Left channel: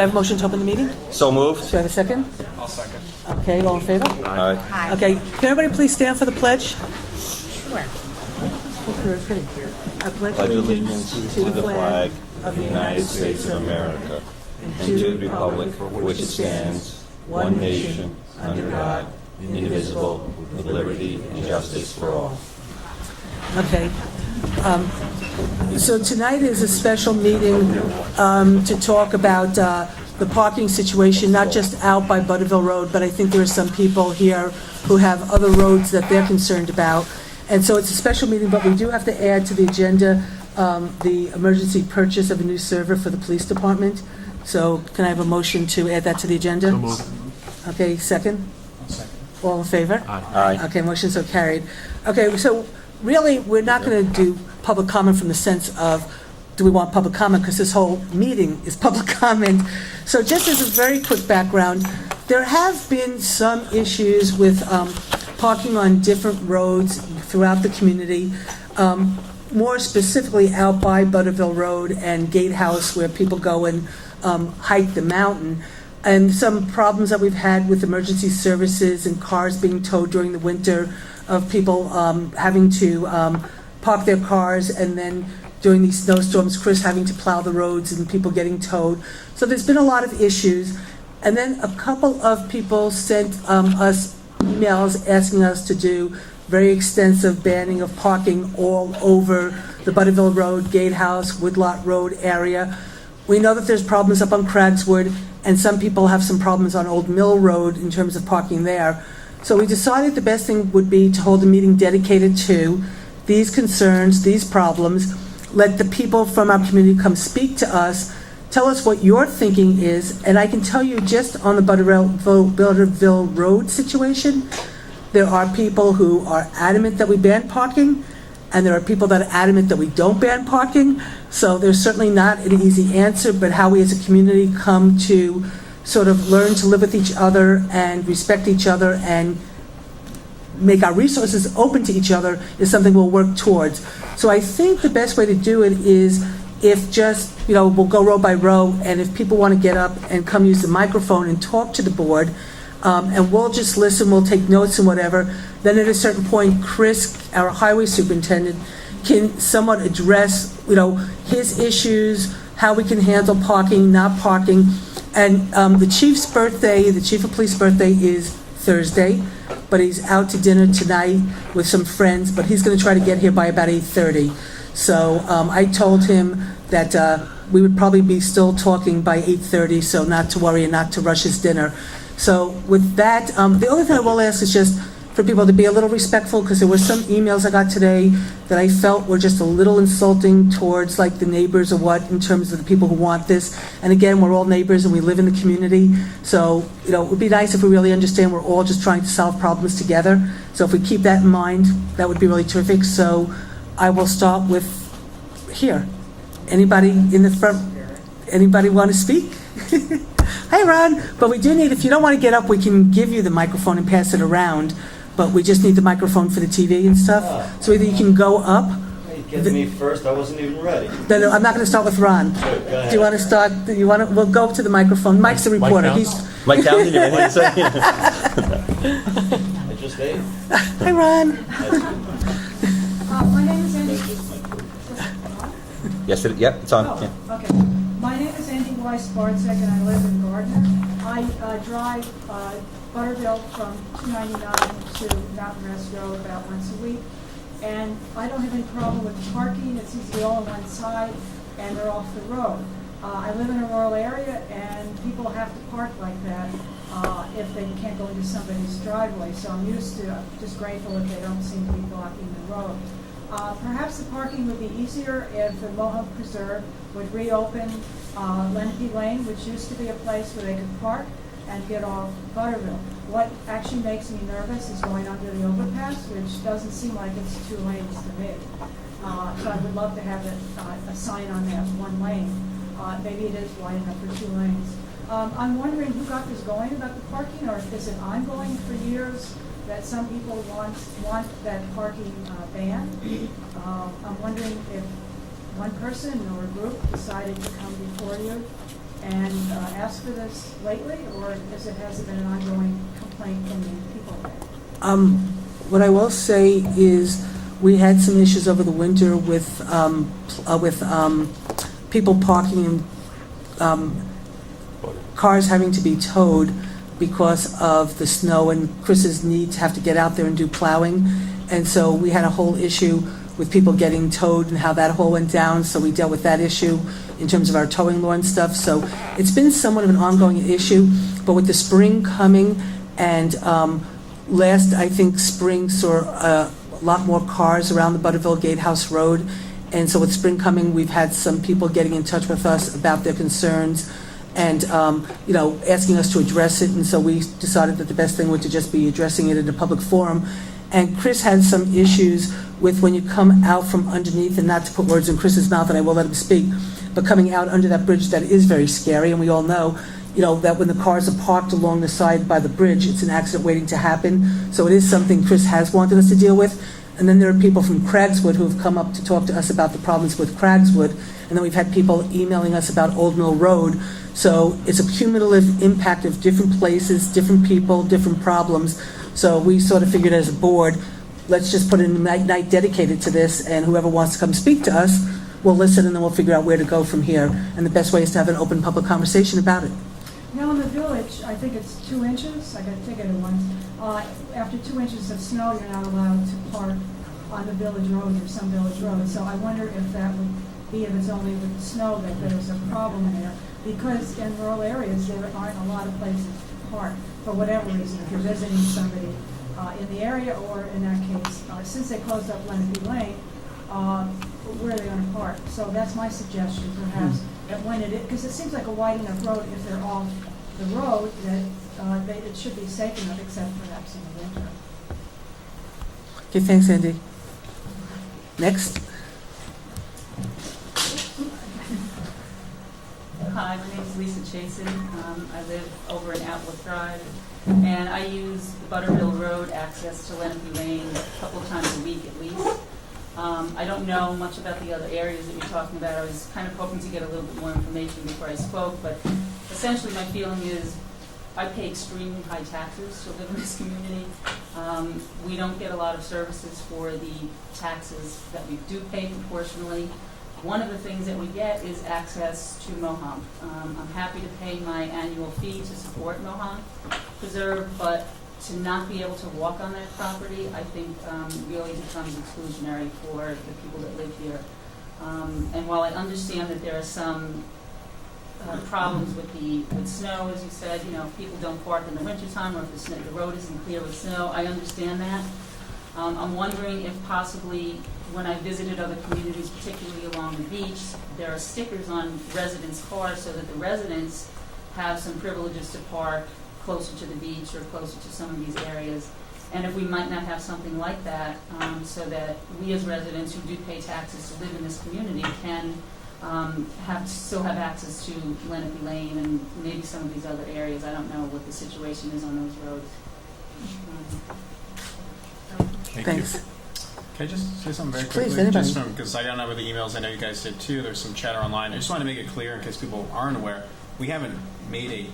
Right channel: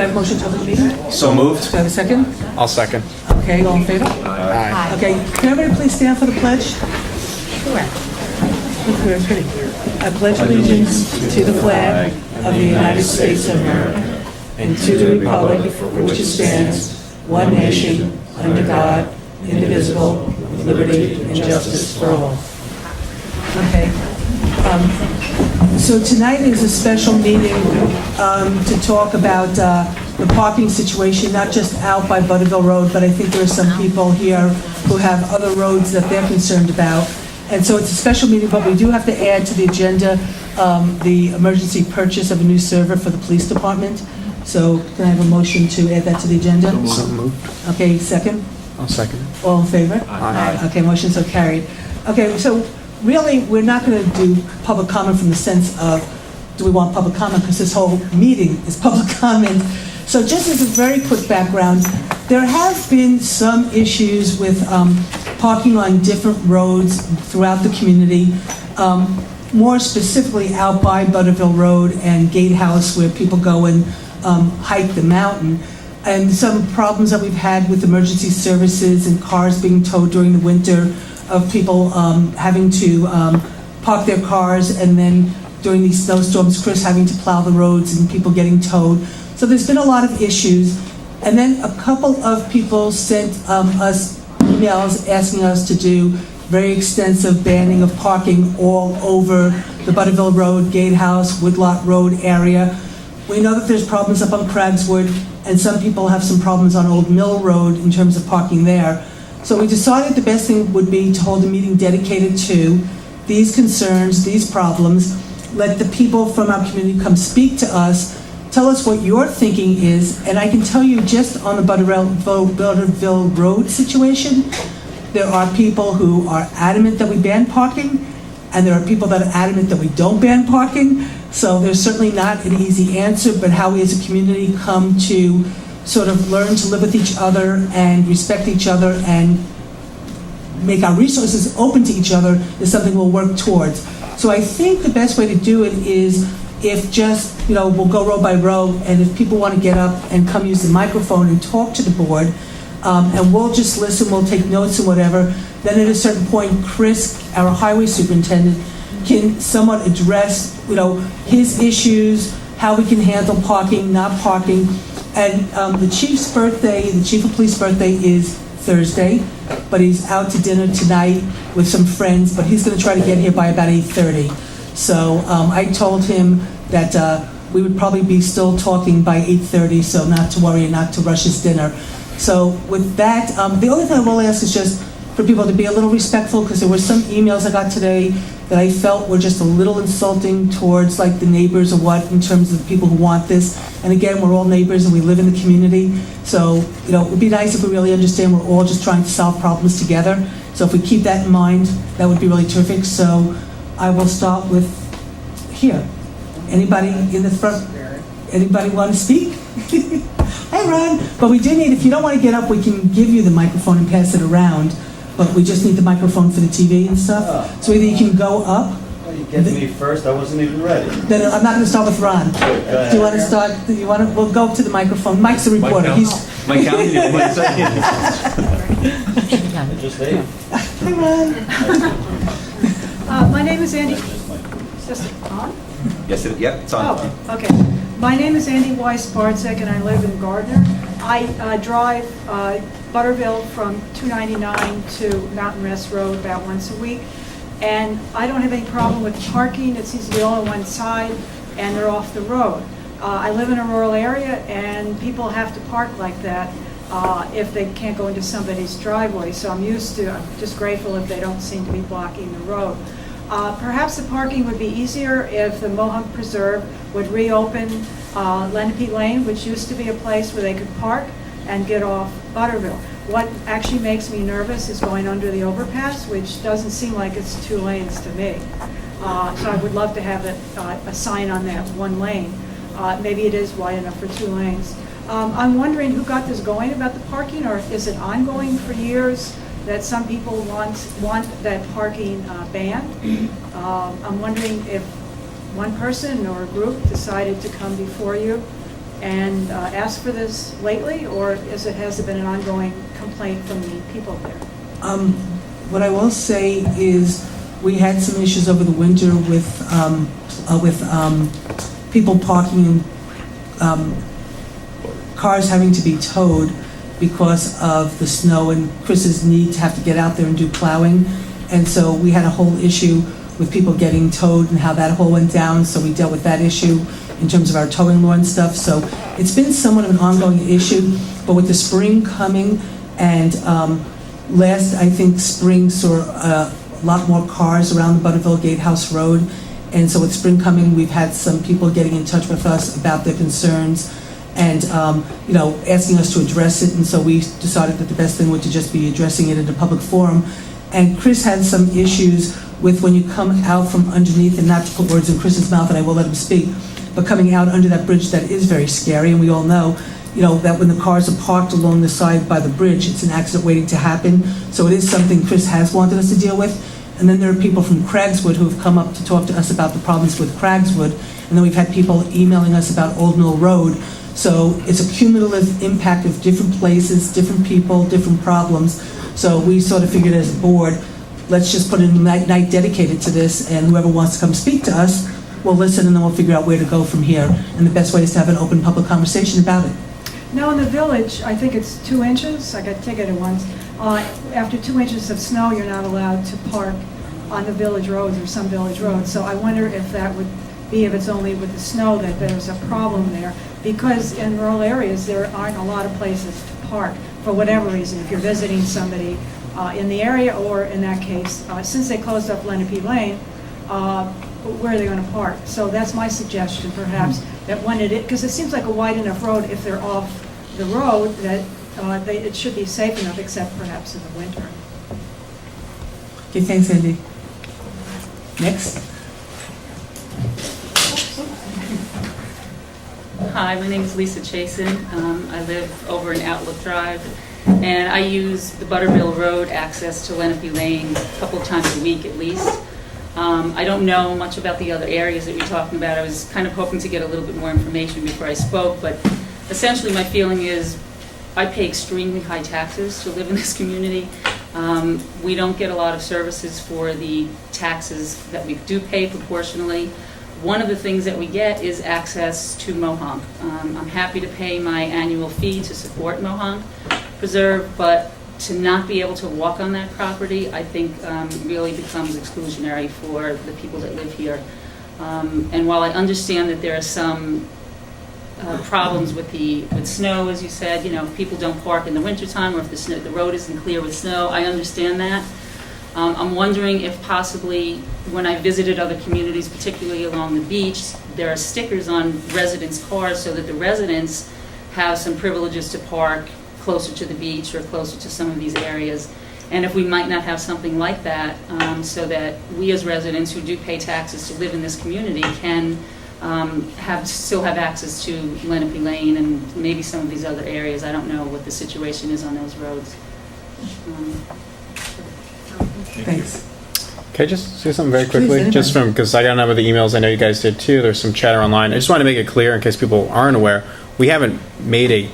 I have a motion to open the meeting? So moved. Do I have a second? I'll second. Okay, all in favor? Aye. Okay, can everybody please stand for the pledge? Sure. Ready? I pledge allegiance to the flag of the United States of America and to the republic for which it stands, one nation, under God, indivisible, with liberty and justice for all. Okay. So tonight is a special meeting to talk about the parking situation, not just out by Butterville Road, but I think there are some people here who have other roads that they're concerned about. And so it's a special meeting, but we do have to add to the agenda the emergency purchase of a new server for the police department. So can I have a motion to add that to the agenda? So moved. Okay, second? I'll second. All in favor? Aye. Okay, motion's so carried. Okay, so really, we're not going to do public comment from the sense of, do we want public comment? Because this whole meeting is public comment. So just as a very quick background, there have been some issues with parking on different roads throughout the community, more specifically out by Butterville Road and Gatehouse, where people go and hike the mountain. And some problems that we've had with emergency services and cars being towed during the winter, of people having to park their cars, and then during these snowstorms, Chris having to plow the roads and people getting towed. So there's been a lot of issues. And then a couple of people sent us emails asking us to do very extensive banning of parking all over the Butterville Road, Gatehouse, Woodlot Road area. We know that there's problems up on Craigswood, and some people have some problems on Old Mill Road in terms of parking there. So we decided the best thing would be to hold a meeting dedicated to these concerns, these problems, let the people from our community come speak to us, tell us what your thinking is, and I can tell you just on the Butterville Road situation, there are people who are adamant that we ban parking, and there are people that are adamant that we don't ban parking. So there's certainly not an easy answer, but how we as a community come to sort of learn to live with each other and respect each other and make our resources open to each other is something we'll work towards. So I think the best way to do it is if just, we'll go row by row, and if people want to get up and come use the microphone and talk to the board, and we'll just listen, we'll take notes and whatever, then at a certain point, Chris, our highway superintendent, can somewhat address, his issues, how we can handle parking, not parking. And the chief of police birthday is Thursday, but he's out to dinner tonight with some friends, but he's going to try to get here by about 8:30. So I told him that we would probably be still talking by 8:30, so not to worry and not to rush his dinner. So with that, the only thing I will ask is just for people to be a little respectful, because there were some emails I got today that I felt were just a little insulting towards like the neighbors or what, in terms of the people who want this. And again, we're all neighbors and we live in the community. So, it would be nice if we really understand we're all just trying to solve problems together. So if we keep that in mind, that would be really terrific. So I will start with here. Anybody in the front? Anybody want to speak? Hi, Ron. But we do need, if you don't want to get up, we can give you the microphone and pass it around. But we just need the microphone for the TV and stuff. So either you can go up. You get me first. I wasn't even ready. Then I'm not going to start with Ron. Do you want to start? We'll go up to the microphone. Mike's the reporter. Mike down. Just ate. Hi, Ron. My name is Andy. Is this on? Yes, it's on. Oh, okay. My name is Andy Weiss-Paltz, and I live in Gardner. I drive Butterville from 299 to Mountain Rest Road about once a week. And I don't have any problem with the parking. It seems to be all on one side, and they're off the road. I live in a rural area, and people have to park like that if they can't go into somebody's driveway. So I'm just grateful if they don't seem to be blocking the road. Perhaps the parking would be easier if the Mohawk Preserve would reopen Lenape Lane, which used to be a place where they could park and get off Butterville. What actually makes me nervous is going under the overpass, which doesn't seem like it's 2 lanes to me. So I would love to have a sign on that 1 lane. Maybe it is wide enough for 2 lanes. I'm wondering who got this going about the parking, or is it ongoing for years that some people want that parking banned? I'm wondering if one person or a group decided to come before you and asked for this lately, or has it been an ongoing complaint from the people there? What I will say is we had some issues over the winter with people parking, cars having to be towed because of the snow and Chris's need to have to get out there and do plowing. And so we had a whole issue with people getting towed and how that whole went down. So we dealt with that issue in terms of our towing law and stuff. So it's been somewhat of an ongoing issue, but with the spring coming and last, I think, spring saw a lot more cars around the Butterville Gatehouse Road. And so with spring coming, we've had some people getting in touch with us about their concerns and, asking us to address it. And so we decided that the best thing would to just be addressing it in a public forum. And Chris had some issues with when you come out from underneath, and not to put words in Chris's mouth, and I will let him speak, but coming out under that bridge, that is very scary. And we all know, that when the cars are parked along the side by the bridge, it's an accident waiting to happen. So it is something Chris has wanted us to deal with. And then there are people from Craigswood who have come up to talk to us about the problems with Craigswood. And then we've had people emailing us about Old Mill Road. So it's a cumulative impact of different places, different people, different problems. So we sort of figured as a board, let's just put in a night dedicated to this, and whoever wants to come speak to us will listen, and then we'll figure out where to go from here. And the best way is to have an open public conversation about it. Now in the village, I think it's 2 inches, I got ticketed once. After 2 inches of snow, you're not allowed to park on the village roads or some village roads. So I wonder if that would be, if it's only with the snow, that there's a problem there. Because in rural areas, there aren't a lot of places to park for whatever reason. If you're visiting somebody in the area, or in that case, since they closed up Lenape Lane, where are they going to park? So that's my suggestion, perhaps, that when because it seems like a wide enough road, if they're off the road, that it should be safe enough, except perhaps in the winter. Okay, thanks, Andy. Next. Hi, my name is Lisa Chasin. I live over in Outlook Drive, and I use the Butterville Road access to Lenape Lane a couple of times a week at least. I don't know much about the other areas that you're talking about. I was kind of hoping to get a little bit more information before I spoke, but essentially my feeling is I pay extremely high taxes to live in this community. We don't get a lot of services for the taxes that we do pay proportionally. One of the things that we get is access to Mohonk. I'm happy to pay my annual fee to support Mohonk Preserve, but to not be able to walk on that property, I think really becomes exclusionary for the people that live here. And while I understand that there are some problems with snow, as you said, if people don't park in the wintertime, or if the road isn't clear with snow, I understand that. I'm wondering if possibly when I visited other communities, particularly along the beach, there are stickers on residents' cars so that the residents have some privileges to park closer to the beach or closer to some of these areas. And if we might not have something like that, so that we as residents who do pay taxes to live in this community can still have access to Lenape Lane and maybe some of these other areas. I don't know what the situation is on those roads. Thanks. Can I just say something very Please, quickly? anybody. Just because I got a number of the emails, I know you guys did too. There's some chatter online. I just want to make it clear in case people aren't aware. We haven't made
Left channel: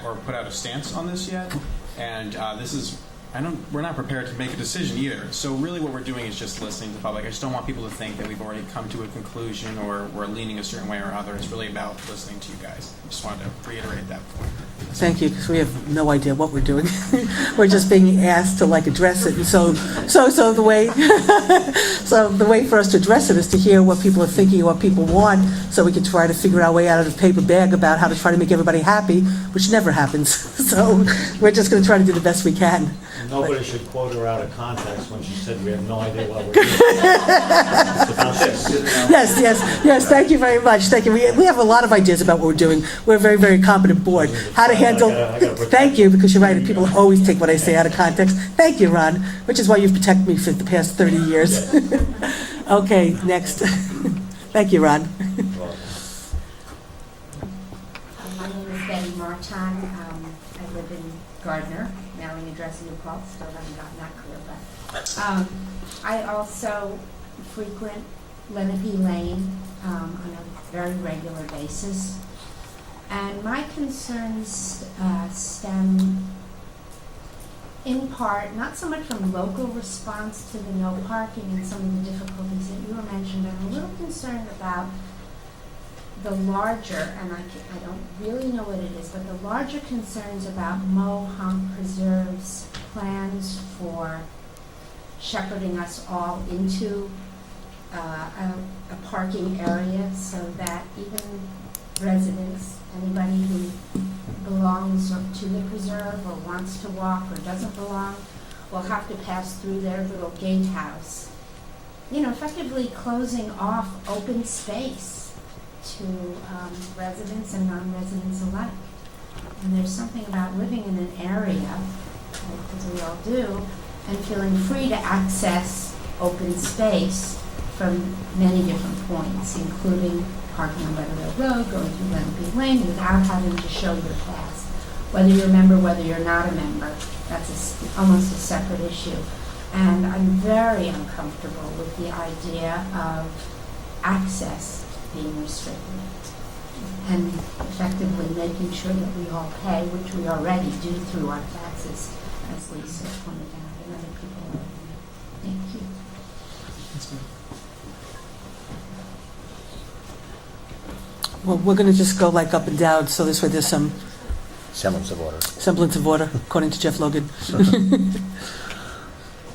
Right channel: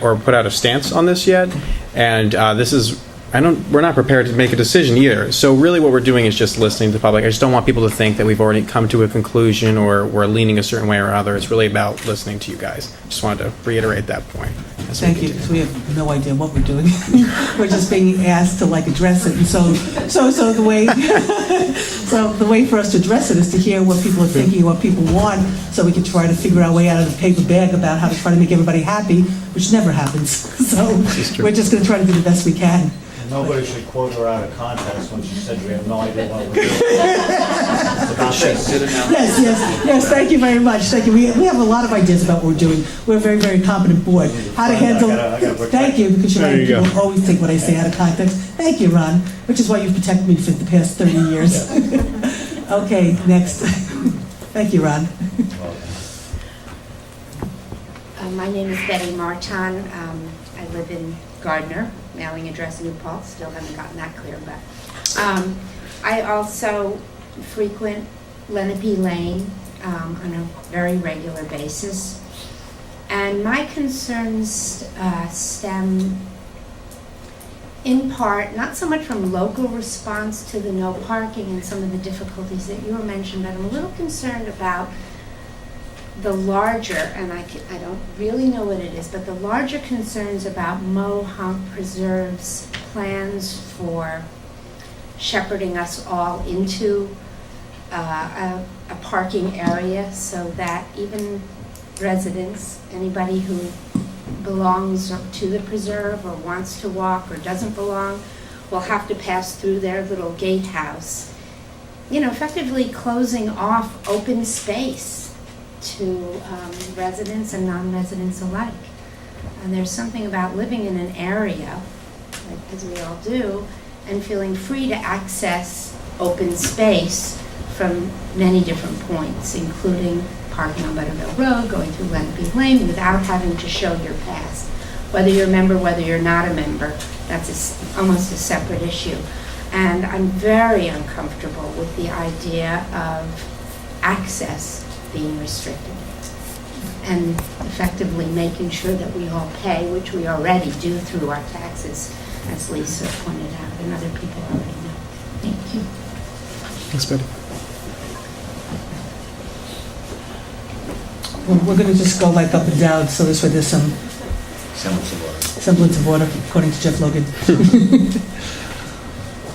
or put out a stance on this yet, and this is. We're not prepared to make a decision either. So really what we're doing is just listening to the public. I just don't want people to think that we've already come to a conclusion or we're leaning a certain way or other. It's really about listening to you guys. Just wanted to reiterate that point. Thank you, because we have no idea what we're doing. We're just being asked to address it. And so the way for us to address it is to hear what people are thinking, what people want, so we can try to figure our way out of the paper bag about how to try to make everybody happy, which never happens. So we're just going to try to do the best we can. Nobody should quote her out of context when she said we have no idea what we're doing. Yes, thank you very much. Thank you. We have a lot of ideas about what we're doing. We're a very, very competent board. How to handle... Thank you, because people always take what I say out of context. Thank you, Ron, which is why you've protected me for the past 30 years. Okay, next. Thank you, Ron. My name is Betty Marchon. I live in Gardner, mailing address New Paltz. Still haven't gotten that clear, but I also frequent Lenape Lane on a very regular basis. And my concerns stem in part, not so much from local response to the no parking and some of the difficulties that you were mentioned, but I'm a little concerned about the larger, and I don't really know what it is, but the larger concerns about Mohawk Preserve's plans for shepherding us all into a parking area so that even residents, anybody who belongs to the preserve or wants to walk or doesn't belong, will have to pass through their little gatehouse, effectively closing off open space to residents and non-residents alike. And there's something about living in an area, as we all do, and feeling free to access open space from many different points, including parking on Butterville Road, going through Lenape Lane, without having to show your pass. Whether you're a member, whether you're not a member, that's almost a separate issue. And I'm very uncomfortable with the idea of access being restricted and effectively making sure that we all pay, which we already do through our taxes, as Lisa pointed out, and other people already know. Thank you. Thanks, Betty. We're going to just go like up and down, so this way there's some Semblance of order. according to Jeff Logan.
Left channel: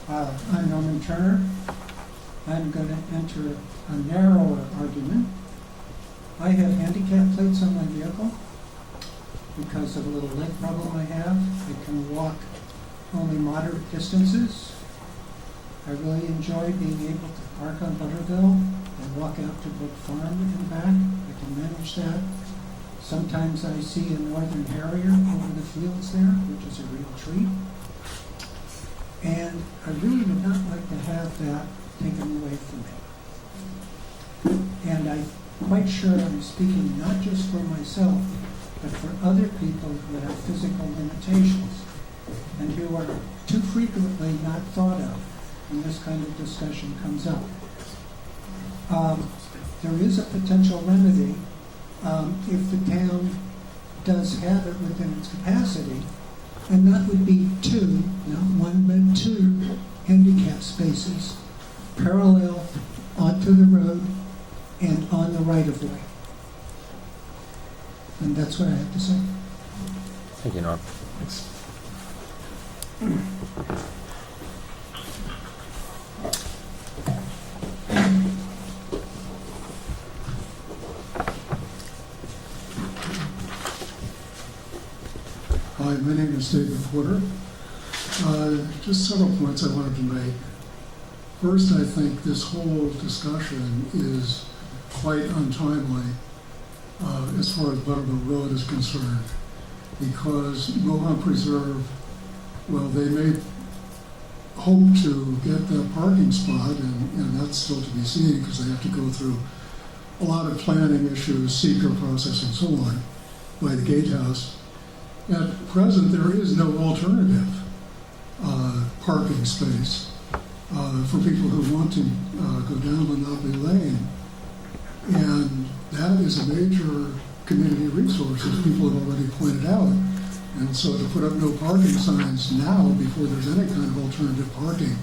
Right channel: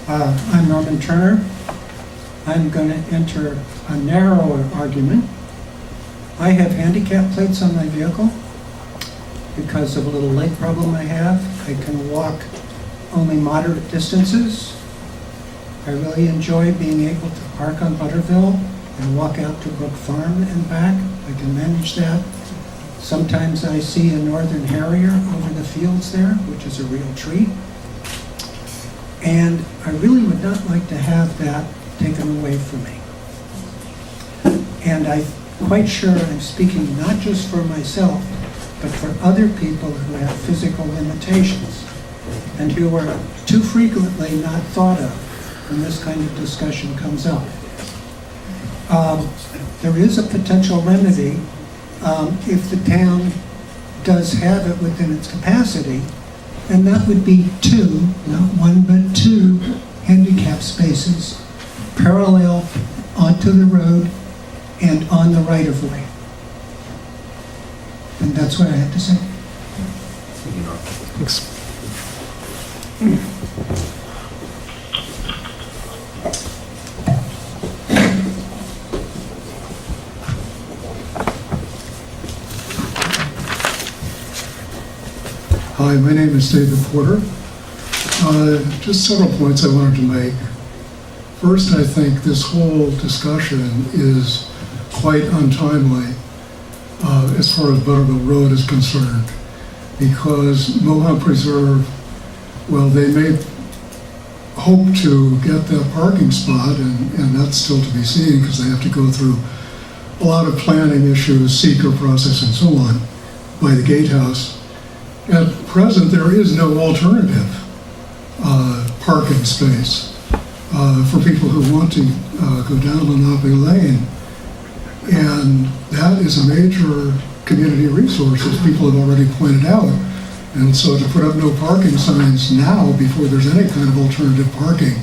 I'm Norman Turner. I'm going to enter a narrower argument. I have handicap plates on my vehicle because of a little leg problem I have. I can walk only moderate distances. I really enjoy being able to park on Butterville and walk out to Brook Farm and back. I can manage that. Sometimes I see a northern harrier over the fields there, which is a real treat. And I really would not like to have that taken away from me. And I'm quite sure I'm speaking not just for myself, but for other people who have physical limitations and who are too frequently not thought of when this kind of discussion comes up. There is a potential remedy if the town does have it within its capacity, and that would be 2, not 1, but 2 handicap spaces parallel onto the road and on the right-of-way. And that's what I have to say. Thanks. Hi, my name is David Porter. Just several points I wanted to make. First, I think this whole discussion is quite untimely as far as Butterville Road is concerned, because Mohawk Preserve, well, they may hope to get that parking spot, and that's still to be seen because they have to go through a lot of planning issues, seeker process and so on, by the gatehouse. At present, there is no alternative parking space for people who want to go down Lenape Lane. And that is a major community resource, as people have already pointed out. And so to put up no parking signs now, before there's any kind of alternative parking,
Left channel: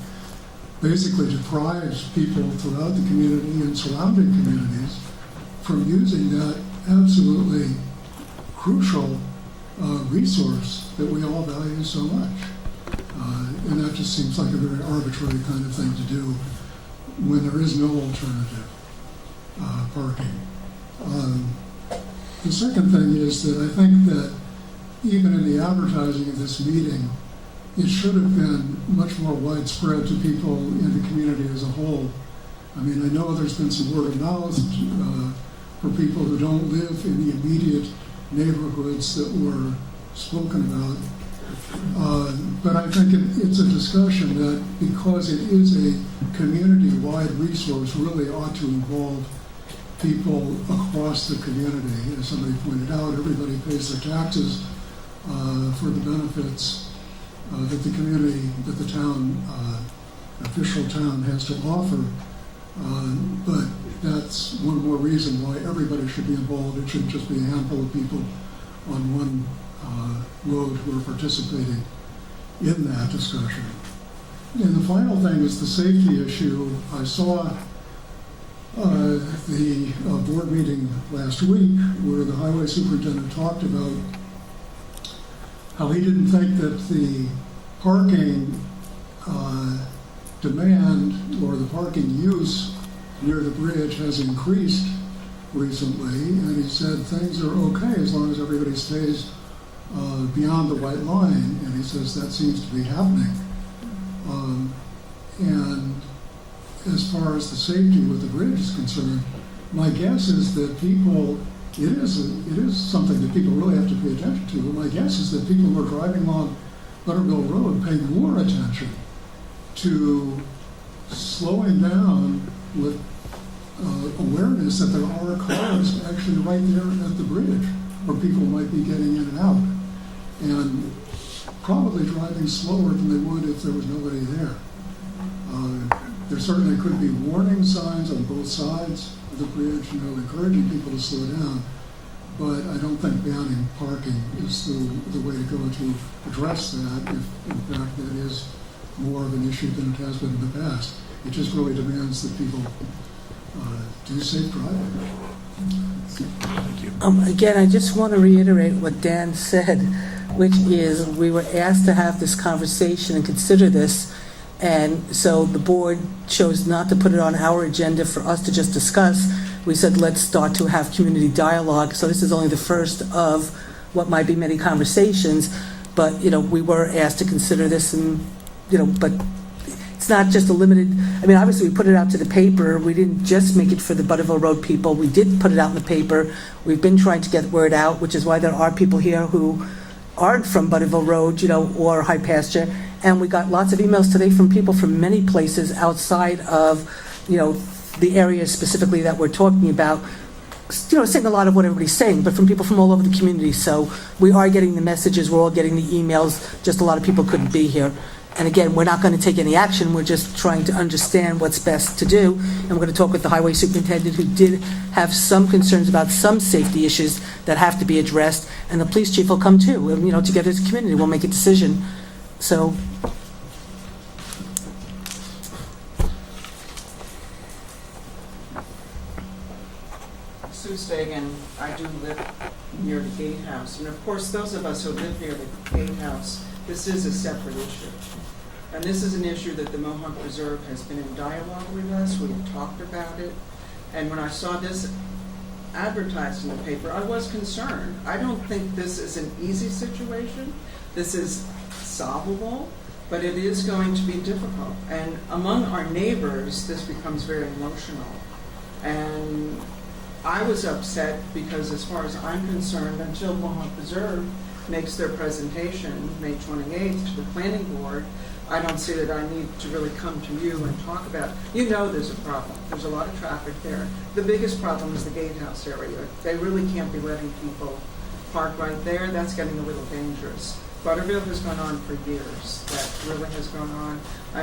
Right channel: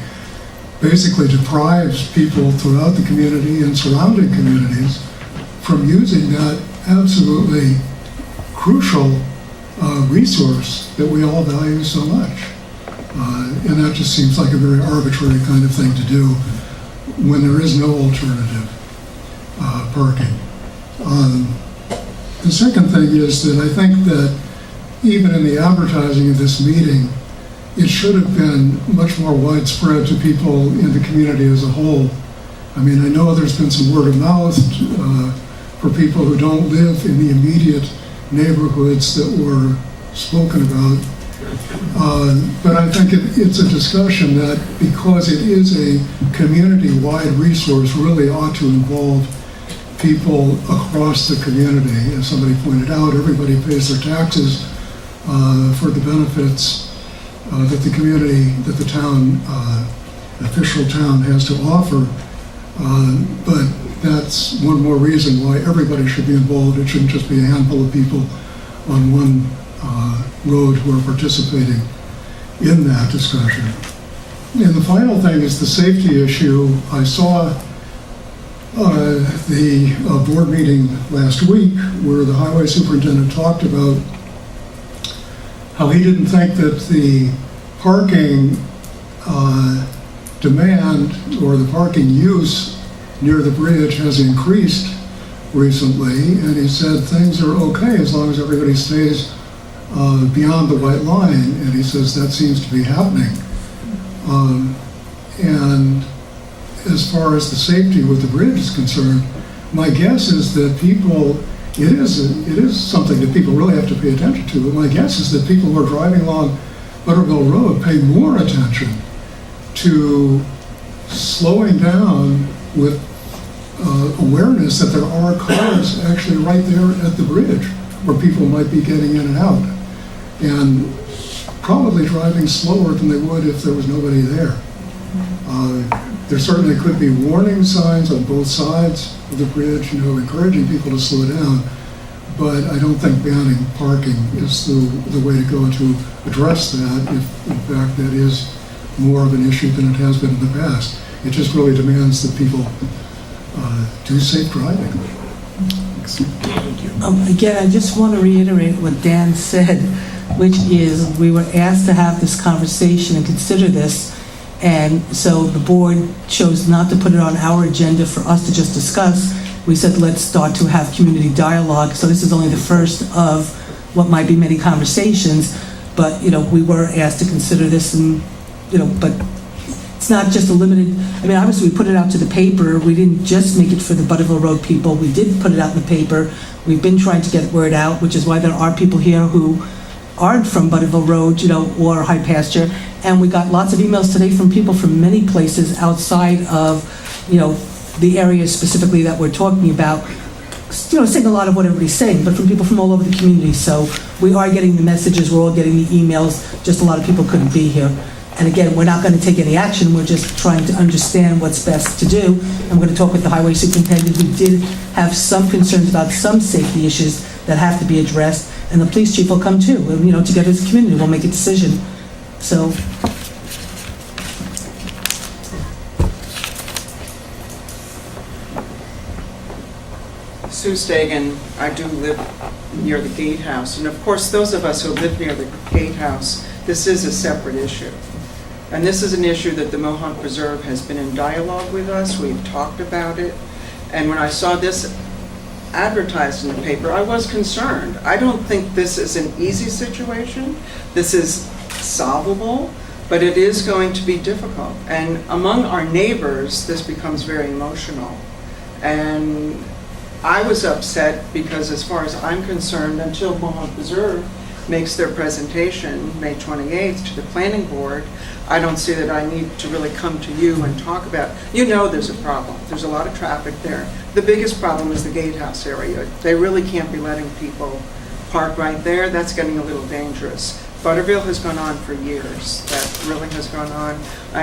basically deprives people throughout the community and surrounding communities from using that absolutely crucial resource that we all value so much. And that just seems like a very arbitrary kind of thing to do when there is no alternative parking. The second thing is that I think that even in the advertising of this meeting, it should have been much more widespread to people in the community as a whole. I mean, I know there's been some word of mouth for people who don't live in the immediate neighborhoods that were spoken about. But I think it's a discussion that, because it is a community-wide resource, really ought to involve people across the community. As somebody pointed out, everybody pays their taxes for the benefits that the community, that the town, official town has to offer. But that's one more reason why everybody should be involved. It shouldn't just be a handful of people on one road who are participating in that discussion. And the final thing is the safety issue. I saw the board meeting last week where the highway superintendent talked about how he didn't think that the parking demand or the parking use near the bridge has increased recently, and he said things are okay as long as everybody stays beyond the white line, and he says that seems to be happening. And as far as the safety with the bridge is concerned, my guess is that people, it is something that people really have to pay attention to, but my guess is that people who are driving along Butterville Road pay more attention to slowing down with awareness that there are cars actually right there at the bridge where people might be getting in and out, and probably driving slower than they would if there was nobody there. There certainly could be warning signs on both sides of the bridge, encouraging people to slow down, but I don't think banning parking is the way to go to address that, if in fact that is more of an issue than it has been in the past. It just really demands that people do safe driving. Again, I just want to reiterate what Dan said, which is we were asked to have this conversation and consider this, and so the board chose not to put it on our agenda for us to just discuss. We said, let's start to have community dialogue. So this is only the first of what might be many conversations, but, we were asked to consider this, and, but it's not just a limited, obviously we put it out to the paper. We didn't just make it for the Butterville Road people. We did put it out in the paper. We've been trying to get word out, which is why there are people here who aren't from Butterville Road, or High Pasture. And we got lots of emails today from people from many places outside of, the areas specifically that we're talking about, saying a lot of what everybody's saying, but from people from all over the community. So we are getting the messages, we're all getting the emails, just a lot of people couldn't be here. And again, we're not going to take any action, we're just trying to understand what's best to do. And we're going to talk with the highway superintendent, who did have some concerns about some safety issues that have to be addressed. And the police chief will come too, together as a community, we'll make a decision. So. Sue Stagen, I do live near the gatehouse, and of course those of us who live near the gatehouse, this is a separate issue. And this is an issue that the Mohawk Preserve has been in dialogue with us, we've talked about it, and when I saw this advertised in the paper, I was concerned. I don't think this is an easy situation, this is solvable, but it is going to be difficult. And among our neighbors, this becomes very emotional. And I was upset because, as far as I'm concerned, until Mohawk Preserve makes their presentation May 28th to the planning board, I don't see that I need to really come to you and talk about, there's a problem. There's a lot of traffic there. The biggest problem is the gatehouse area. They really can't be letting people park right there. That's getting a little dangerous. Butterville has gone on for years. That really has gone on.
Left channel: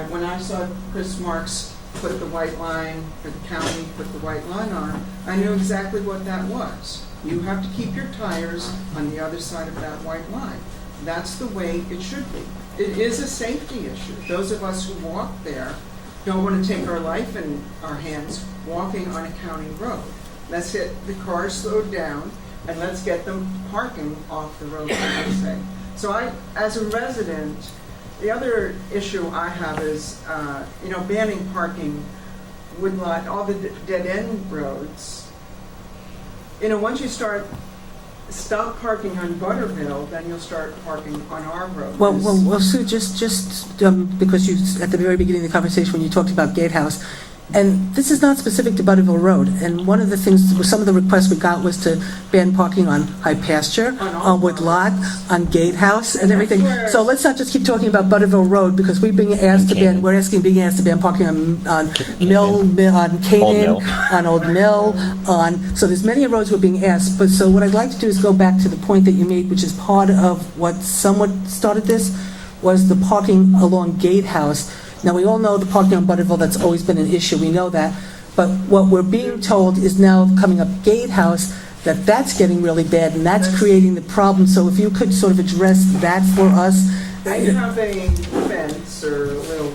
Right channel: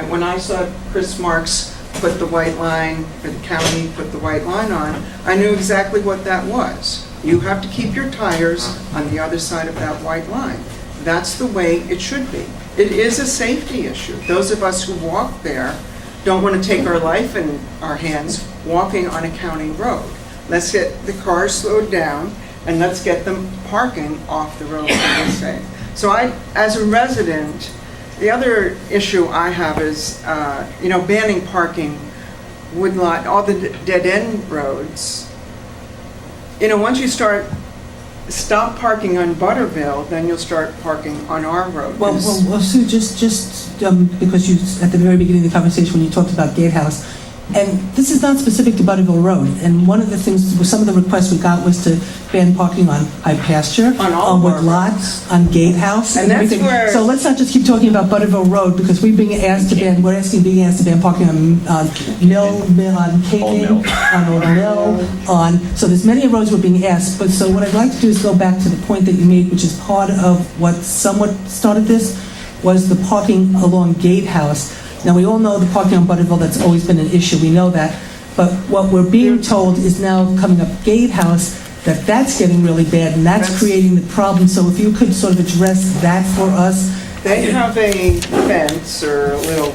When I saw Chris Marks put the white line, or the county put the white line on, I knew exactly what that was. You have to keep your tires on the other side of that white line. That's the way it should be. It is a safety issue. Those of us who walk there don't want to take our life in our hands walking on a county road. Let's get the cars slowed down and let's get them parking off the road, as they say. So as a resident, the other issue I have is, banning parking would not, all the dead-end roads, once you stop parking on Butterville, then you'll start parking on our road. Well, Sue, just because you, at the very beginning of the conversation when you talked about Gatehouse, and this is not specific to Butterville Road, and one of the things, some of the requests we got was to ban parking on High Pasture, on Woodlot, on Gatehouse, and everything. So let's not just keep talking about Butterville Road, because we're being asked to ban parking on Mill, on Canaan, on Old Mill, so there's many roads we're being asked. But so what I'd like to do is go back to the point that you made, which is part of what somewhat started this, was the parking along Gatehouse. Now, we all know the parking on Butterville, that's always been an issue. We know that. But what we're being told is now coming up Gatehouse, that that's getting really bad, and that's creating the problem. So if you could sort of address that for us. They have a fence or a little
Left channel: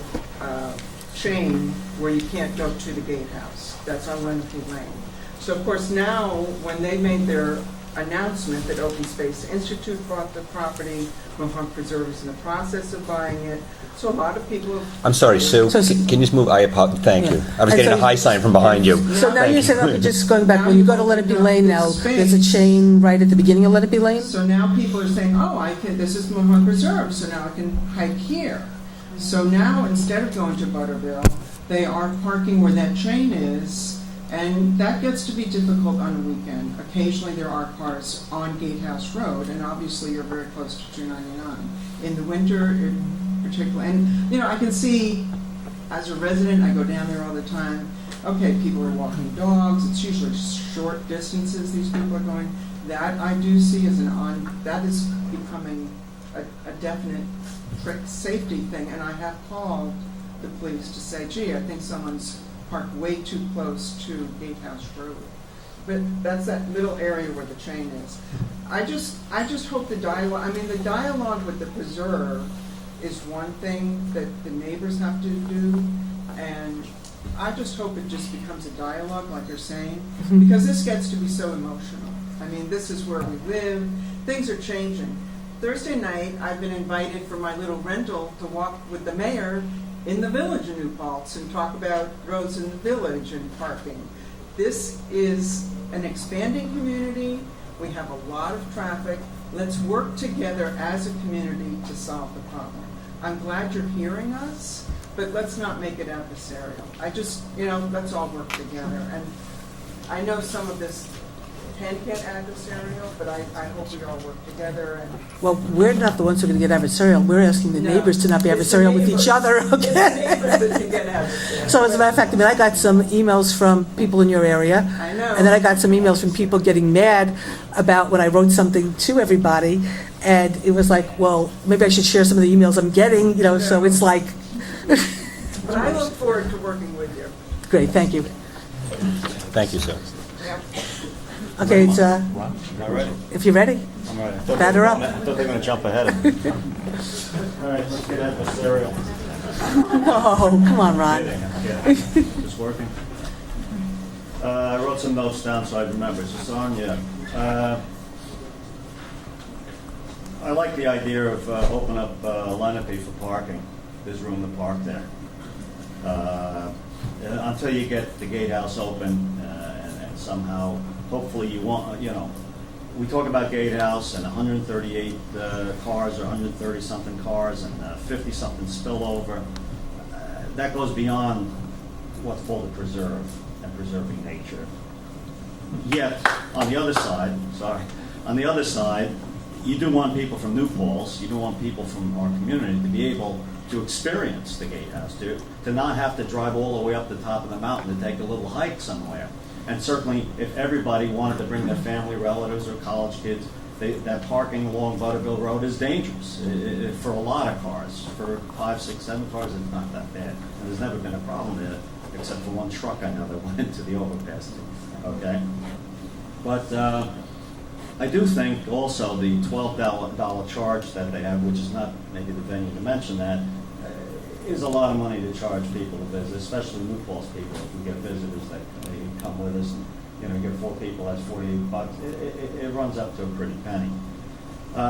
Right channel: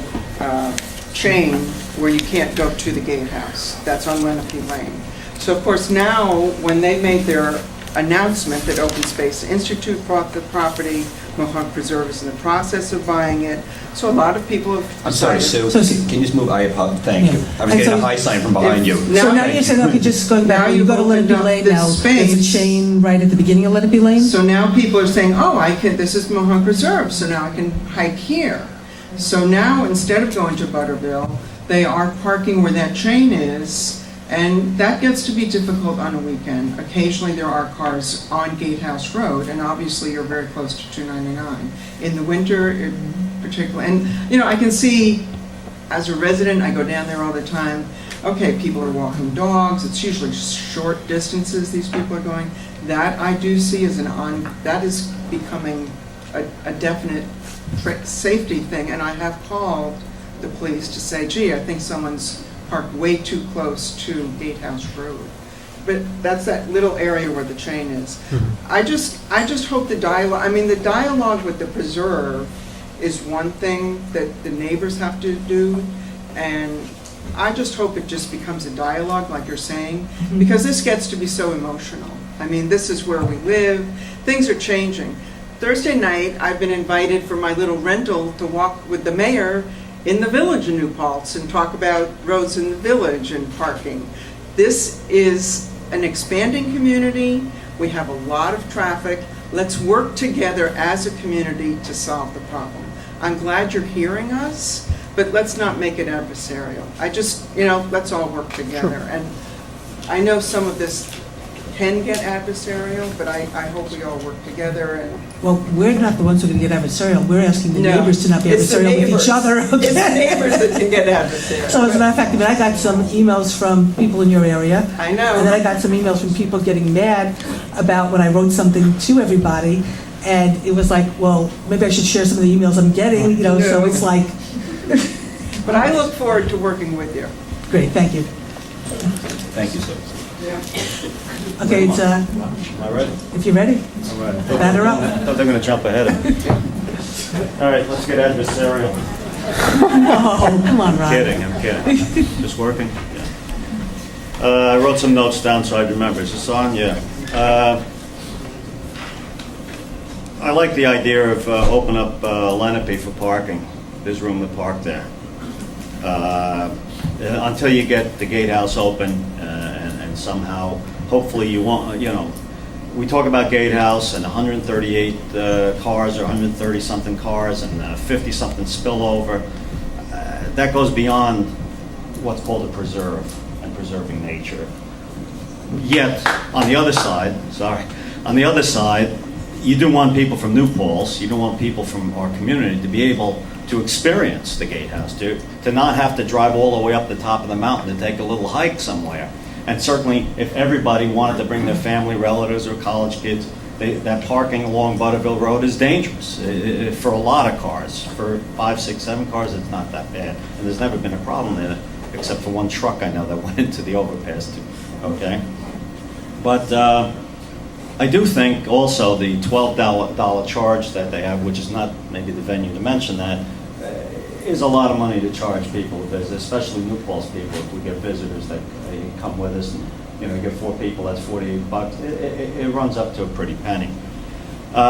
chain where you can't go to the gatehouse. That's on Lenape Lane. So of course now, when they made their announcement that Open Space Institute bought the property, Mohawk Preserve is in the process of buying it, so a lot of people have... I'm sorry, Sue, can you just move? Thank you. I was And getting so- a high sign from behind you. So now you're saying, okay, just going back, Now when you you've go to Let It Be opened up Lane now, this there's a space. chain right at the beginning of Let It Be Lane? So now people are saying, oh, this is Mohawk Preserve, so now I can hike here. So now, instead of going to Butterville, they are parking where that chain is, and that gets to be difficult on a weekend. Occasionally, there are cars on Gatehouse Road, and obviously, you're very close to 299. In the winter, particularly, and, I can see, as a resident, I go down there all the time, okay, people are walking dogs, it's usually short distances these people are going. That I do see as that is becoming a definite safety thing, and I have called the police to say, gee, I think someone's parked way too close to Gatehouse Road. But that's that little area where the chain is. I just hope the dialogue with the preserve is one thing that the neighbors have to do, and I just hope it just becomes a dialogue, like you're saying, because this gets to be so emotional. I mean, this is where we live. Things are changing. Thursday night, I've been invited for my little rental to walk with the mayor in the village in New Paltz and talk about roads in the village and parking. This is an expanding community. We have a lot of traffic. Let's work together as a community to solve the problem. I'm glad you're hearing us, but let's not make it adversarial. Let's all work together. And I know some of this can get adversarial, but I hope we all work together. And Well, we're not the ones who are going to get adversarial. We're asking the No, neighbors to not be it's the adversarial with neighbors. each other. It's the Okay? neighbors that can get adversarial. So as a matter of fact, I got some emails from people in your area. I know. And then I got some emails from people getting mad about when I wrote something to everybody. And it was like, well, maybe I should share some of the emails I'm getting, so No. it's like, But I look forward to working with you. great, thank you. Thank you, Sue. Yeah. Okay, it's, All right. if you're ready, All right. batter up. I thought they were gonna jump ahead of me. All right, let's get adversarial. Oh, come on, Rob. I'm kidding. Just working? Yeah. I wrote some notes down so I remember. Is this on? Yeah. I like the idea of opening up Lenape for parking. There's room to park there. Until you get the gatehouse open and somehow, hopefully you won't, we talk about gatehouse and 138 cars or 130-something cars and 50-something spillover. That goes beyond what's called a preserve and preserving nature. Yet, on the other side, you do want people from New Paltz, you do want people from our community to be able to experience the gatehouse, to not have to drive all the way up the top of the mountain to take a little hike somewhere. And certainly, if everybody wanted to bring their family, relatives, or college kids, that parking along Butterville Road is dangerous for a lot of cars. For 5, 6, 7 cars, it's not that bad. And there's never been a problem in it, except for one truck I know that went into the overpass too, okay? But I do think also the $12 charge that they have, which is not maybe the venue to mention that, is a lot of money to charge people to visit, especially New Paltz people. If we get visitors that come with us and get 4 people, that's $48. It runs up to a pretty penny.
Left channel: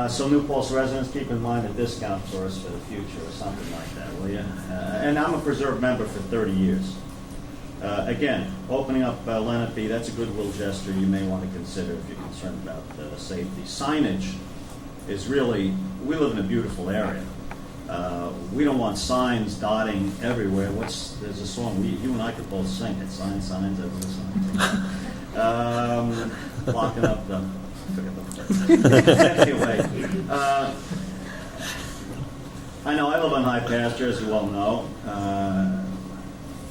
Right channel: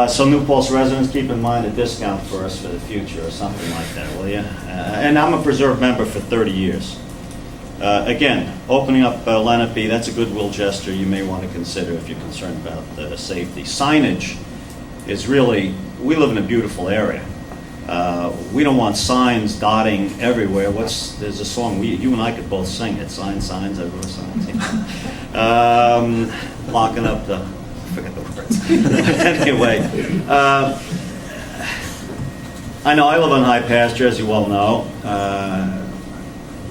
So New Paltz residents, keep in mind a discount for us for the future or something like that, will you? And I'm a Preserve member for 30 years. Again, opening up Lenape, that's a goodwill gesture you may want to consider if you're concerned about safety. Signage is really, we live in a beautiful area. We don't want signs dotting everywhere. There's a song, you and I could both sing it, signs, everywhere, signs. Locking up I forget the words. Anyway, I know I live on high pasture, as you well know.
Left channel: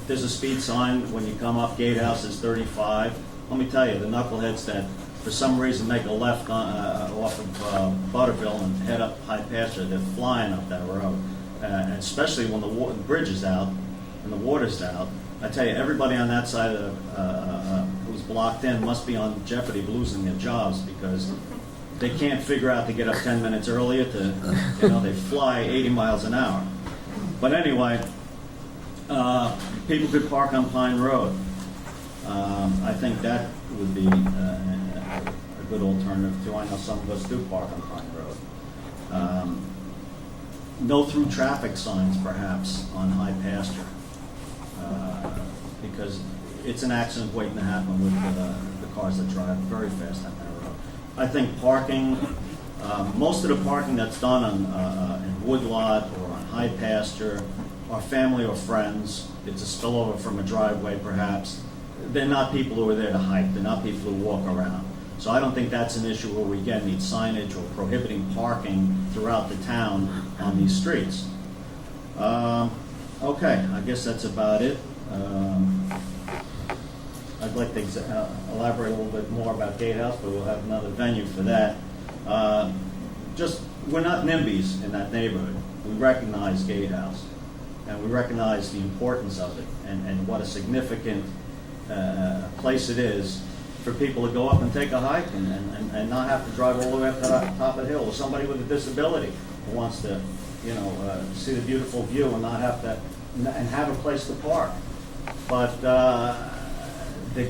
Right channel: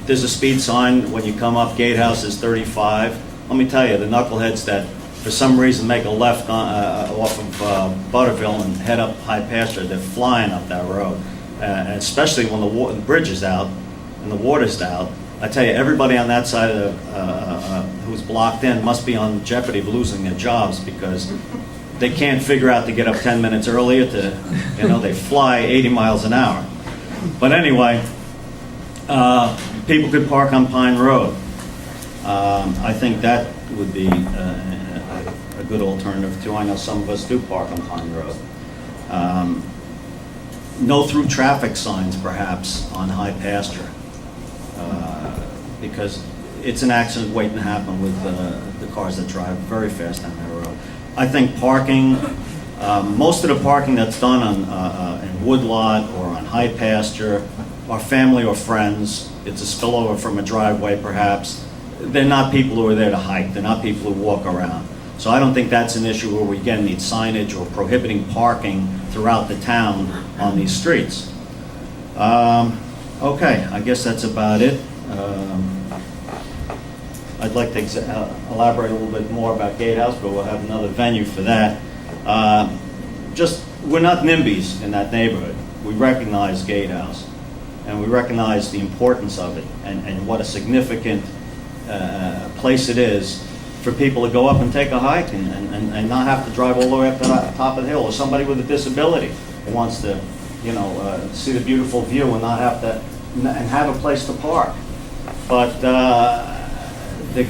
There's a speed sign when you come up, gatehouse is 35. Let me tell you, the knuckleheads that for some reason make a left off of Butterville and head up high pasture, they're flying up that road. And especially when the bridge is out and the water's out, I tell you, everybody on that side of who's blocked in must be on jeopardy of losing their jobs because they can't figure out to get up 10 minutes earlier they fly 80 miles an hour. But anyway, people could park on Pine Road. I think that would be a good alternative too. I know some of us do park on Pine Road. No through traffic signs perhaps on High Pasture, because it's an accident waiting to happen with the cars that drive very fast on that road. I think parking, most of the parking that's done on in Woodlot or on High Pasture are family or friends. It's a spillover from a driveway perhaps. They're not people who are there to hike. They're not people who walk around. So I don't think that's an issue where we again need signage or prohibiting parking throughout the town on these streets. Okay, I guess that's about it. I'd like to elaborate a little bit more about Gatehouse, but we'll have another venue for that. We're not NIMBYs in that neighborhood. We recognize Gatehouse, and we recognize the importance of it and what a significant place it is for people to go up and take a hike and not have to drive all the way up to the top of the hill, or somebody with a disability who wants to, see the beautiful view and not have to, and have a place to park. But the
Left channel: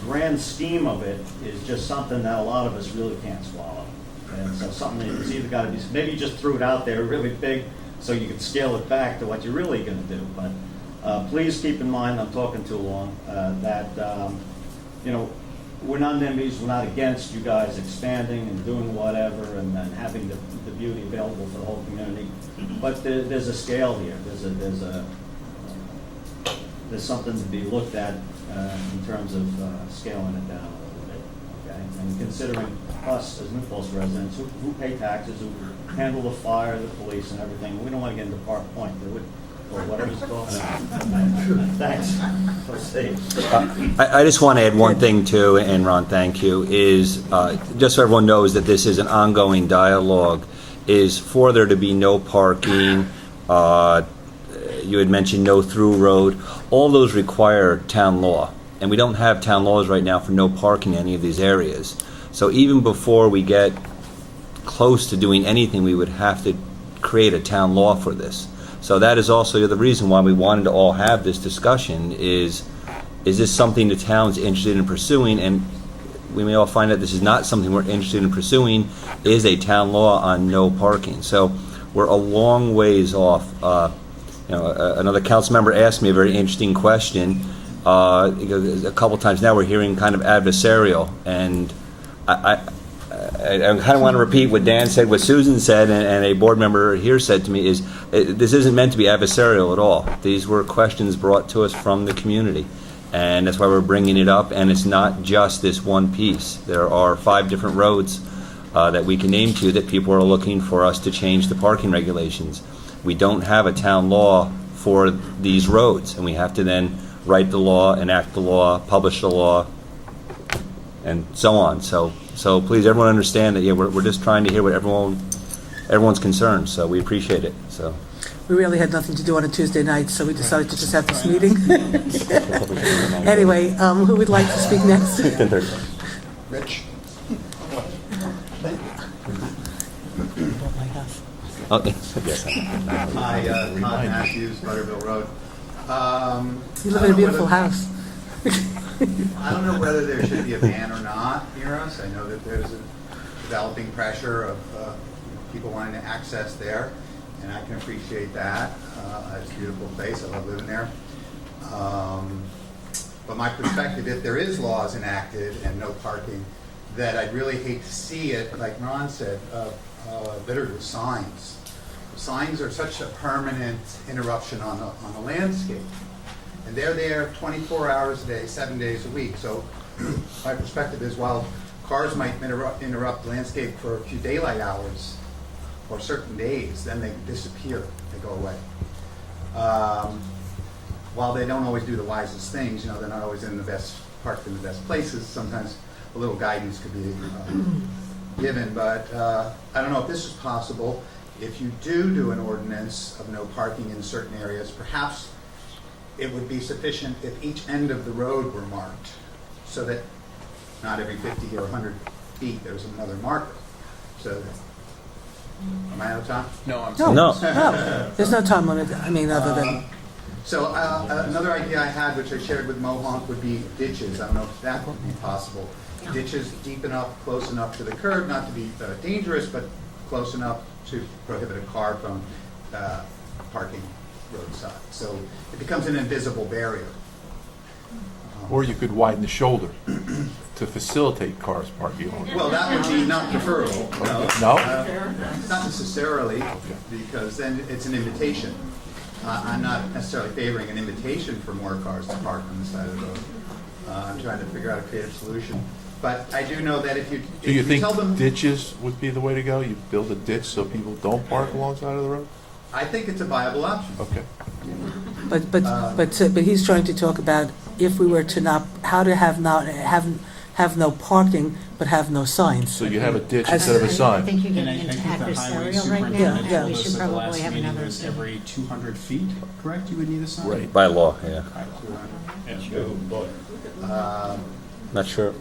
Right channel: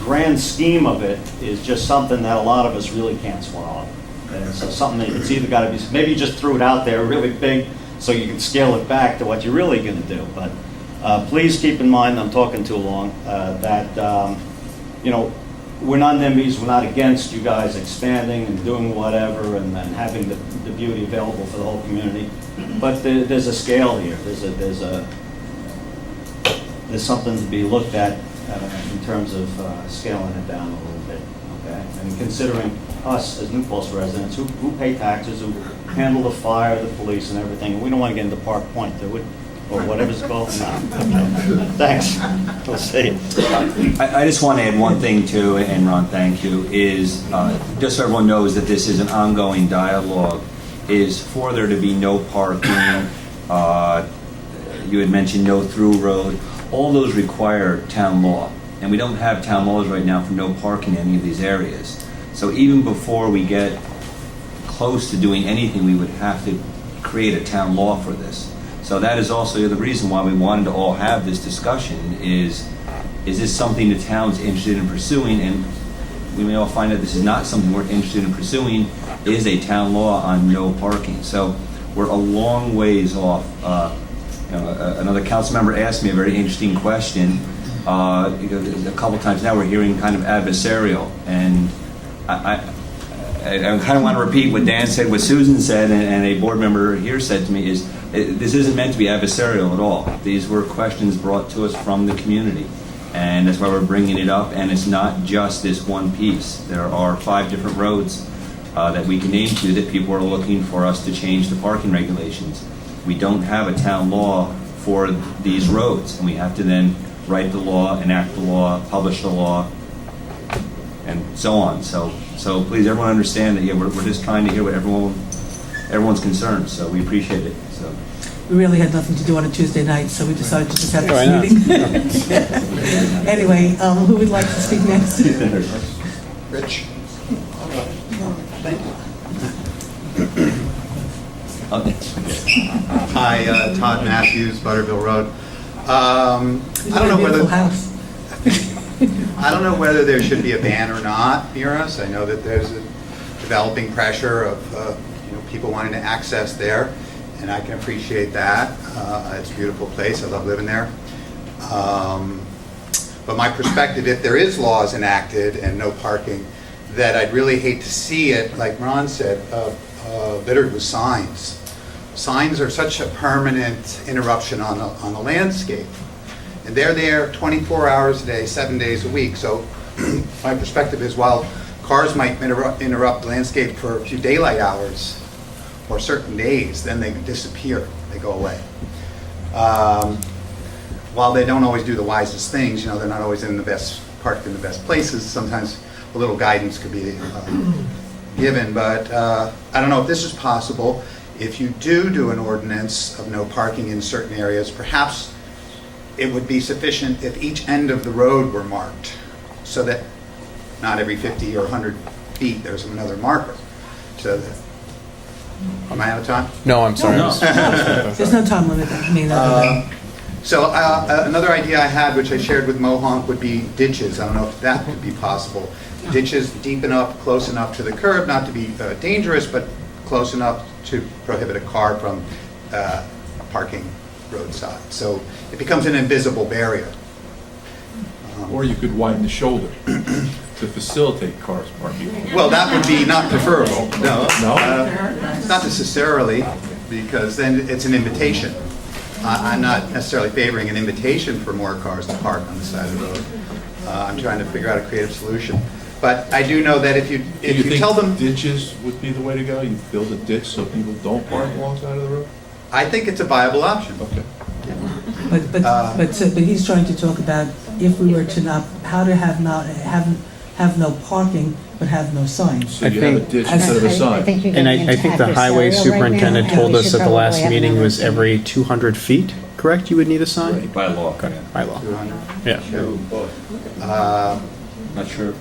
grand scheme of it is just something that a lot of us really can't swallow. And so something that it's either got to be, maybe you just threw it out there really big so you can scale it back to what you're really going to do. But please keep in mind, I'm talking too long, that we're not NIMBYs, we're not against you guys expanding and doing whatever and having the beauty available for the whole community. But there's a scale here. There's something to be looked at in terms of scaling it down a little bit, okay? And considering us as New Paltz residents who pay taxes, who handle the fire, the police, and everything. We don't want to get into Park Point, do we? Or whatever it's called. Thanks. We'll see. I just want to add one thing too, and Ron, thank you, is just so everyone knows that this is an ongoing dialogue, is for there to be no parking, you had mentioned no through road, all those require town law, and we don't have town laws right now for no parking in any of these areas. So even before we get close to doing anything, we would have to create a town law for this. So that is also the reason why we wanted to all have this discussion is this something the town's interested in pursuing? And we may all find that this is not something we're interested in pursuing, is a town law on no parking. So we're a long ways off. Another council member asked me a very interesting question. A couple times now we're hearing kind of adversarial, and I kind of want to repeat what Dan said, what Susan said, and a board member here said to me is, this isn't meant to be adversarial at all. These were questions brought to us from the community, and that's why we're bringing it up, and it's not just this one piece. There are 5 different roads that we can name to that people are looking for us to change the parking regulations. We don't have a town law for these roads, and we have to then write the law, enact the law, publish the law, and so on. So please, everyone understand that, we're just trying to hear what everyone's concerned, so we appreciate it. So We really had nothing to do on a Tuesday night, so we decided to just have this meeting. Anyway, who would like to speak next? Rich. Hi, Todd Matthews, Butterville Road. I don't know Beautiful house. I don't know whether there should be a ban or not near us. I know that there's a developing pressure of people wanting to access there, and I can appreciate that. It's a beautiful place. I love living there. But my perspective, if there is laws enacted and no parking, that I'd really hate to see it, like Ron said, littered with signs. Signs are such a permanent interruption on the landscape. And they're there 24 hours a day, 7 days a week. So my perspective is, while cars might interrupt the landscape for a few daylight hours or certain days, then they disappear, they go away. While they don't always do the wisest things, they're not always parked in the best places. Sometimes a little guidance could be given, but I don't know if this is possible. If you do an ordinance of no parking in certain areas, perhaps it would be sufficient if each end of the road were marked, so that not every 50 or 100 feet there's another marker. So that, am I out of time? No, I'm sorry. No. There's no time limit, I mean, other than. So another idea I had, which I shared with Mohonk, would be ditches. I don't know if that could be possible. Ditches deep enough, close enough to the curb, not to be dangerous, but close enough to prohibit a car from parking roadside. So it becomes an invisible barrier. Or you could widen the shoulder to facilitate cars parking. Well, that would be not preferable, no. No? Not necessarily, because then it's an invitation. I'm not necessarily favoring an invitation for more cars to park on the side of the road. I'm trying to figure out a creative solution. But I do know that if you tell them... Do you think ditches would be the way to go? You build a ditch so people don't park alongside of the road? I think it's a viable option. Okay. But he's trying to talk about if we were to not, how to have no parking, but have no signs. So you have a ditch instead of a sign. And I think the highway superintendent told us at the last meeting was every 200 feet, correct? You would need a sign? By law, yeah. By law. Yeah. Not sure.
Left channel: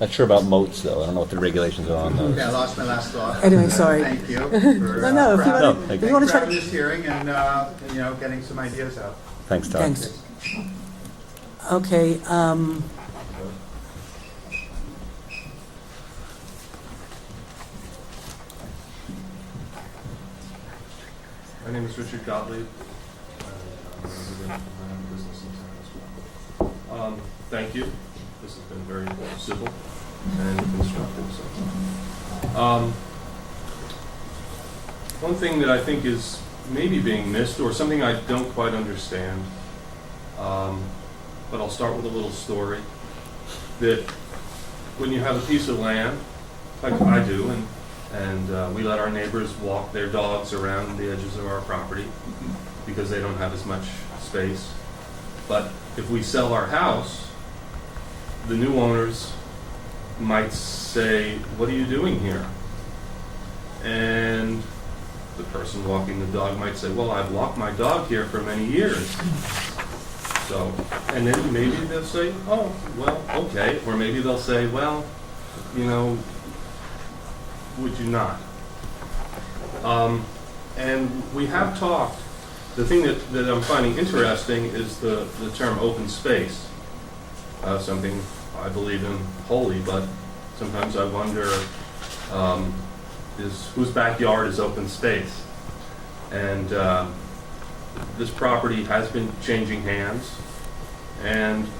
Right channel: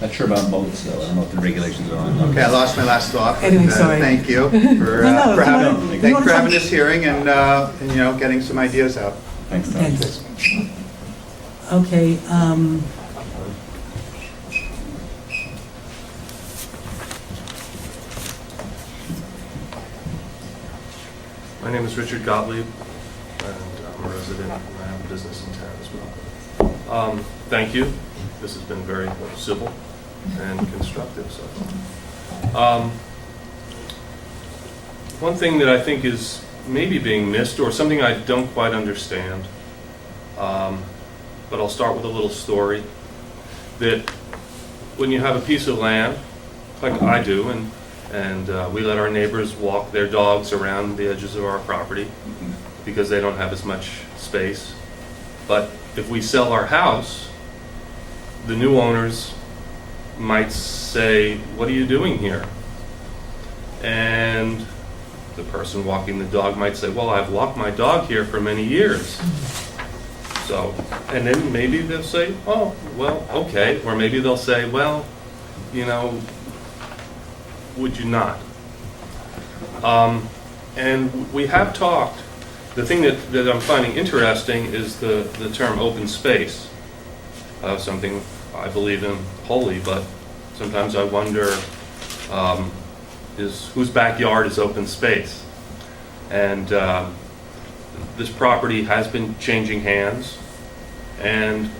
Not sure about moats, though. I don't know what the regulations are on those. Okay, I lost my last thought. Anyway, sorry. Thank you for No, if you wanna having talk- this hearing and getting some ideas out. Thanks, Tom. Thanks. Okay, My name is Richard Gottlieb, and I'm a resident, and I have a business in town as well. Thank you. This has been very civil and constructive so far. One thing that I think is maybe being missed, or something I don't quite understand, but I'll start with a little story, that when you have a piece of land, like I do, and we let our neighbors walk their dogs around the edges of our property because they don't have as much space. But if we sell our house, the new owners might say, "What are you doing here?" And the person walking the dog might say, "Well, I've walked my dog here for many years." So, and then maybe they'll say, "Oh, well, okay." Or maybe they'll say, "Well, would you not?" And we have talked, the thing that I'm finding interesting is the term open space. Something I believe in wholly, but sometimes I wonder, whose backyard is open space? And this property has been changing hands, and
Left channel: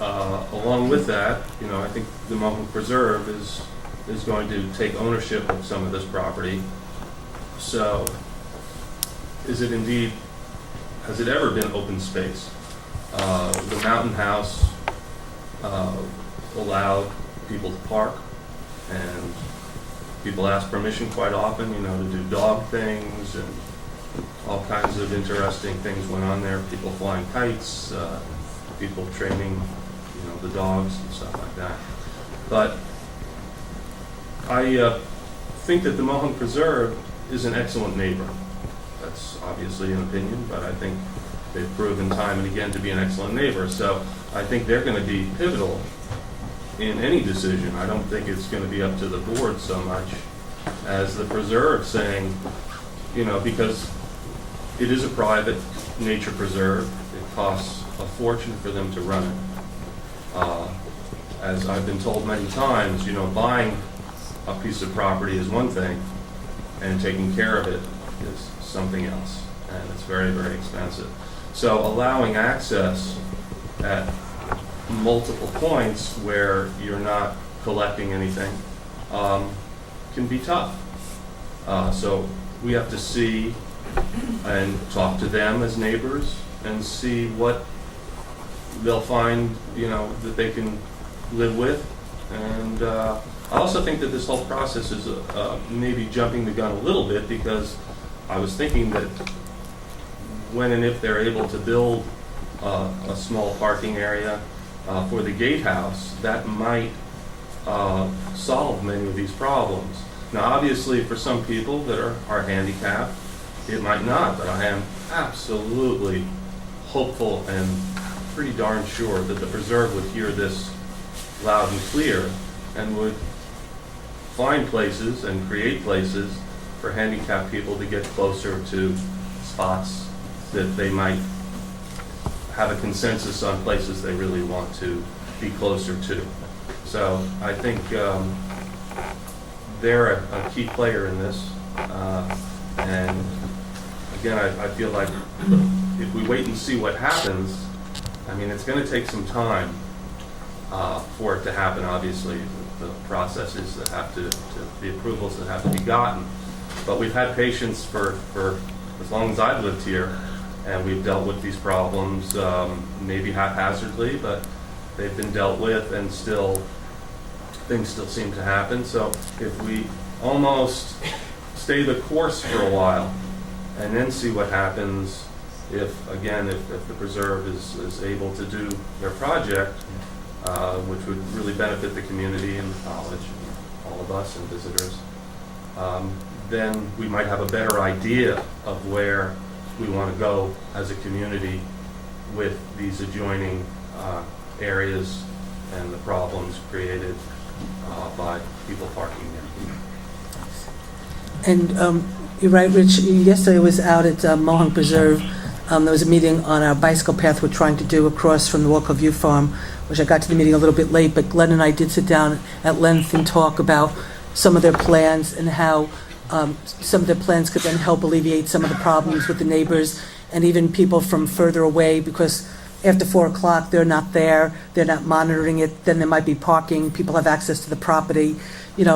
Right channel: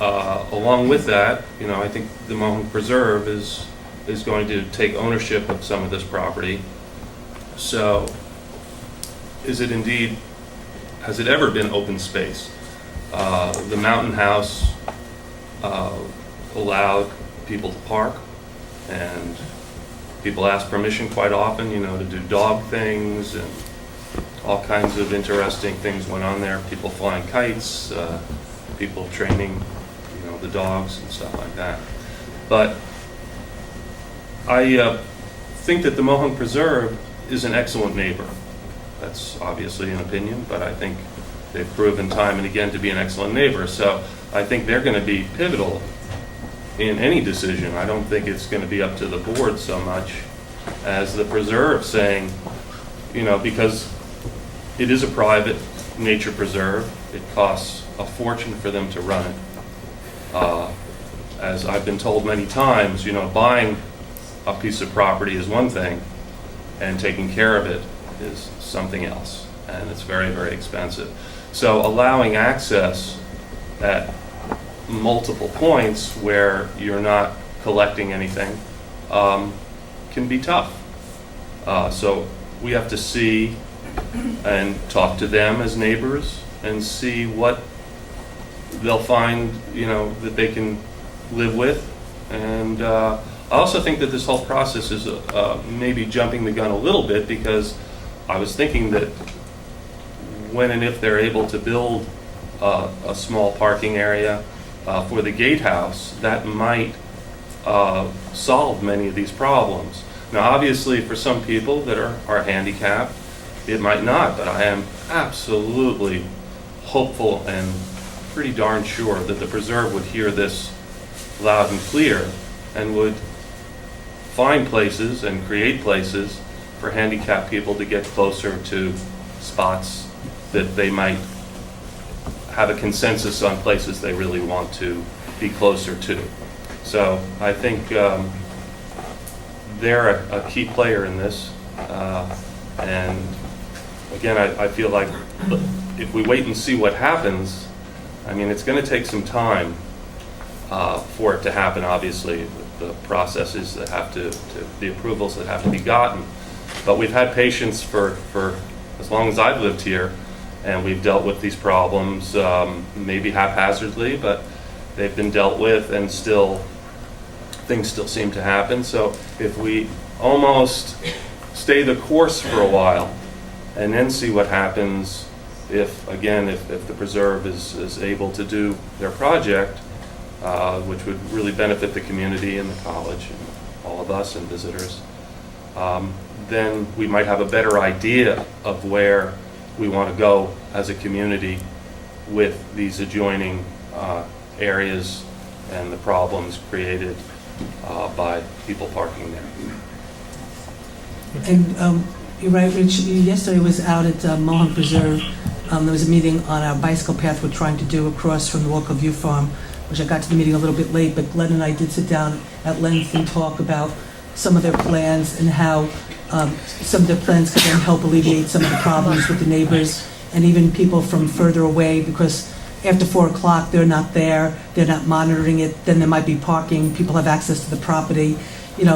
along with that, I think the Mohonk Preserve is going to take ownership of some of this property. So, has it ever been open space? The Mountain House allowed people to park, and people ask permission quite often, to do dog things, and all kinds of interesting things went on there. People flying kites, people training, the dogs and stuff like that. But I think that the Mohonk Preserve is an excellent neighbor. That's obviously an opinion, but I think they've proven time and again to be an excellent neighbor. So I think they're going to be pivotal in any decision. I don't think it's going to be up to the board so much as the preserve saying, because it is a private nature preserve, it costs a fortune for them to run it. As I've been told many times, buying a piece of property is one thing, and taking care of it is something else, and it's very, very expensive. So allowing access at multiple points where you're not collecting anything can be tough. So we have to see and talk to them as neighbors and see what they'll find, that they can live with. And I also think that this whole process is maybe jumping the gun a little bit, because I was thinking that when and if they're able to build a small parking area for the gatehouse, that might solve many of these problems. Now, obviously, for some people that are handicapped, it might not, but I am absolutely hopeful and pretty darn sure that the preserve would hear this loud and clear and would find places and create places for handicapped people to get closer to spots that they might have a consensus on places they really want to be closer to. So I think they're a key player in this. And again, I feel like if we wait and see what happens, I mean, it's going to take some time for it to happen, obviously, with the processes that have to the approvals that have to be gotten. But we've had patience for as long as I've lived here, and we've dealt with these problems, maybe haphazardly, but they've been dealt with, and things still seem to happen. So if we almost stay the course for a while and then see what happens if the preserve is able to do their project, which would really benefit the community and the college and all of us and visitors, then we might have a better idea of where we want to go as a community with these adjoining areas and the problems created by people parking there. And you're right, Rich. Yesterday I was out at Mohawk Preserve. There was a meeting on our bicycle path we're trying to do across from the Walker View Farm, which I got to the meeting a little bit late, but Glenn and I did sit down at length and talk about some of their plans and how some of their plans could then help alleviate some of the problems with the neighbors and even people from further away, because after 4 o'clock, they're not there, they're not monitoring it, then there might be parking, people have access to the property,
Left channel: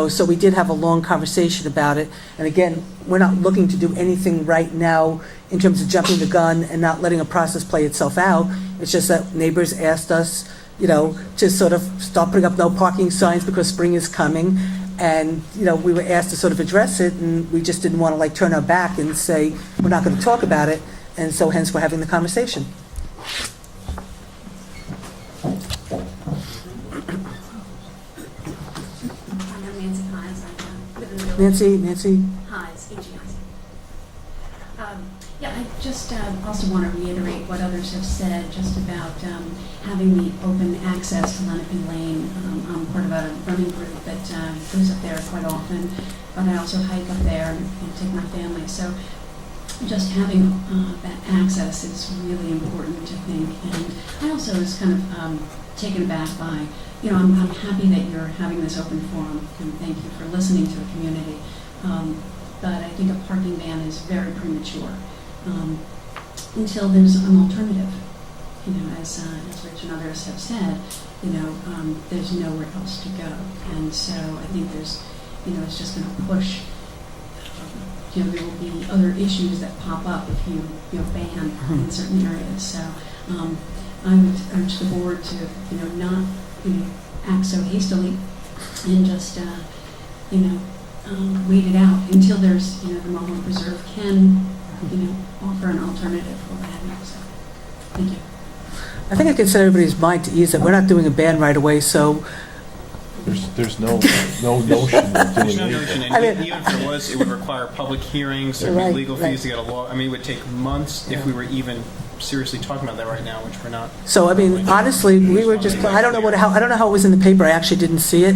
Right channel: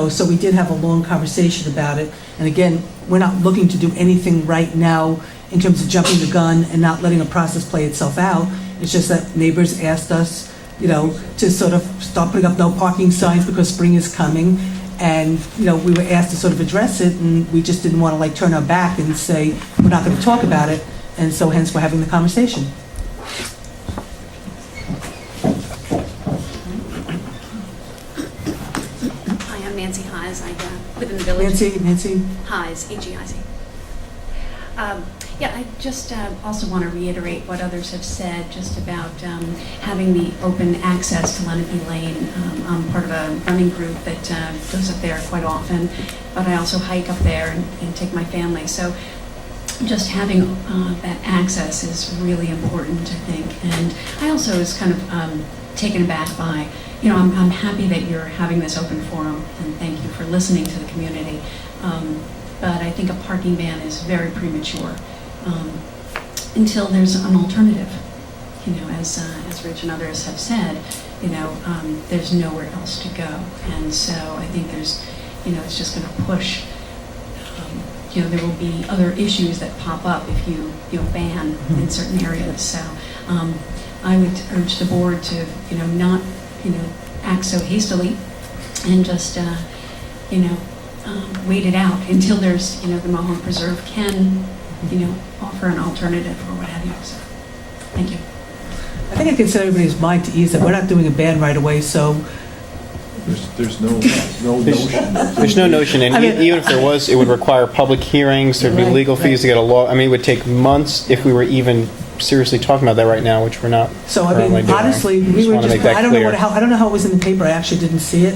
so we did have a long conversation about it. And again, we're not looking to do anything right now in terms of jumping the gun and not letting a process play itself out. It's just that neighbors asked us, to sort of start putting up no parking signs because spring is coming. And, we were asked to sort of address it, and we just didn't want to turn our back and say, we're not going to talk about it. And so hence we're having the conversation. Hi, I'm Nancy Highs. I live in the village. Nancy? Highs, H-E-I-Z. I just also want to reiterate what others have said just about having the open access to Lenape Lane. I'm part of a running group that goes up there quite often, but I also hike up there and take my family. So just having that access is really important, I think. And I also was kind of taken aback by, I'm happy that you're having this open forum, and thank you for listening to the community. But I think a parking ban is very premature until there's an alternative. As Rich and others have said, there's nowhere else to go. And so I think there's, it's just going to push. There will be other issues that pop up if you ban in certain areas. So I would urge the board to not act so hastily and just wait it out until there's the Mohawk Preserve can offer an alternative or what have you. So thank you. I think I can set everybody's mind to ease that we're not doing a ban right away, so. There's no notion. There's no notion, and even if there was, it would require public hearings, there'd be legal fees to get a law. I mean, it would take months if we were even seriously talking about that right now, which we're not. So, honestly, we were just, I don't know how it was in the paper, I actually didn't see it.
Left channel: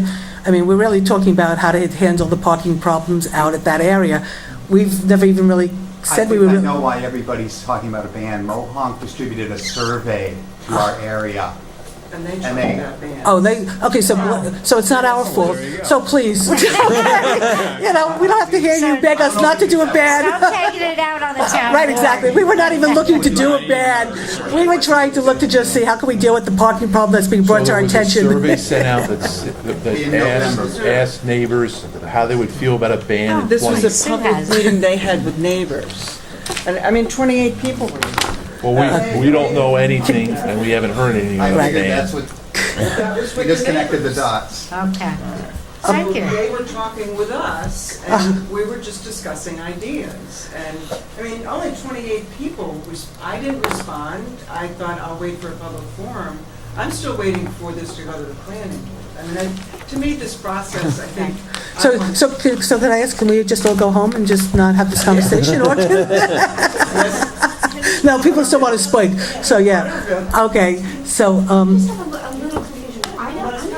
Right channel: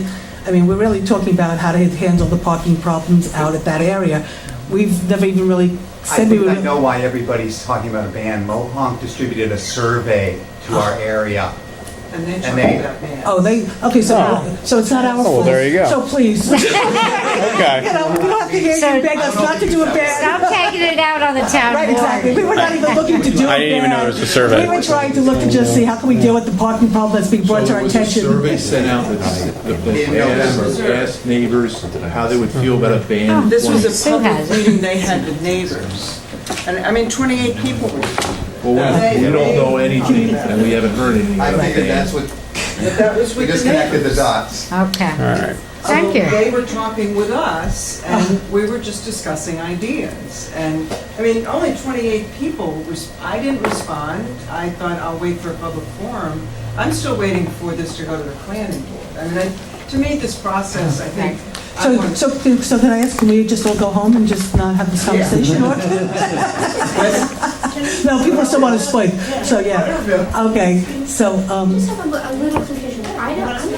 We're really talking about how to handle the parking problems out at that area. We've never even really said we were. I know why everybody's talking about a ban. Mohawk distributed a survey to our area. And they tried that ban. Okay, so it's not our fault. There you go. So please, we don't have to hear you beg us not to do a ban. Stop taking it out on the town. Right, exactly. We were not even looking to do I a didn't even know ban. it was a survey. We were trying to look to just see how can we deal with the parking problem that's being brought to our attention. Survey sent out that asked neighbors how they would feel about a ban. This was a public meeting they had with neighbors. And 28 people. Well, we don't know anything, and we haven't heard anything. I figured that's what, That was we with just the connected the neighbors. dots. Okay. All right. Thank you. They were talking with us, and we were just discussing ideas. And, only 28 people, I didn't respond. I thought I'll wait for a public forum. I'm still waiting for this to go to the planning board. To me, this process, I think. So can I ask, can we just all go home and just not have this conversation? Yes. No, people still want to spike, so yeah. Okay, so, I just have a little confusion. I'm not Do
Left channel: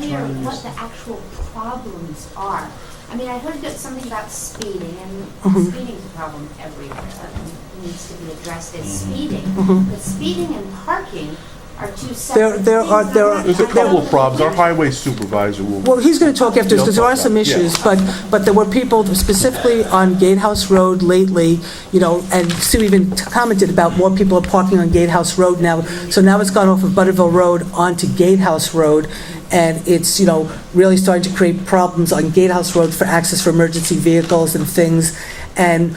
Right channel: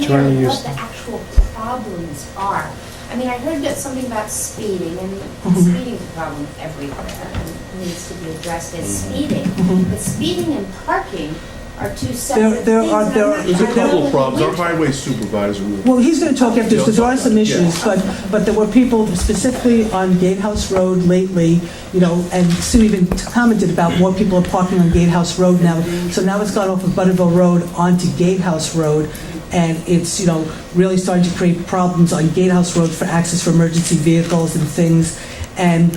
you wanna clear use- what the actual problems are. I mean, I heard that something about speeding, and Mhm. speeding's a problem everywhere, and needs to be addressed as speeding. Mhm. But speeding and parking are two separate there things. are- and there I'm are- not There's a sure couple that of problems. Our we- highway supervisor will. well, he's going to talk after this, because there are some issues, but there were people specifically on Gatehouse Road lately, you know, and Sue even commented about more people are parking on Gatehouse Road now. So now it's gone off of Butterville Road onto Gatehouse Road, and it's, you know, really starting to create problems on Gatehouse Road for access for emergency vehicles and things. And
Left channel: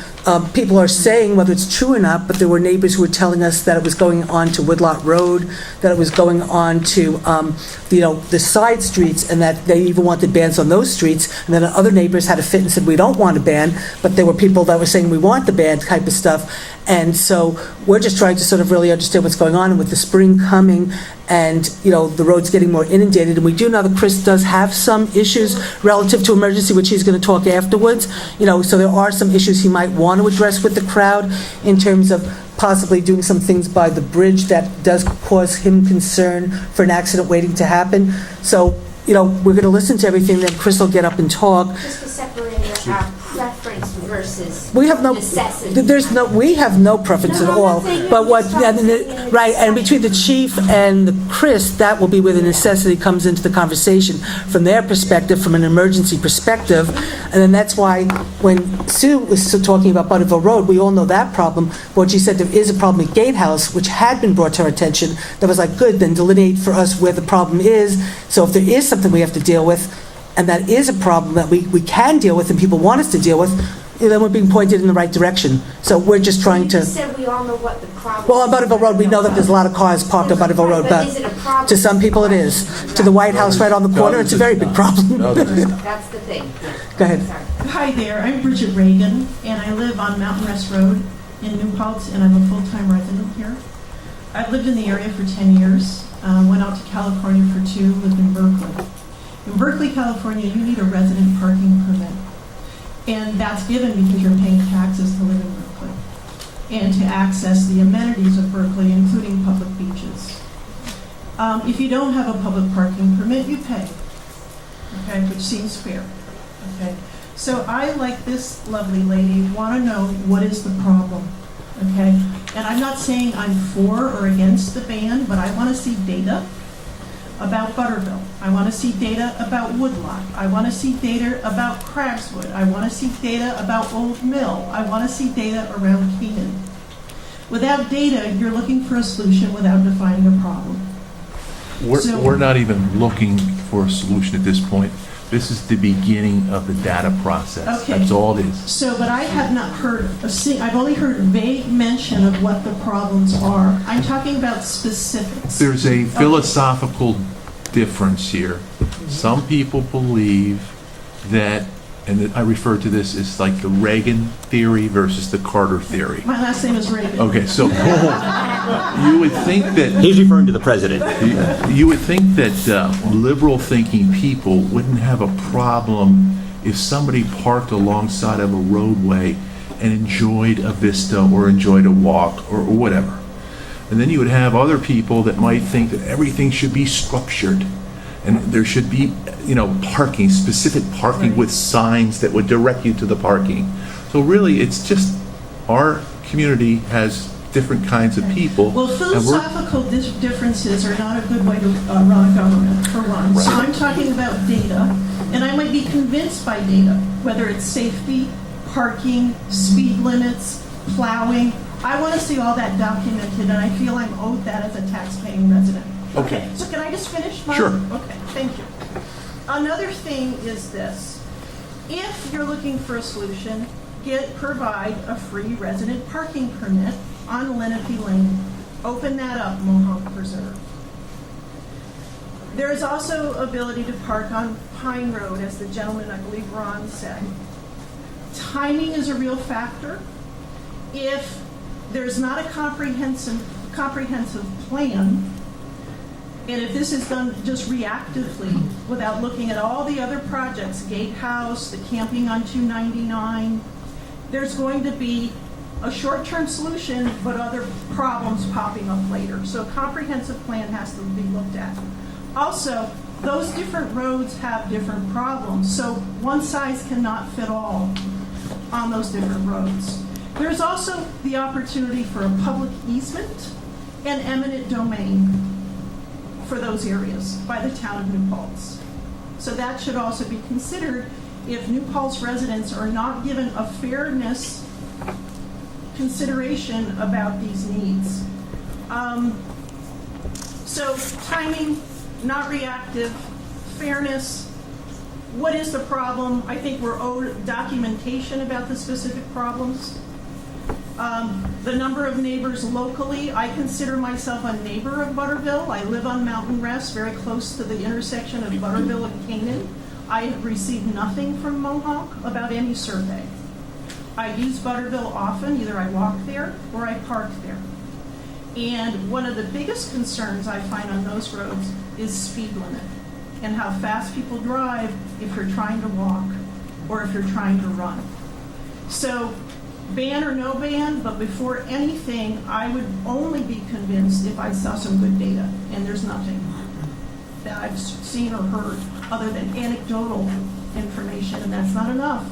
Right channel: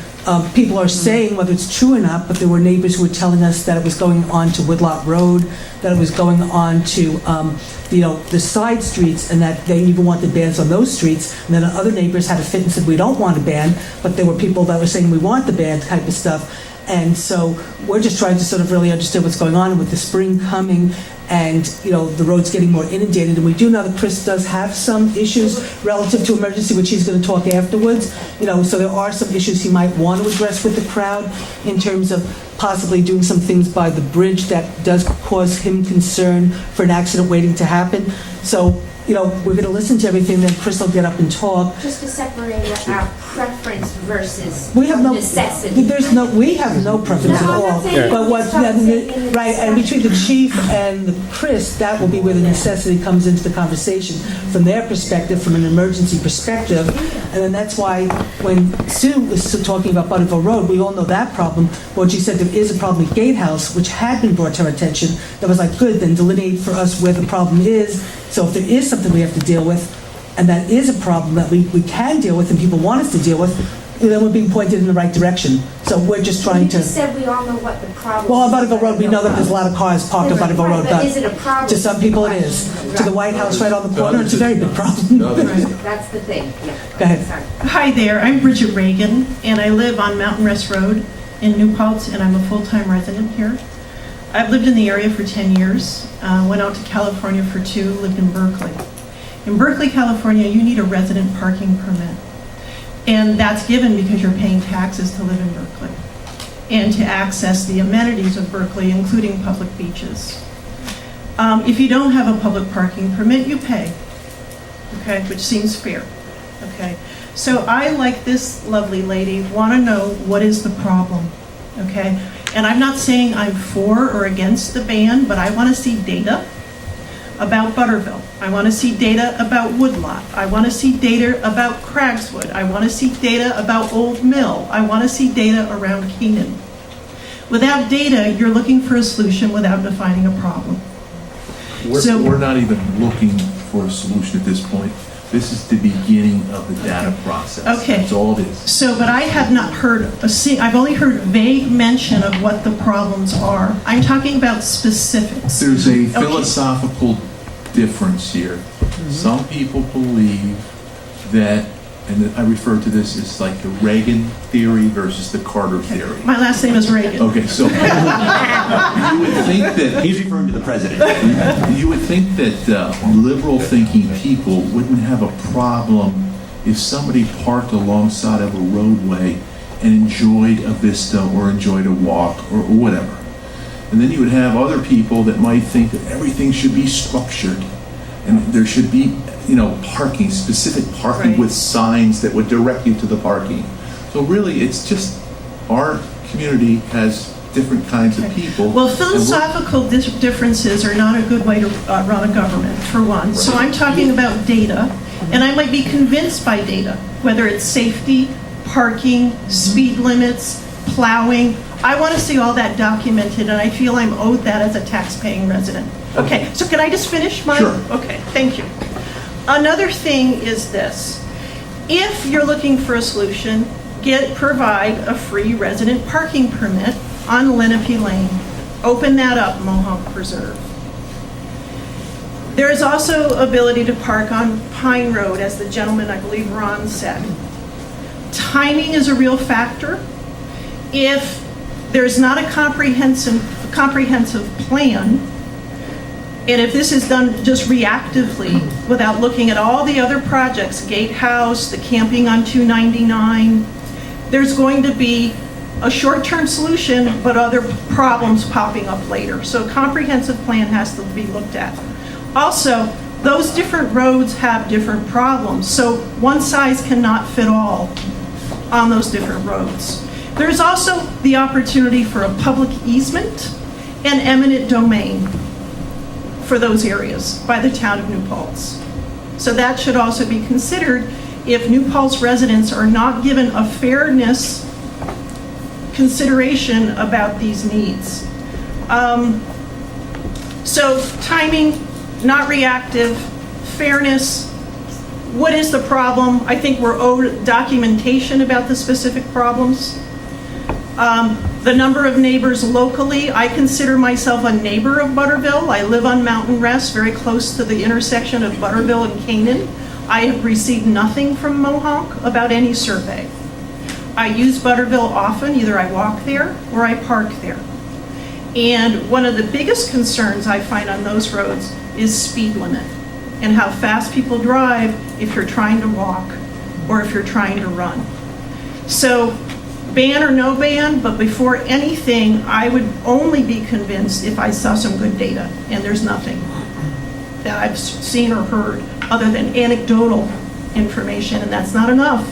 people are saying, whether it's true or not, but there were neighbors who were telling us that it was going on to Woodlot Road, that it was going on to, you know, the side streets, and that they even wanted bans on those streets. And then other neighbors had a fit and said, we don't want a ban, but there were people that were saying we want the ban type of stuff. And so we're just trying to sort of really understand what's going on. And with the spring coming and, you know, the roads getting more inundated. And we do know that Chris does have some issues relative to emergency, which he's going to talk afterwards. You know, so there are some issues he might want to address with the crowd in terms of possibly doing some things by the bridge that does cause him concern for an accident waiting to happen. So, you know, we're going to listen to everything, then Chris will get up and talk. Just to separate our preference versus We have no, necessity. we have no preference at all. But what, right, and between the chief and the Chris, that will be where the necessity comes into the conversation from their perspective, from an emergency perspective. And then that's why when Sue was still talking about Butterville Road, we all know that problem. But she said there is a problem at Gatehouse, which had been brought to our attention, that was like, good, then delineate for us where the problem is. So if there is something we have to deal with, and that is a problem that we can deal with and people want us to deal with, then we're being pointed in the right direction. So we're just trying You to... just said we all know what the problem Well, on Butterville Road, we know that there's a lot of cars parked on Butterville Road, But is it a but problem? to some people it is. To the White House right on the corner, it's a very big problem. That's the thing, yeah. Go ahead. Sorry. Hi there, I'm Bridget Reagan, and I live on Mountain Rest Road in New Paltz, and I'm a full-time resident here. I've lived in the area for 10 years, went out to California for 2, lived in Berkeley. In Berkeley, California, you need a resident parking permit, and that's given because you're paying taxes to live in Berkeley and to access the amenities of Berkeley, including public beaches. If you don't have a public parking permit, you pay, okay, which seems fair, okay? So I, like this lovely lady, want to know what is the problem, okay? And I'm not saying I'm for or against the ban, but I want to see data about Butterville. I want to see data about Woodlot. I want to see data about Craigswood. I want to see data about Old Mill. I want to see data around Canaan. Without data, you're looking for a solution without defining a problem. We're not even looking for a solution at this point. This is the beginning of the data process. Okay. That's all it is. So, but I have not heard I've only heard vague mention of what the problems are. I'm talking about specifics. There's a philosophical difference here. Some people believe that, and I refer to this as like the Reagan theory versus the Carter theory. My last name is Reagan. Okay, so you would think that He's referring to the president. you would think that liberal thinking people wouldn't have a problem if somebody parked alongside of a roadway and enjoyed a vista or enjoyed a walk or whatever. And then you would have other people that might think that everything should be structured and there should be, you know, parking, specific parking Right. with signs that would direct you to the parking. So really, it's just our community has different kinds of people. Well, and we're- philosophical differences are not a good way to run a government, for one. So I'm talking about data, and I might be convinced by data, whether it's safety, parking, speed limits, plowing. I want to see all that documented, and I feel I'm owed that as a tax-paying resident. Okay, so can I just finish my? Sure. Okay, thank you. Another thing is this. If you're looking for a solution, provide a free resident parking permit on Lenape Lane. Open that up, Mohonk Preserve. There is also ability to park on Pine Road, as the gentleman, I believe Ron said. Timing is a real factor. If there's not a comprehensive plan, and if this is done just reactively without looking at all the other projects, Gatehouse, the camping on 299, there's going to be a short-term solution, but other problems popping up later. So a comprehensive plan has to be looked at. Also, those different roads have different problems, so one size cannot fit all on those different roads. There's also the opportunity for a public easement and eminent domain for those areas by the town of New Paltz. So that should also be considered if New Paltz residents are not given a fairness consideration about these needs. So timing, not reactive, fairness, what is the problem? I think we're owed documentation about the specific problems. The number of neighbors locally, I consider myself a neighbor of Butterville. I live on Mountain Rest, very close to the intersection of Butterville and Canaan. I have received nothing from Mohawk about any survey. I use Butterville often, either I walk there or I park there. And one of the biggest concerns I find on those roads is speed limit and how fast people drive if you're trying to walk or if you're trying to run. So ban or no ban, but before anything, I would only be convinced if I saw some good data, and there's nothing that I've seen or heard other than anecdotal information, and that's not enough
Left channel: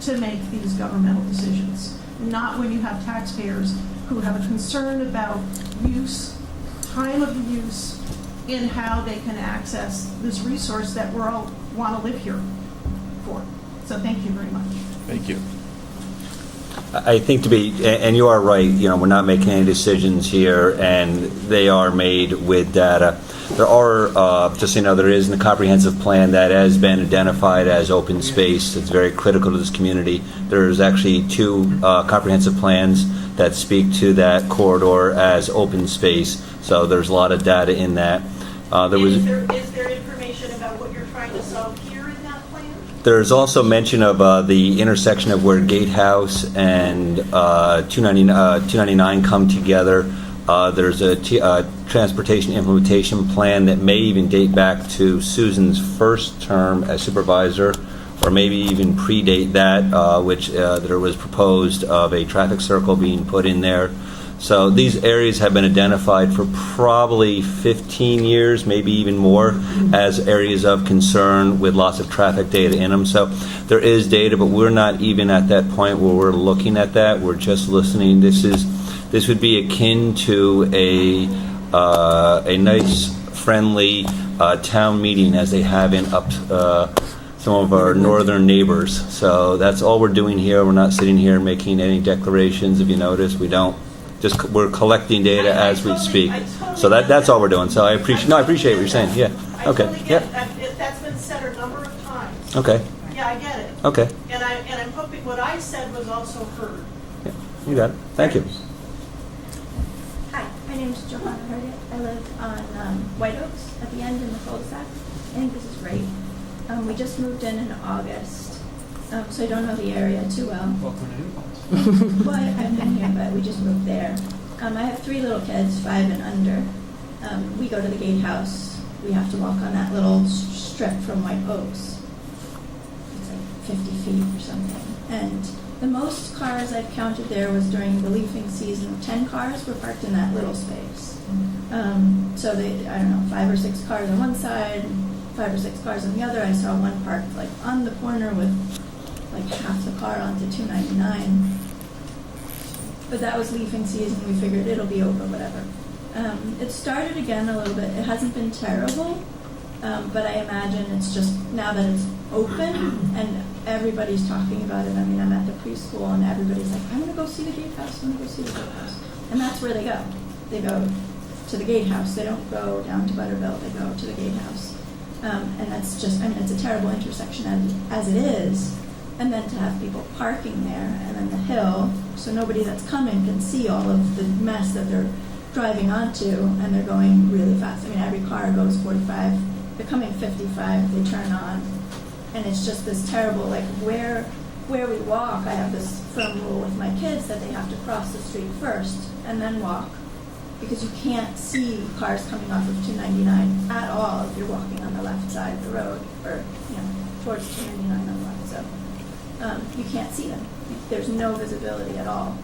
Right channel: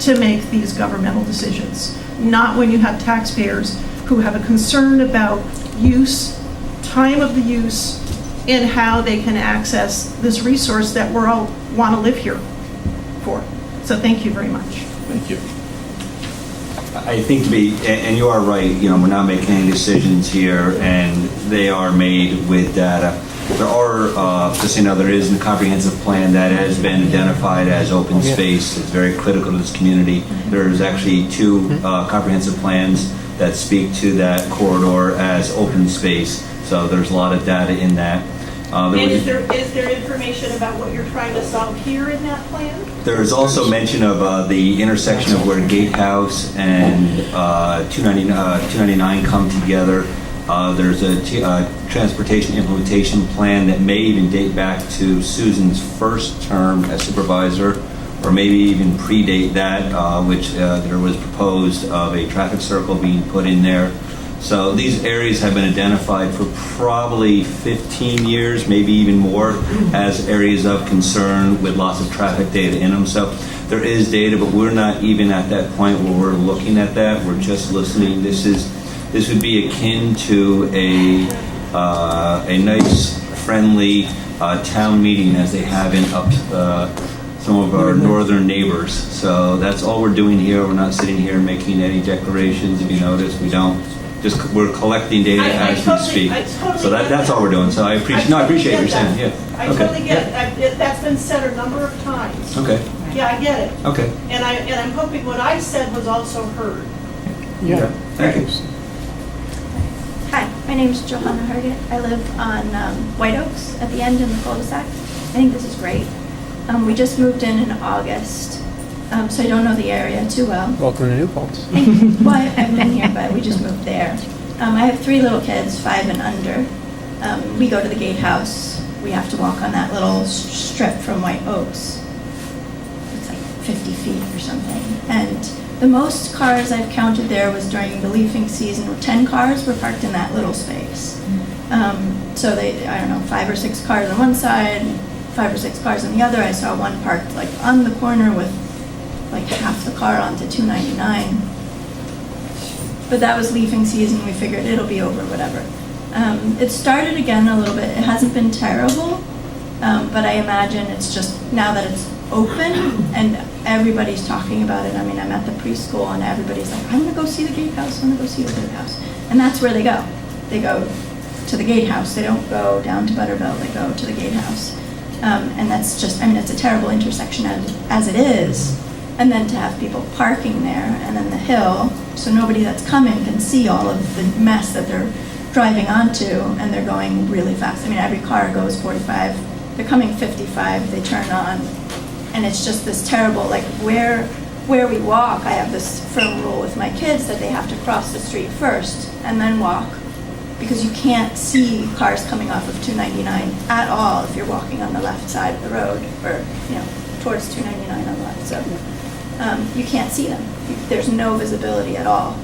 to make these governmental decisions. Not when you have taxpayers who have a concern about use, time of the use, and how they can access this resource that we all want to live here for. So thank you very much. Thank you. I think and you are right, we're not making any decisions here, and they are made with data. There are, just so you know, there is a comprehensive plan that has been identified as open space. It's very critical to this community. There's actually two comprehensive plans that speak to that corridor as open space, so there's a lot of data in that. Is there information about what you're trying to solve here in that plan? There's also mention of the intersection of where Gatehouse and 299 come together. There's a transportation implementation plan that may even date back to Susan's first term as supervisor, or maybe even predate that, which there was proposed of a traffic circle being put in there. So these areas have been identified for probably 15 years, maybe even more, as areas of concern with lots of traffic data in them. So there is data, but we're not even at that point where we're looking at that. We're just listening. This would be akin to a nice, friendly town meeting as they have in some of our northern neighbors. So that's all we're doing here. We're not sitting here making any declarations. If you notice, we don't. We're collecting data as we speak. So that's all we're doing. So I appreciate what you're saying. Yeah. I totally get it. That's been said a number of times. Okay. Yeah, I get it. Okay. And I'm hoping what I said was also heard. Yeah. Thank you. Hi, my name is Johanna Herget. I live on White Oaks at the end in the cul-de-sac. I think this is great. We just moved in August, so I don't know the area too well. Welcome to New Paltz. Well, I've been here, but we just moved there. I have 3 little kids, 5 and under. We go to the gatehouse. We have to walk on that little strip from White Oaks. It's like 50 feet or something. And the most cars I've counted there was during the leafing season. 10 cars were parked in that little space. So I don't know, 5 or 6 cars on one side, 5 or 6 cars on the other. I saw one parked like on the corner with like half the car onto 299. But that was leafing season. We figured it'll be over, whatever. It started again a little bit. It hasn't been terrible, but I imagine it's just now that it's open and everybody's talking about it. I mean, I'm at the preschool and everybody's like, I'm gonna go see the gatehouse, I'm gonna go see the gatehouse. And that's where they go. They go to the gatehouse. They don't go down to Butterville, they go to the gatehouse. And that's just, I mean, it's a terrible intersection as it is. And then to have people parking there and then the hill, so nobody that's coming can see all of the mess that they're driving onto, and they're going really fast. I mean, every car goes 45, they're coming 55, they turn on, and it's just this terrible, like where we walk, I have this firm rule with my kids that they have to cross the street first and then walk, because you can't see cars coming off of 299 at all if you're walking on the left side of the road, or, towards 299 on the left, so you can't see them. There's no visibility at all.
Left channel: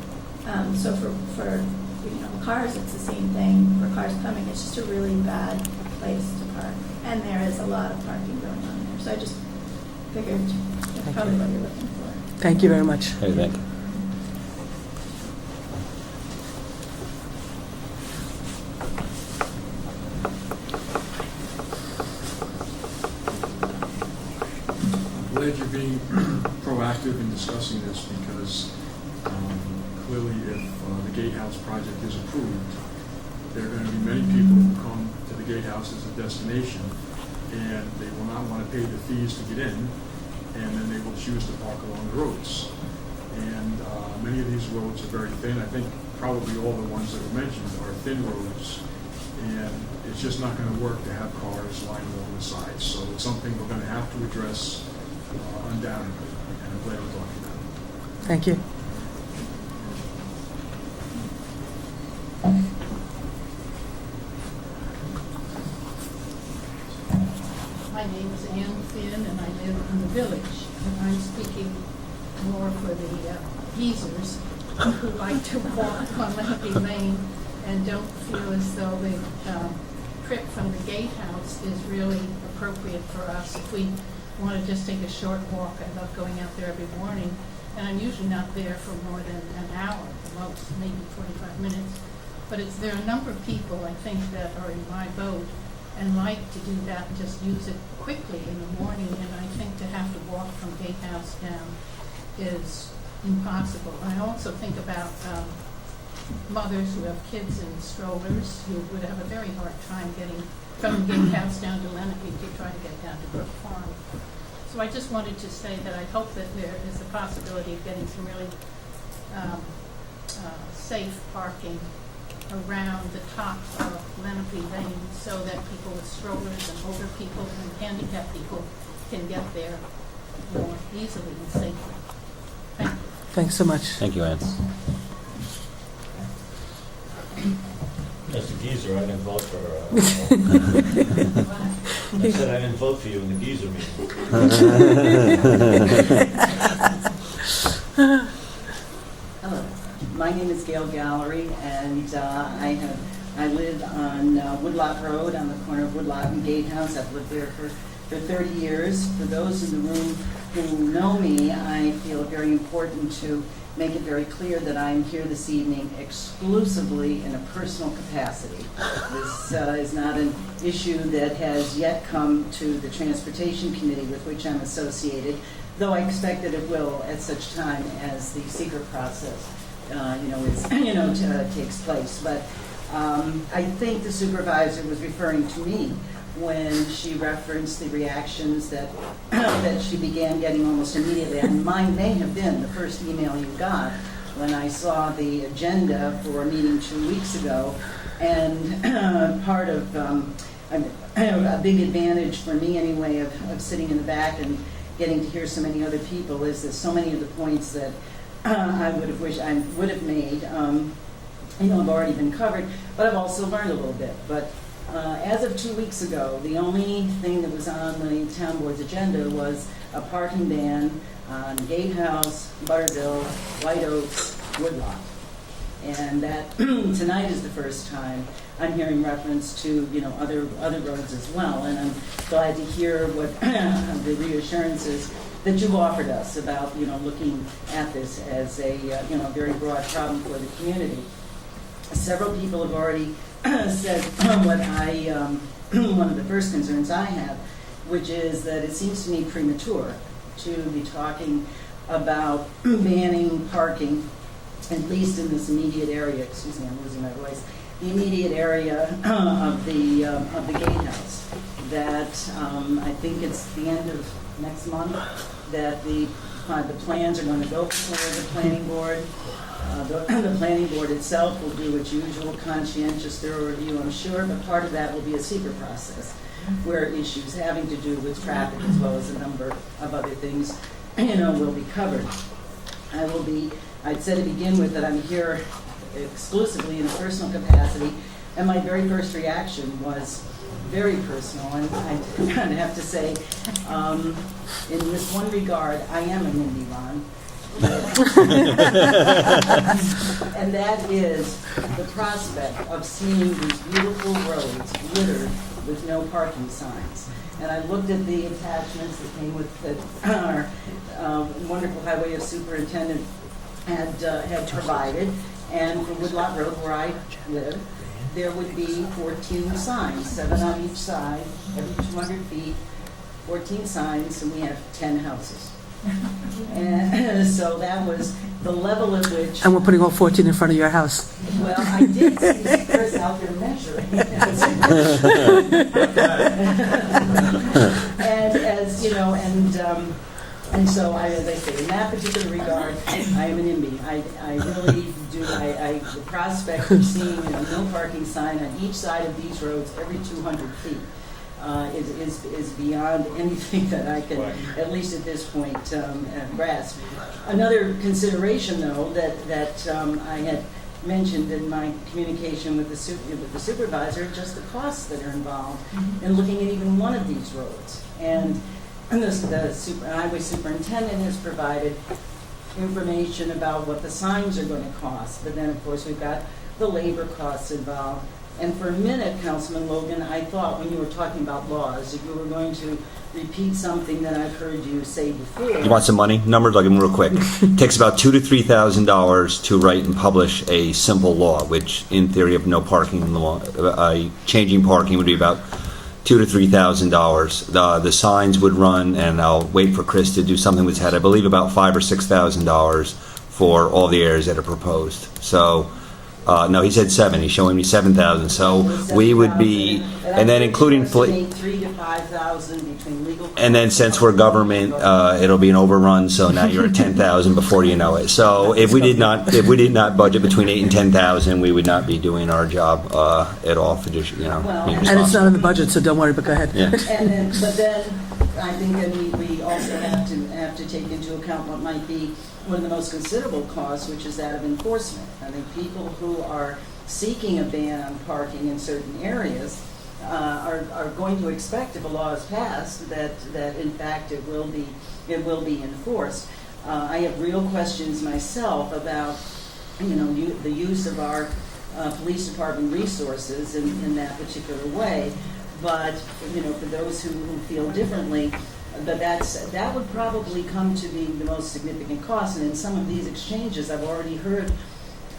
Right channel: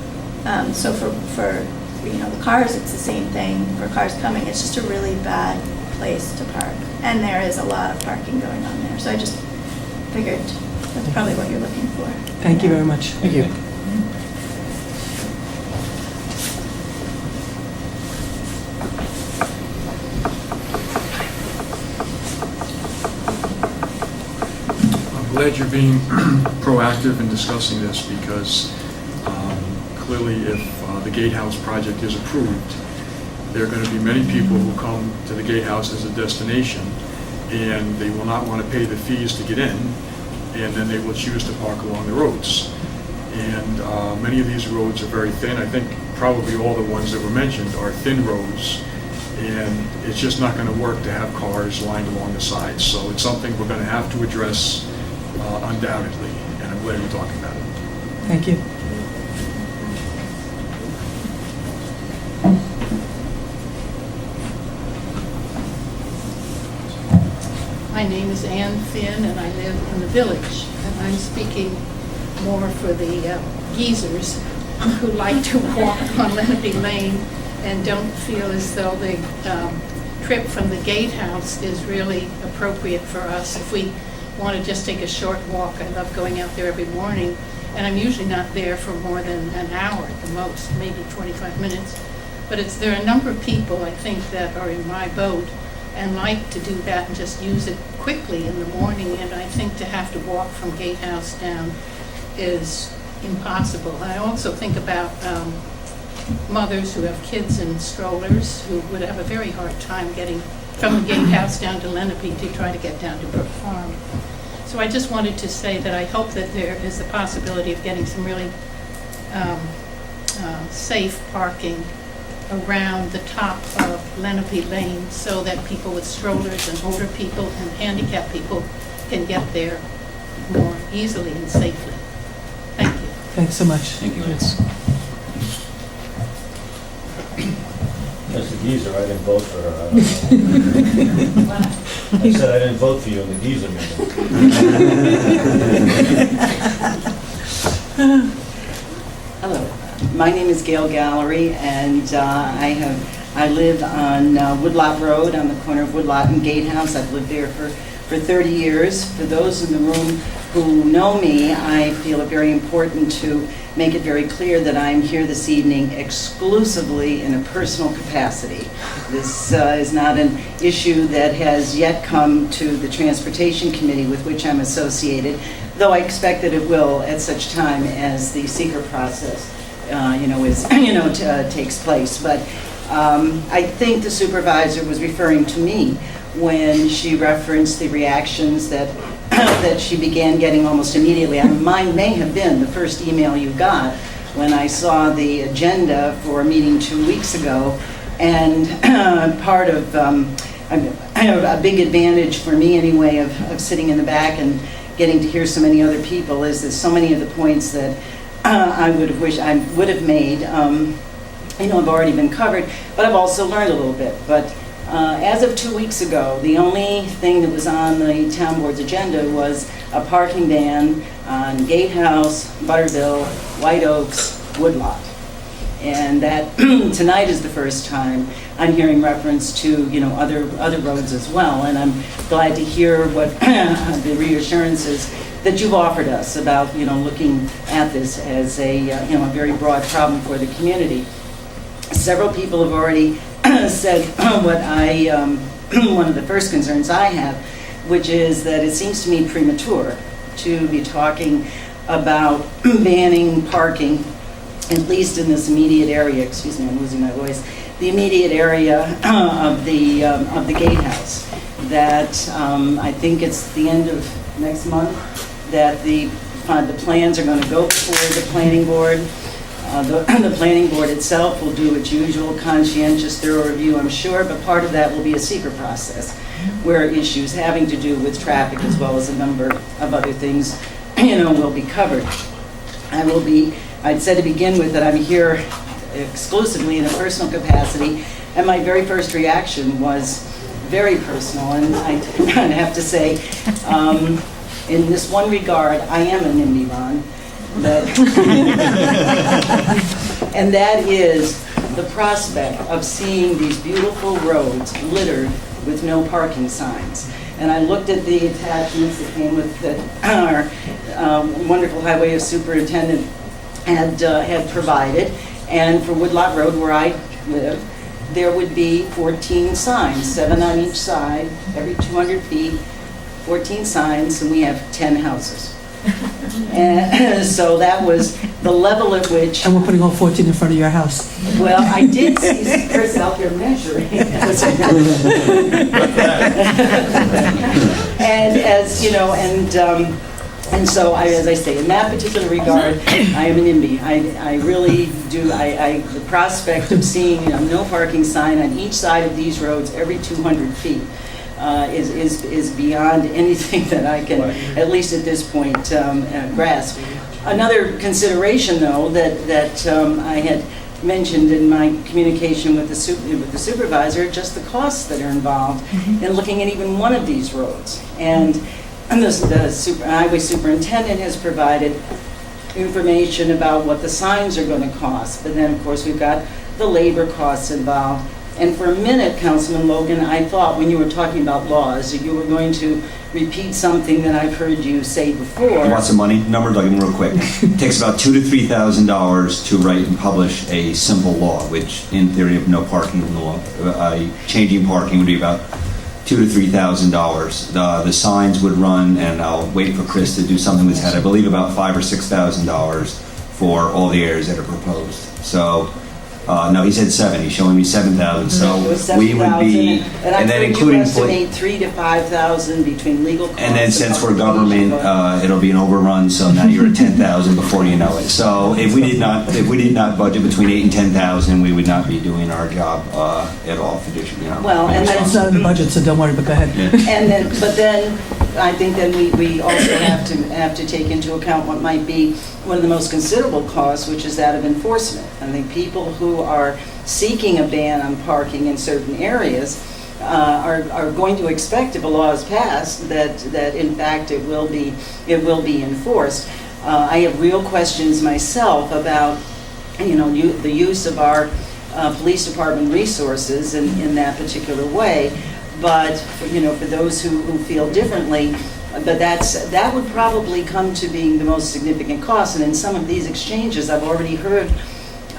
So for the cars, it's the same thing. For cars coming, it's just a really bad place to park. And there is a lot of parking going on there. So I just figured that's probably what you're looking for. Thank you very much. Thank you. I'm glad you're being proactive in discussing this because clearly if the Gatehouse project is approved, there are going to be many people who come to the Gatehouse as a destination and they will not want to pay the fees to get in, and then they will choose to park along the roads. And many of these roads are very thin. I think probably all the ones that were mentioned are thin roads, and it's just not going to work to have cars lined along the sides. So it's something we're going to have to address undoubtedly, and I'm glad we're talking about it. Thank you. My name is Ann Finn, and I live in the village. And I'm speaking more for the geezers who like to walk on Lenape Lane and don't feel as though the trip from the Gatehouse is really appropriate for us. If we want to just take a short walk, I love going out there every morning, and I'm usually not there for more than an hour at the most, maybe 25 minutes. But there are a number of people, I think, that are in my boat and like to do that and just use it quickly in the morning, and I think to have to walk from Gatehouse down is impossible. And I also think about mothers who have kids in strollers who would have a very hard time getting from the Gatehouse down to Lenape to try to get down to Brook Farm. So I just wanted to say that I hope that there is the possibility of getting some really safe parking around the top of Lenape Lane so that people with strollers and older people and handicapped people can get there more easily and safely. Thank you. Thanks so much. Thank you, Ann. As the geezer, I didn't vote for her. I don't know. I said I didn't vote for you in the geezer meeting. Hello, my name is Gail Gallery, and I live on Woodlot Road on the corner of Woodlot and Gatehouse. I've lived there for 30 years. For those in the room who know me, I feel it very important to make it very clear that I'm here this evening exclusively in a personal capacity. This is not an issue that has yet come to the Transportation Committee with which I'm associated, though I expect that it will at such time as the seeker process takes place. But I think the supervisor was referring to me when she referenced the reactions that that she began getting almost immediately. Mine may have been the first email you got when I saw the agenda for a meeting 2 weeks ago, and part of a big advantage for me anyway of sitting in the back and getting to hear so many other people is that so many of the points that I would have wished I would have made, have already been covered, but I've also learned a little bit. But as of 2 weeks ago, the only thing that was on the town board's agenda was a parking ban on Gatehouse, Butterville, White Oaks, Woodlot. And that tonight is the first time I'm hearing reference to, other roads as well. And I'm glad to hear what the reassurances that you've offered us about, looking at this as a very broad problem for the community. Several people have already said what one of the first concerns I have, which is that it seems to me premature to be talking about banning parking, at least in this immediate area. Excuse me, I'm losing my voice. The immediate area of the Gatehouse. That I think it's the end of next month that the plans are going to go before the planning board. The planning board itself will do its usual conscientious, thorough review, I'm sure, but part of that will be a secret process where issues having to do with traffic as well as a number of other things, will be covered. I'd said to begin with that I'm here exclusively in a personal capacity, and my very first reaction was very personal, and I'd have to say, in this one regard, I am a NIMBY Ron. and that is the prospect of seeing these beautiful roads littered with no parking signs. And I looked at the attachments that came with our wonderful highway superintendent had provided, and for Woodlot Road, where I live, there would be 14 signs, 7 on each side, every 200 feet, 14 signs, and we have 10 houses. And so that was the level at which... And we're putting all 14 in front of your house. Well, I did see Chris out there measuring. And as, you know, and so, as I say, in that particular regard, I am an NIMBY. I really do, the prospect of seeing, you know, no parking sign on each side of these roads every 200 feet is beyond anything that I can, at least at this point, grasp. Another consideration, though, that I had mentioned in my communication with the supervisor, just the costs that are involved in looking at even one of these roads. And the highway superintendent has provided information about what the signs are going to cost, but then, of course, we've got the labor costs involved. And for a minute, Councilman Logan, I thought when you were talking about laws, you were going to repeat something that I've heard you say before. You want some money? Numbers, I'll give them real quick. It takes about $2,000 to $3,000 to write and publish a simple law, which in theory of no parking law, changing parking would be about $2,000 to $3,000. The signs would run, and I'll wait for Chris to do something with that. I believe about $5,000 or $6,000 for all the areas that are proposed. So. No, he said 7. He's showing me 7,000. So we would be, and then including estimate 3,000 to 5,000 between legal costs. And then since we're government, it'll be an overrun. So now you're at 10,000 before you know it. So if we did not budget between 8,000 and 10,000, we would not be doing our job at all for this, you know. Well, and it's not in the budget, so don't worry. But go ahead. Yeah. And then, but then I think then we also have to take into account what might be one of the most considerable costs, which is that of enforcement. I think people who are seeking a ban on parking in certain areas are going to expect, if a law is passed, that in fact it will be enforced. I have real questions myself about, you know, the use of our police department resources in that particular way. But you know, for those who feel differently. But that would probably come to being the most significant cost. And in some of these exchanges, I've already heard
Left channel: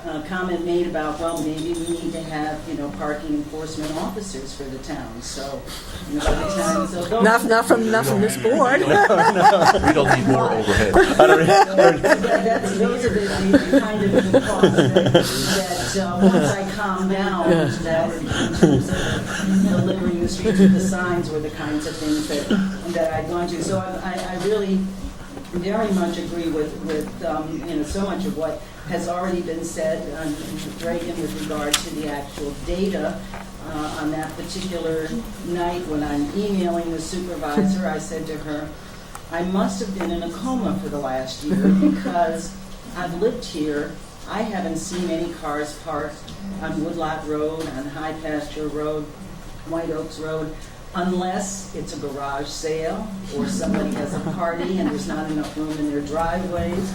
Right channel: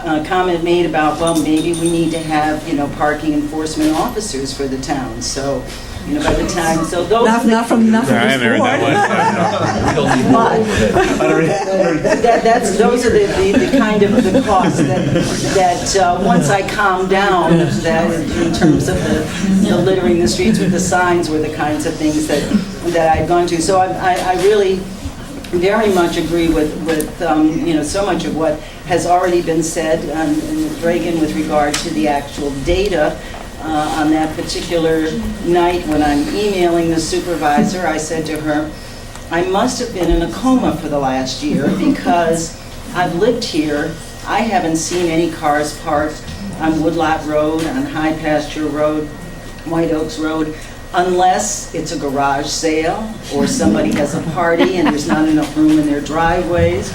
a comment made about, well, maybe we need to have, you know, parking enforcement officers for the town. So, you know, by the time, so those not from this board. Those are the kind of the costs that once I calm down, that in terms of the littering the streets with the signs were the kinds of things that I've gone to. So I really very much agree with you know, so much of what has already been said, and with Reagan with regard to the actual data. On that particular night when I'm emailing the supervisor, I said to her, I must have been in a coma for the last year because I've lived here. I haven't seen any cars parked on Woodlot Road, on High Pasture Road, White Oaks Road, unless it's a garage sale or somebody has a party and there's not enough room in their driveways.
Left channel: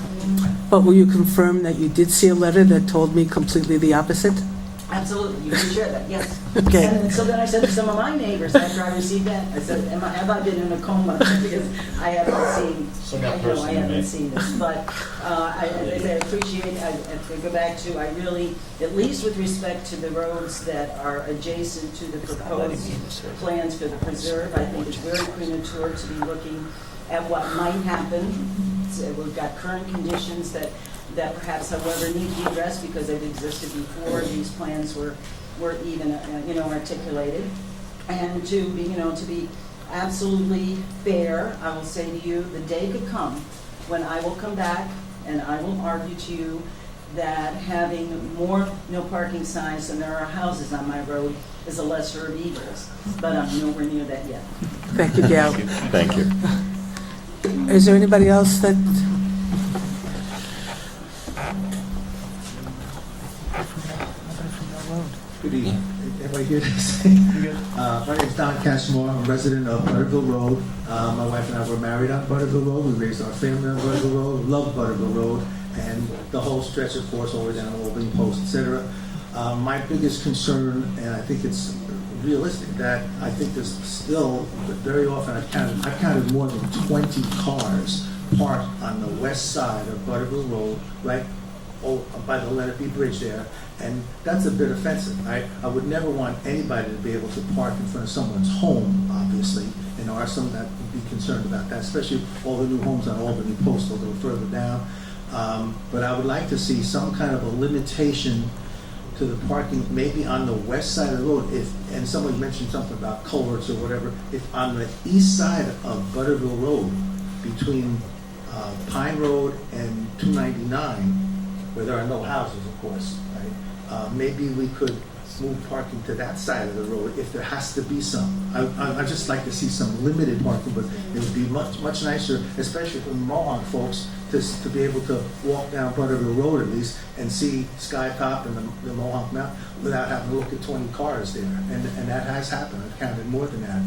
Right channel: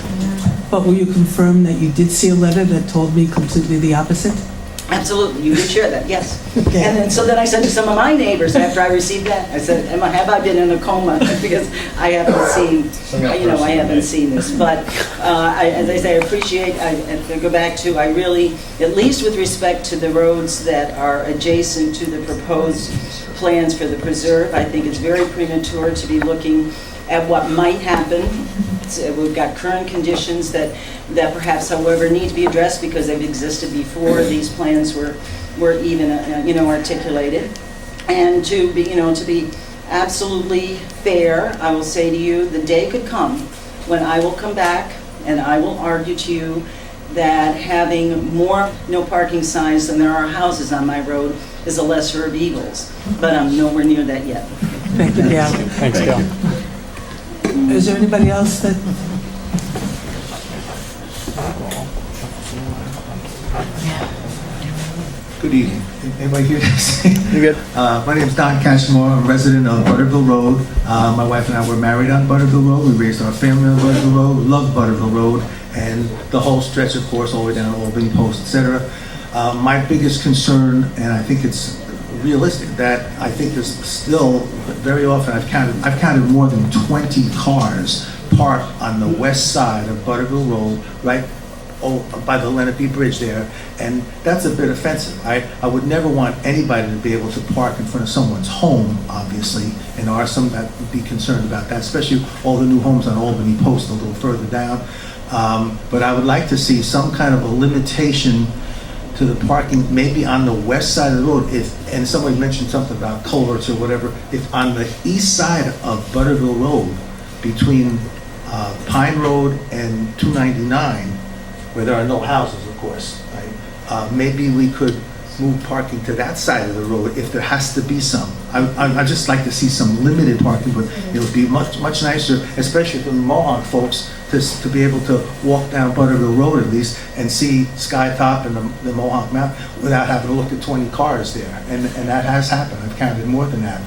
But will you confirm that you did see a letter that told me completely the opposite? Absolutely, you did share that, yes. Okay. And then so then I said to some of my neighbors after I received that, I said, have I been in a coma? Because I haven't seen, you know, I haven't seen this. But as I say, I appreciate, I go back to, I really, at least with respect to the roads that are adjacent to the proposed plans for the preserve, I think it's very premature to be looking at what might happen. We've got current conditions that perhaps, however, need to be addressed because they've existed before these plans were even, you know, articulated. And to be absolutely fair, I will say to you, the day could come when I will come back and I will argue to you that having more no parking signs than there are houses on my road is a lesser of evils. But I'm nowhere near that yet. Thank you, Gal. Thanks, Gal. Is there anybody else that? Good evening. Am I here to say? You good? My name is Don Cashmore. I'm a resident of Butterville Road. My wife and I were married on Butterville Road. We raised our family on Butterville Road. Love Butterville Road. and the whole stretch, of course, all the way down to Albany Post, etc. My biggest concern, and I think it's realistic, that I think there's still, very often I've counted more than 20 cars parked on the west side of Butterville Road, right by the Lenape Bridge there, and that's a bit offensive. I would never want anybody to be able to park in front of someone's home, obviously, and there are some that would be concerned about that, especially all the new homes on Albany Post a little further down. But I would like to see some kind of a limitation to the parking, maybe on the west side of the road, and somebody mentioned something about culverts or whatever, if on the east side of Butterville Road, between Pine Road and 299, where there are no houses, of course, right? Maybe we could move parking to that side of the road if there has to be some. I'd just like to see some limited parking, but it would be much nicer, especially for the Mohawk folks, to be able to walk down Butterville Road at least and see Sky Top and the Mohawk Mountain without having to look at 20 cars there. And that has happened. I've counted more than that.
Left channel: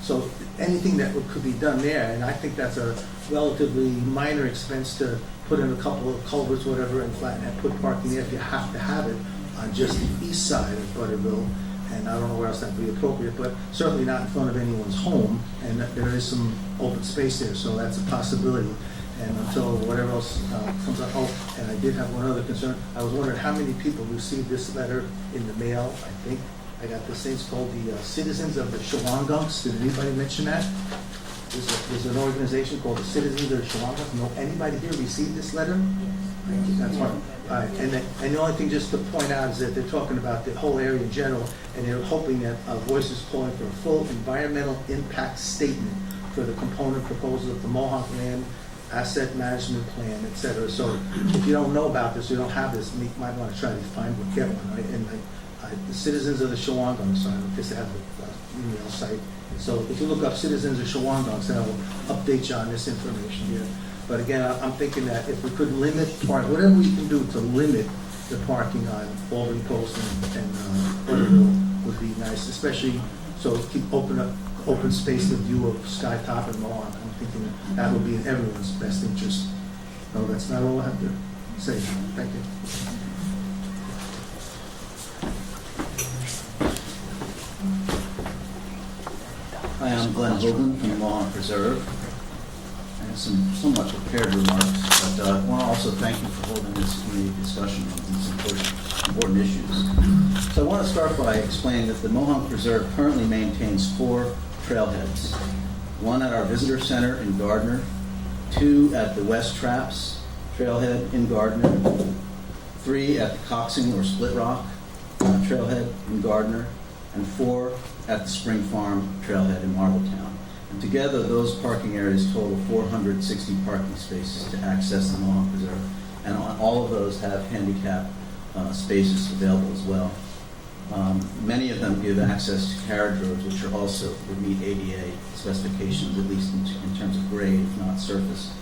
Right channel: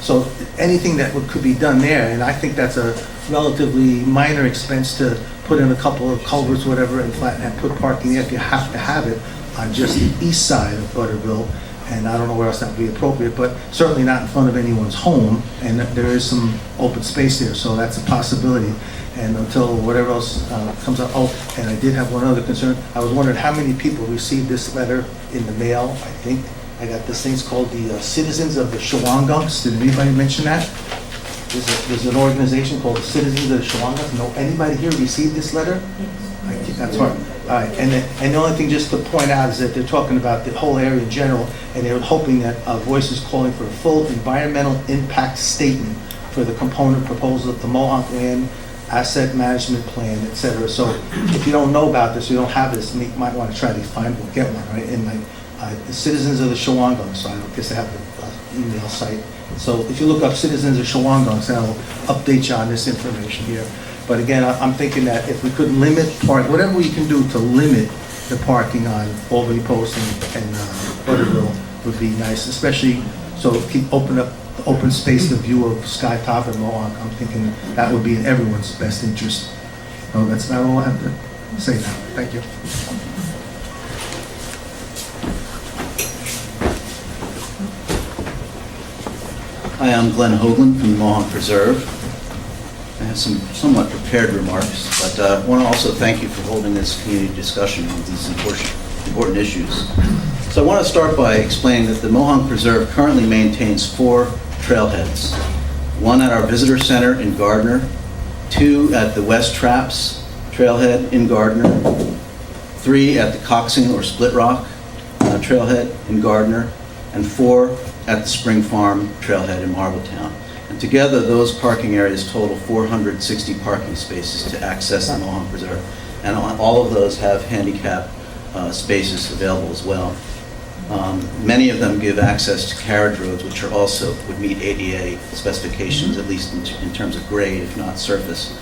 So anything that could be done there, and I think that's a relatively minor expense to put in a couple of culverts, whatever, and flatten and put parking there if you have to have it on just the east side of Butterville. And I don't know where else that would be appropriate, but certainly not in front of anyone's home. And there is some open space there, so that's a possibility. And until whatever else comes up. Oh, and I did have one other concern. I was wondering how many people received this letter in the mail. I think I got this thing. It's called the Citizens of the Shawangunks. Did anybody mention that? There's an organization called the Citizens of the Shawangunks. No, anybody here received this letter? I think that's right. All right, and the only thing just to point out is that they're talking about the whole area in general, and they're hoping that Voice is calling for a full environmental impact statement for the component proposal of the Mohawk Land Asset Management Plan, et cetera. So if you don't know about this, you don't have this, you might want to try to find one, get one, right? And the Citizens of the Shawangunks, so I guess they have an email site. So if you look up Citizens of Shawangunks, that'll update you on this information here. But again, I'm thinking that if we could limit whatever we can do to limit the parking on Albany Post and Butterville would be nice, especially so keep open space, the view of Sky Top and Mohawk. I'm thinking that would be in everyone's best interest. So that's not all I have to say now. Thank you. Hi, I'm Glenn Hoagland from the Mohawk Preserve. I have some somewhat prepared remarks, but I want to also thank you for holding this community discussion on these important issues. So I want to start by explaining that the Mohawk Preserve currently maintains 4 trailheads. 1 at our visitor center in Gardner, 2 at the West Traps trailhead in Gardner, 3 at the Coxing or Split Rock trailhead in Gardner, and 4 at the Spring Farm trailhead in Marbletown. And together, those parking areas total 460 parking spaces to access the Mohawk Preserve. And all of those have handicap spaces available as well. Many of them give access to carriage roads, which are also would meet ADA specifications, at least in terms of grade, if not surface.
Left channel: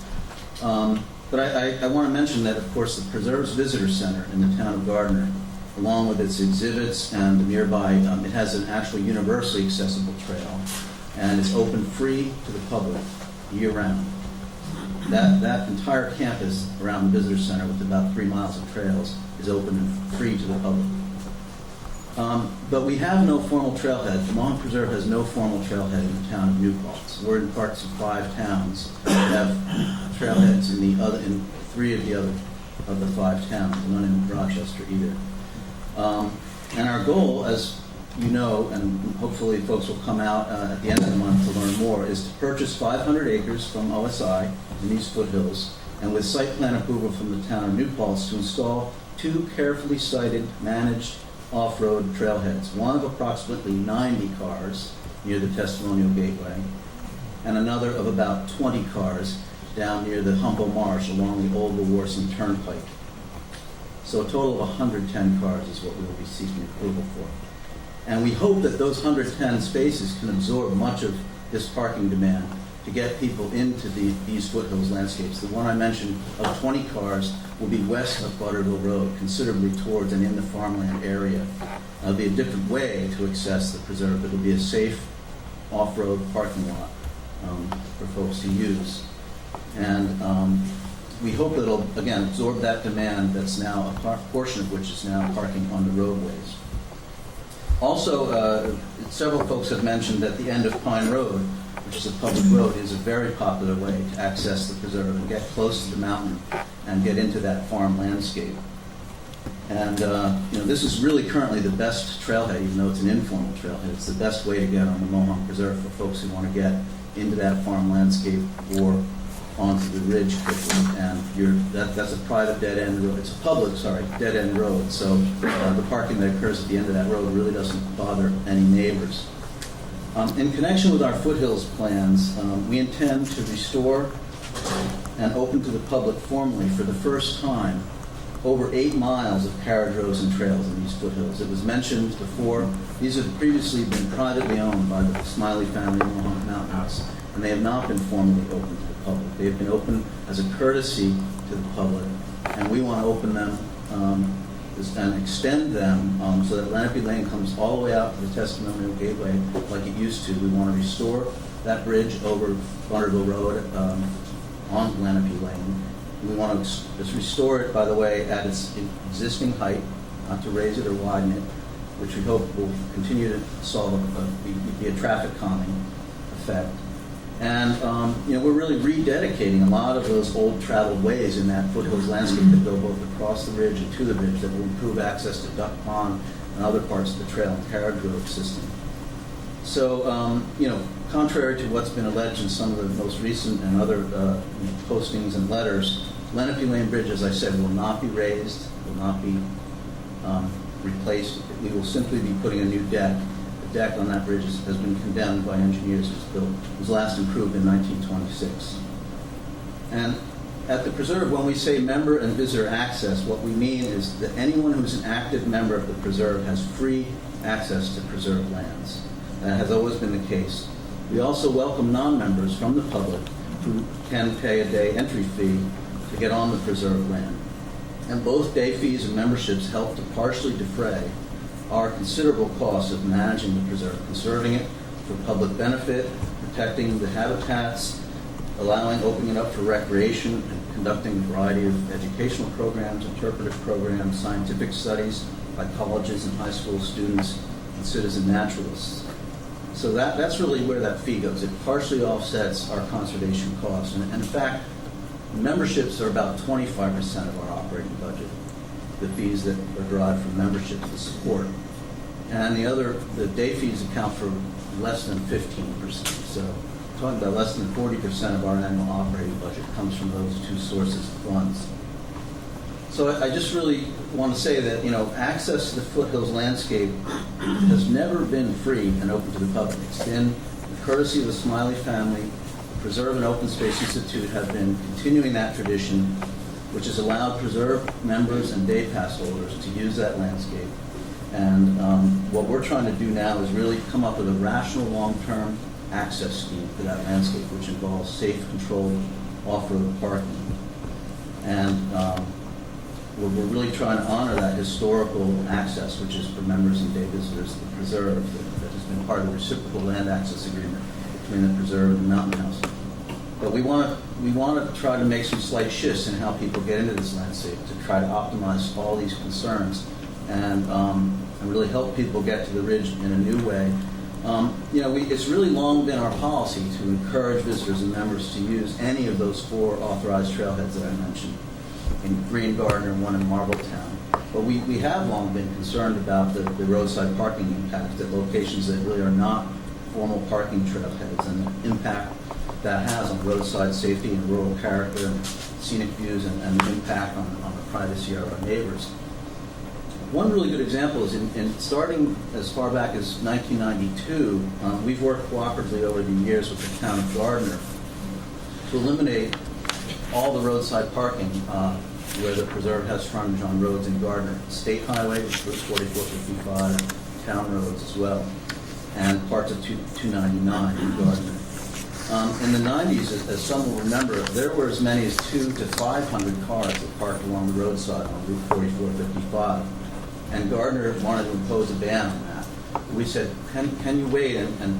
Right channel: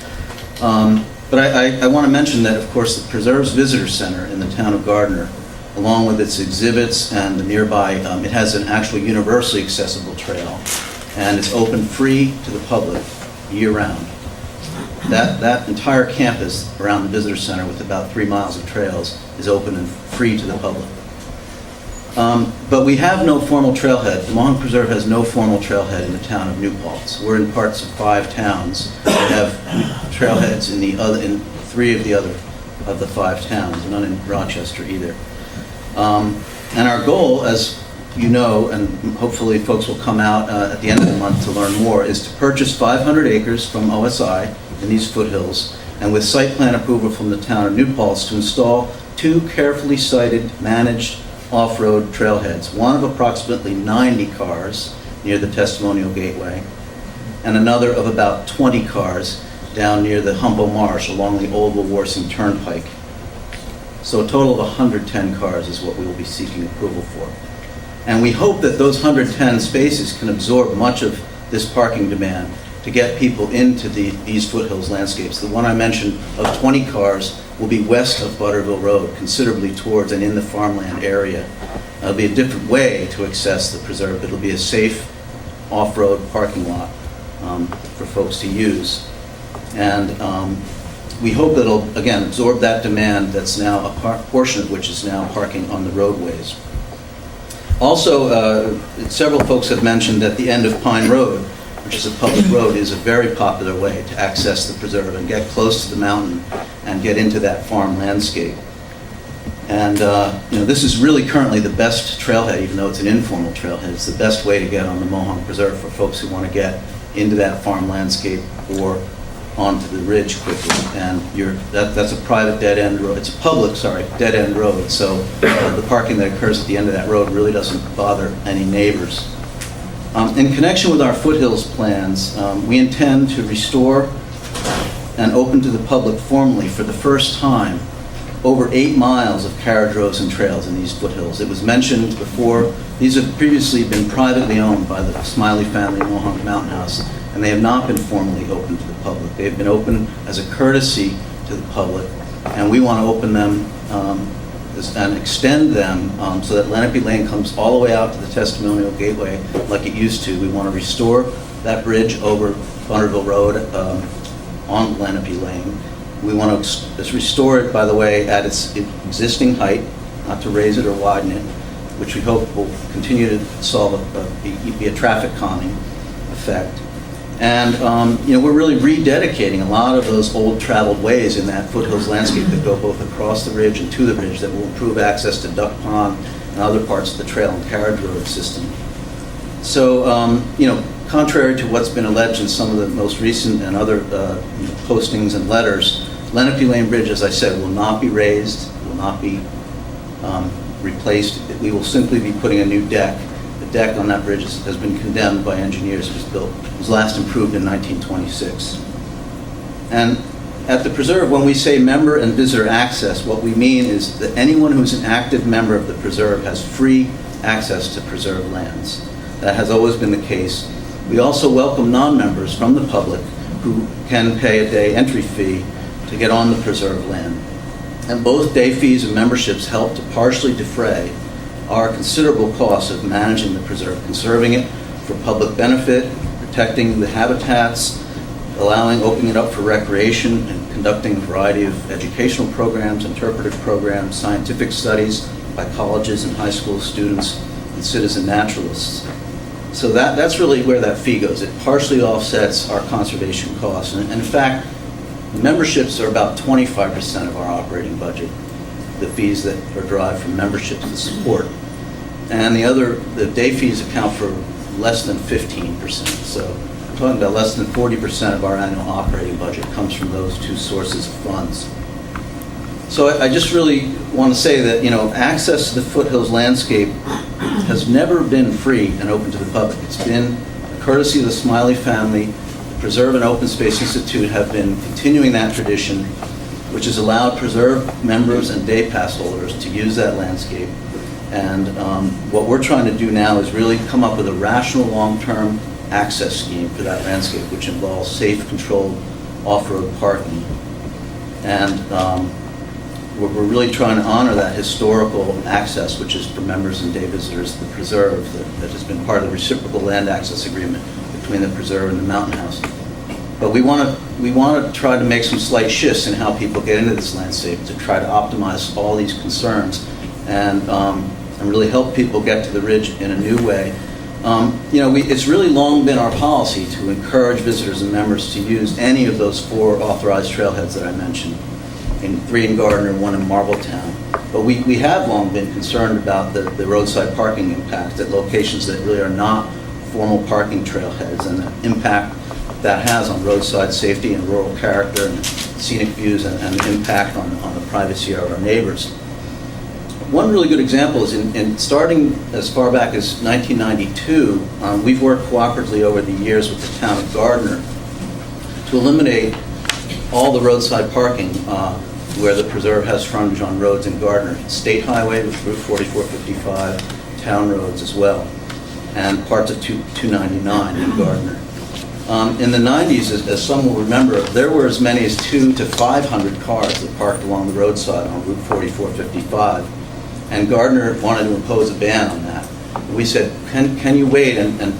But I want to mention that, of course, the Preserve's Visitor Center in the town of Gardner, along with its exhibits and the nearby, it has an actual universally accessible trail, and it's open free to the public year-round. That entire campus around the Visitor Center, with about 3 miles of trails, is open and free to the public. But we have no formal trailhead. The Mohawk Preserve has no formal trailhead in the town of New Paltz. We're in parts of 5 towns that have trailheads in 3 of the 5 towns, none in Rochester either. And our goal, as you know, and hopefully folks will come out at the end of the month to learn more, is to purchase 500 acres from OSI in these foothills, and with site plan approval from the town of New Paltz, to install 2 carefully sited, managed off-road trailheads, one of approximately 90 cars near the Testimonial Gateway, and another of about 20 cars down near the Humboldt Marsh along the Old Wawarsing Turnpike. So a total of 110 cars is what we will be seeking approval for. And we hope that those 110 spaces can absorb much of this parking demand to get people into these foothills landscapes. The one I mentioned of 20 cars will be west of Butterville Road, considerably towards and in the farmland area. It'll be a different way to access the preserve. It'll be a safe off-road parking lot for folks to use. And we hope it'll, again, absorb that demand that's now a portion of which is now parking on the roadways. Also, several folks have mentioned that the end of Pine Road, which is a public road, is a very popular way to access the preserve and get close to the mountain and get into that farm landscape. And this is really currently the best trailhead, even though it's an informal trailhead. It's the best way to get on the Mohonk Preserve for folks who want to get into that farm landscape or onto the ridge quickly. And that's a private dead-end road. It's a public, dead-end road. So the parking that occurs at the end of that road really doesn't bother any neighbors. In connection with our foothills plans, we intend to restore and open to the public formally for the first time over 8 miles of carriage roads and trails in these foothills. It was mentioned before, these have previously been privately owned by the Smiley family Mohonk Mountain House, and they have not been formally open to the public. They have been open as a courtesy to the public, and we want to open them and extend them so that Lenape Lane comes all the way out to the Testimonial Gateway like it used to. We want to restore that bridge over Bunnerville Road on Lenape Lane. We want to restore it, by the way, at its existing height, not to raise it or widen it, which we hope will continue to be a traffic calming effect. And we're really rededicating a lot of those old traveled ways in that foothills landscape that go both across the ridge and to the ridge that will improve access to Duck Pond and other parts of the trail and carriage road system. So, contrary to what's been alleged in some of the most recent and other postings and letters, Lenape Lane Bridge, as I said, will not be raised, will not be replaced. We will simply be putting a new deck. The deck on that bridge has been condemned by engineers. It was last improved in 1926. And at the preserve, when we say member and visitor access, what we mean is that anyone who's an active member of the preserve has free access to preserve lands. That has always been the case. We also welcome non-members from the public who can pay a day entry fee to get on the preserve land. And both day fees and memberships help to partially defray our considerable costs of managing the preserve, conserving it for public benefit, protecting the habitats, opening it up for recreation, and conducting a variety of educational programs, interpretive programs, scientific studies by colleges and high school students and citizen naturalists. So that's really where that fee goes. It partially offsets our conservation costs. And in fact, memberships are about 25% of our operating budget, the fees that are derived from memberships and support. And the day fees account for less than 15%. So we're talking about less than 40% of our annual operating budget comes from those two sources of funds. So I just really want to say that, access to the foothills landscape has never been free and open to the public. It's been a courtesy of the Smiley family. Preserve and Open Space Institute have been continuing that tradition, which has allowed preserve members and day pass holders to use that landscape. And what we're trying to do now is really come up with a rational long-term access scheme for that landscape, which involves safe, controlled off-road parking. And we're really trying to honor that historical access, which is for members and day visitors of the preserve, that has been part of the reciprocal land access agreement between the preserve and the Mountain House. But we want to try to make some slight shifts in how people get into this landscape to try to optimize all these concerns and really help people get to the ridge in a new way. It's really long been our policy to encourage visitors and members to use any of those 4 authorized trailheads that I mentioned, 3 in Gardner, 1 in Marbletown. But we have long been concerned about the roadside parking impact at locations that really are not formal parking trailheads and the impact that has on roadside safety and rural character and scenic views and the impact on the privacy of our neighbors. One really good example is in starting as far back as 1992, we've worked cooperatively over the years with the town of Gardner to eliminate all the roadside parking where the preserve has frontage on roads in Gardner. State Highway, Route 4455, town roads as well, and parts of 299 in Gardner. In the 90s, as some will remember, there were as many as 200 to 500 cars that parked along the roadside on Route 4455. And Gardner wanted to impose a ban on that. We said, can you wait and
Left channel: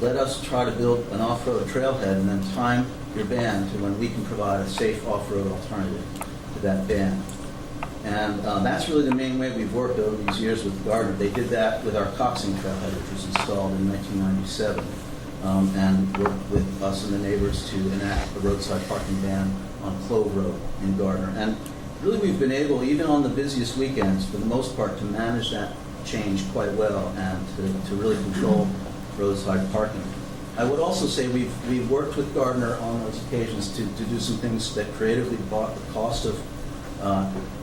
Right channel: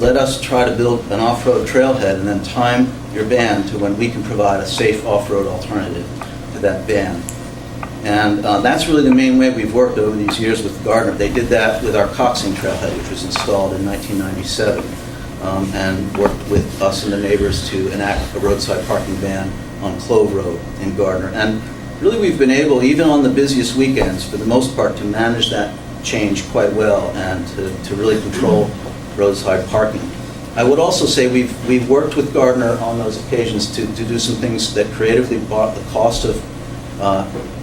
let us try to build an off-road trailhead and then time your ban to when we can provide a safe off-road alternative to that ban. And that's really the main way we've worked over these years with Gardner. They did that with our Coxing Trailhead, which was installed in 1997, and worked with us and the neighbors to enact a roadside parking ban on Clove Road in Gardner. And really we've been able, even on the busiest weekends, for the most part, to manage that change quite well and to really control roadside parking. I would also say we've worked with Gardner on those occasions to do some things that creatively brought the cost of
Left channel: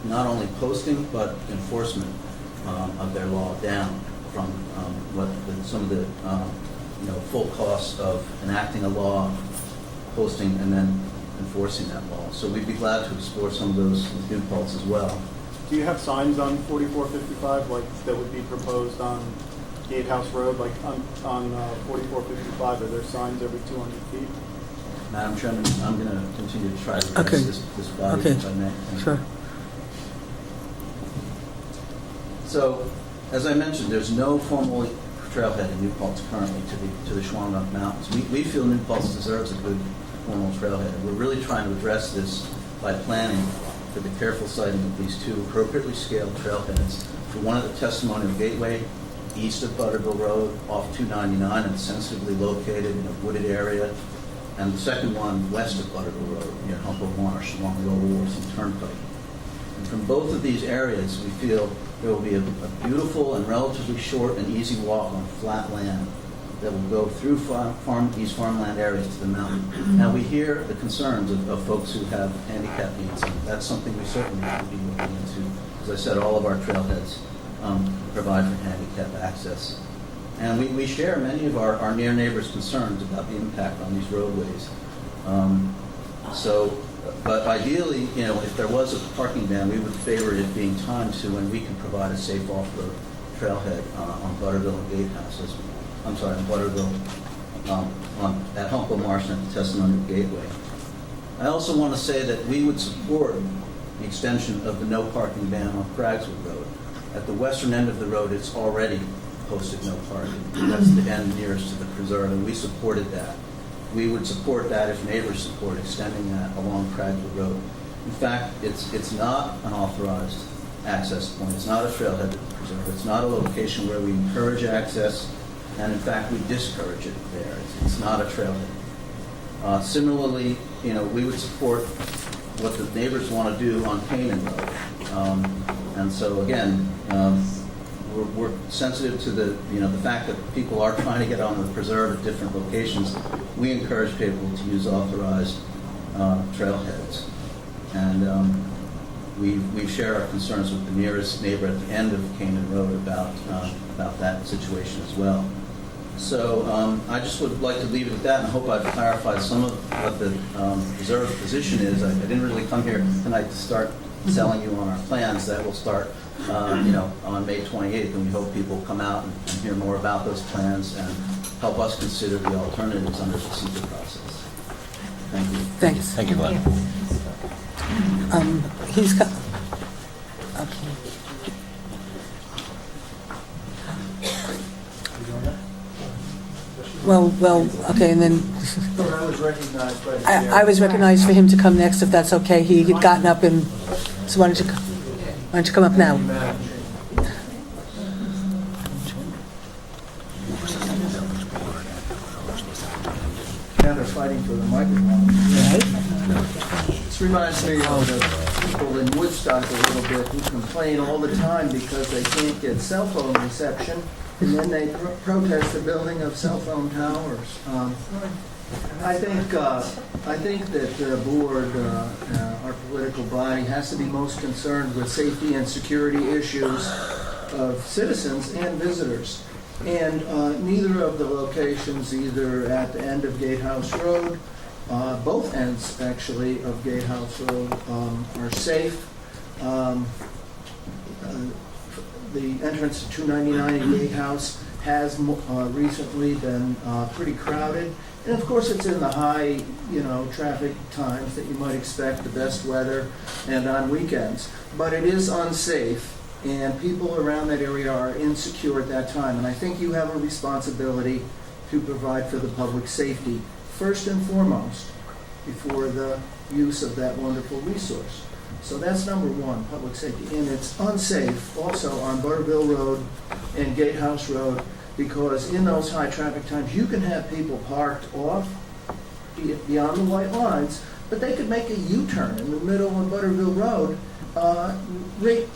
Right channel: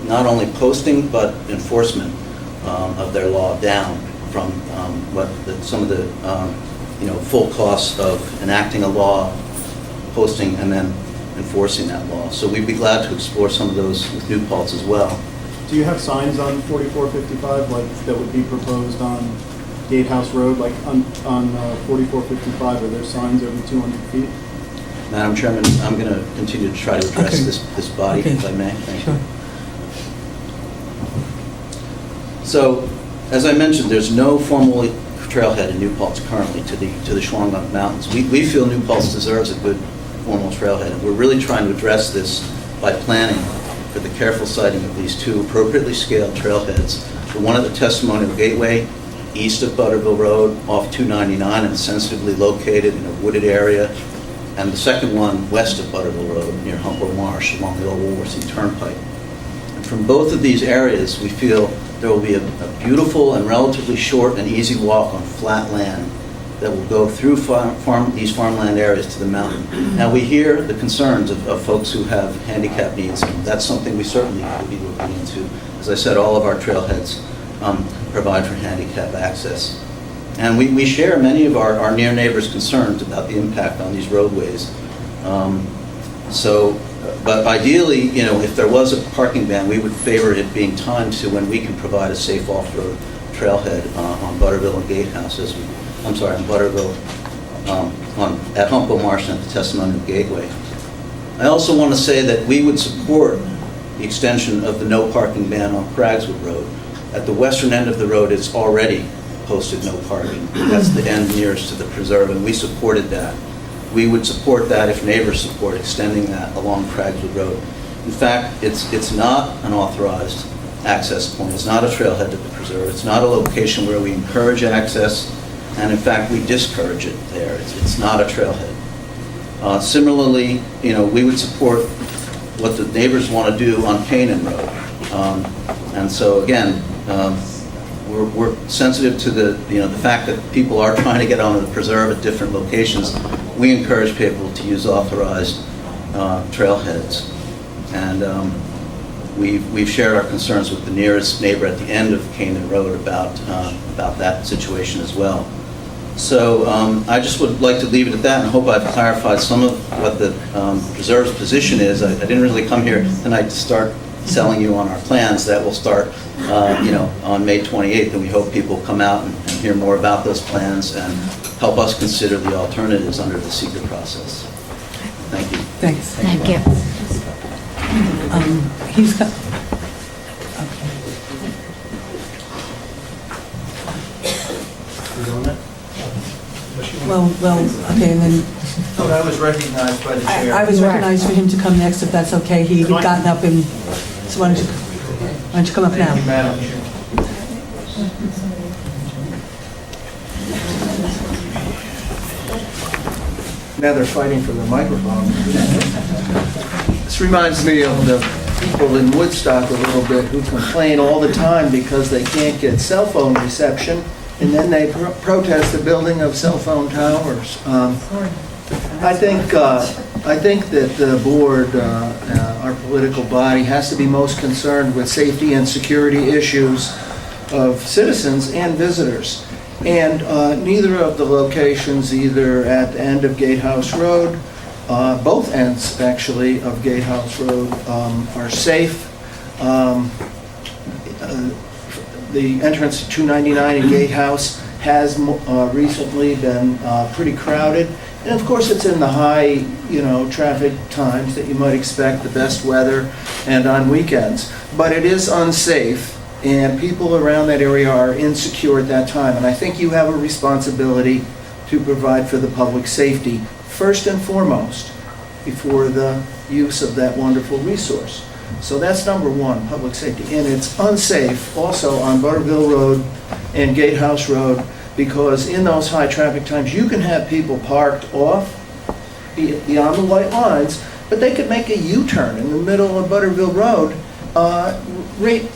not only posting but enforcement of their law down from some of the full costs of enacting a law, posting, and then enforcing that law. So we'd be glad to explore some of those with New Paltz as well. Do you have signs on 4455 like that would be proposed on Gatehouse Road, like on 4455? Are there signs every 200 feet? Madam Chairman, I'm going to continue to try to address this body, if I may. Thank you. So, as I mentioned, there's no formal trailhead in New Paltz currently to the Shawangunk Mountains. We feel New Paltz deserves a good formal trailhead, and we're really trying to address this by planning for the careful siting of these two appropriately scaled trailheads. The one at the Testimonial Gateway, east of Butterville Road, off 299, and sensitively located in a wooded area, and the second one west of Butterville Road, near Humber Marsh, along the old Wolverton Turnpike. And from both of these areas, we feel there will be a beautiful and relatively short and easy walk on flat land that will go through these farmland areas to the mountain. Now, we hear the concerns of folks who have handicap needs, and that's something we certainly will be looking into. As I said, all of our trailheads provide for handicap access. And we share many of our near neighbors' concerns about the impact on these roadways. But ideally, if there was a parking ban, we would favor it being timed to when we can provide a safe off-road trailhead on Butterville and Gatehouse, on Butterville, at Humpo Marsh and at the Testimonial Gateway. I also want to say that we would support the extension of the no parking ban on Craigswood Road. At the western end of the road, it's already posted no parking. That's the end nearest to the preserve, and we supported that. We would support that if neighbors support extending that along Craigswood Road. In fact, it's not an authorized access point. It's not a trailhead to the preserve. It's not a location where we encourage access, and in fact, we discourage it there. It's not a trailhead. Similarly, we would support what the neighbors want to do on Canaan Road. And so again, we're sensitive to the fact that people are trying to get onto the preserve at different locations. We encourage people to use authorized trailheads, and we've shared our concerns with the nearest neighbor at the end of Canaan Road about that situation as well. So I just would like to leave it at that, and hope I've clarified some of what the preserve's position is. I didn't really come here tonight to start selling you on our plans. That will start on May 28th, and we hope people come out and hear more about those plans and help us consider the alternatives under the secret process. Thank you. Thanks. Thank you. He's got, well, okay, and then So I was recognized by the chair. I was recognized for him to come next, if that's okay. He had gotten up, and so why don't you come up now? Madam Chair. Now they're fighting for the microphone. This reminds me of the people in Woodstock a little bit who complain all the time because they can't get cell phone reception, and then they protest the building of cell phone towers. I think that the board, our political body, has to be most concerned with safety and security issues of citizens and visitors. And neither of the locations, either at the end of Gatehouse Road, both ends actually of Gatehouse Road, are safe. The entrance to 299 in Gatehouse has recently been pretty crowded. And of course, it's in the high, traffic times that you might expect, the best weather, and on weekends. But it is unsafe, and people around that area are insecure at that time. And I think you have a responsibility to provide for the public safety, first and foremost. before the use of that wonderful resource. So that's number one, public safety. And it's unsafe also on Butterville Road and Gatehouse Road, because in those high traffic times, you can have people parked off beyond the white lines, but they could make a U-turn in the middle of Butterville Road, right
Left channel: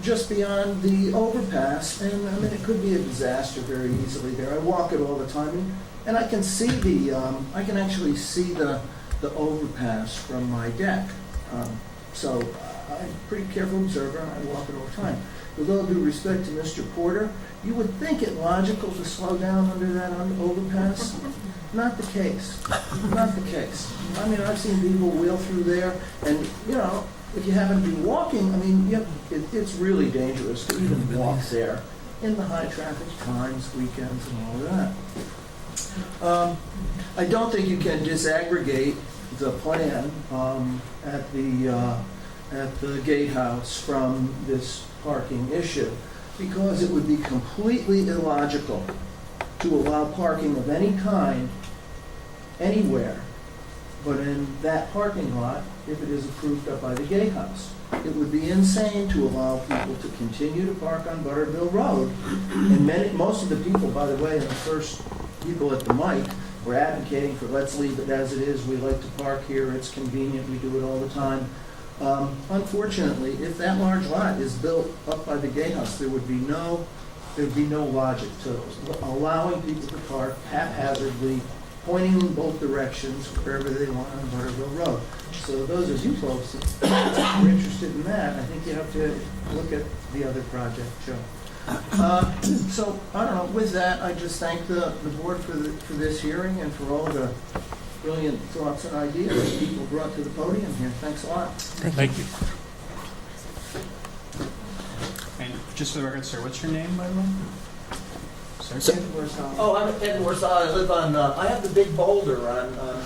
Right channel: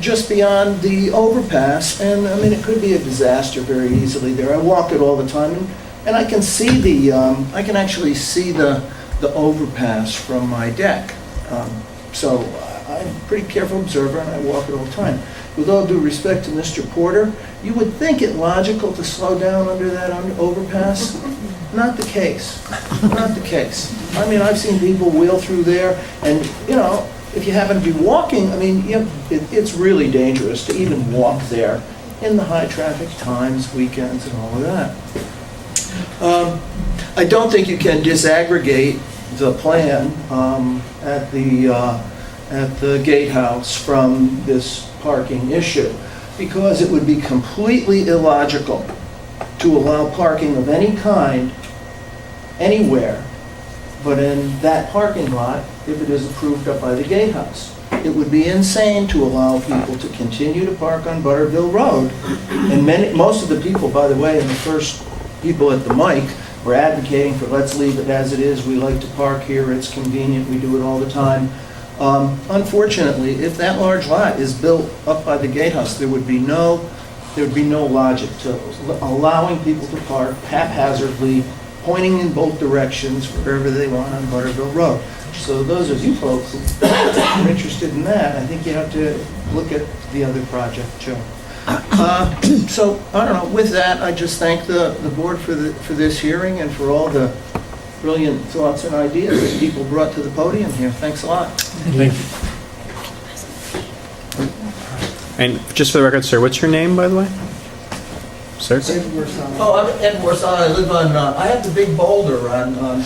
just beyond the overpass, and I mean, it could be a disaster very easily there. I walk it all the time, and I can see I can actually see the overpass from my deck. So I'm a pretty careful observer, and I walk it all the time. With all due respect to Mr. Porter, you would think it logical to slow down under that overpass. Not the case. Not the case. I mean, I've seen people wheel through there, and, you know, if you happen to be walking, I mean, it's really dangerous to even walk there in the high traffic times, weekends, and all of that. I don't think you can disaggregate the plan at the gatehouse from this parking issue, because it would be completely illogical to allow parking of any kind anywhere but in that parking lot if it is approved up by the gatehouse. It would be insane to allow people to continue to park on Butterville Road. And most of the people, by the way, and the first people at the mic were advocating for let's leave it as it is. We like to park here. It's convenient. We do it all the time. Unfortunately, if that large lot is built up by the gatehouse, there would be no logic to allowing people to park haphazardly, pointing in both directions wherever they want on Butterville Road. So those of you folks who are interested in that, I think you have to look at the other project, Joe. So, I don't know, with that, I just thank the board for this hearing and for all the brilliant thoughts and ideas that people brought to the podium here. Thanks a lot. Thank you. And just for the record, sir, what's your name, by the way? Sir? Oh, I'm Ed Warsaw. I live on, I have the big boulder on you know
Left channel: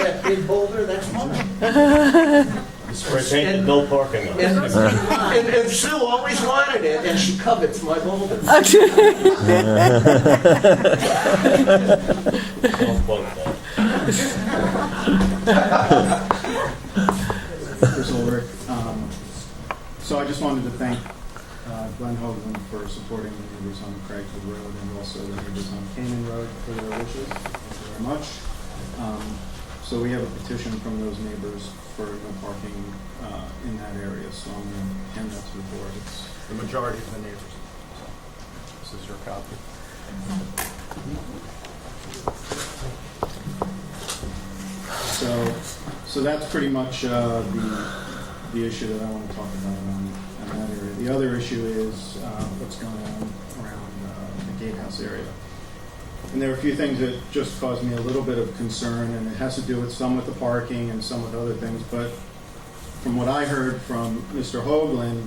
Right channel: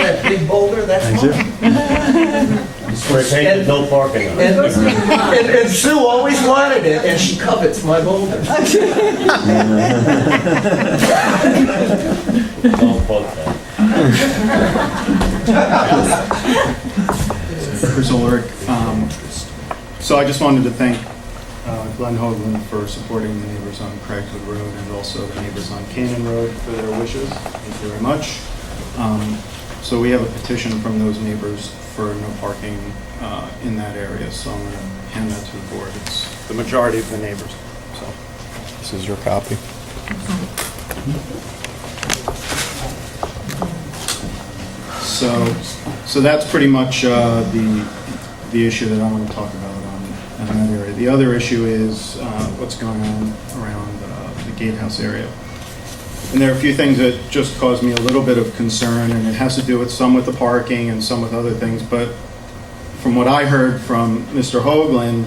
that big boulder? That's mine. Spray painted, no parking on it. And Sue always wanted it, and she covets my boulder. Chris Ulrich. So I just wanted to thank Glenn Hoagland for supporting the neighbors on Craigwood Road and also the neighbors on Canaan Road for their wishes. Thank you very much. So we have a petition from those neighbors for no parking in that area, so I'm going to hand that to the board. It's the majority of the neighbors. So this is your copy. So that's pretty much the issue that I want to talk about in that area. The other issue is what's going on around the gatehouse area. And there are a few things that just cause me a little bit of concern, and it has to do with some with the parking and some with other things. But from what I heard from Mr. Hoagland,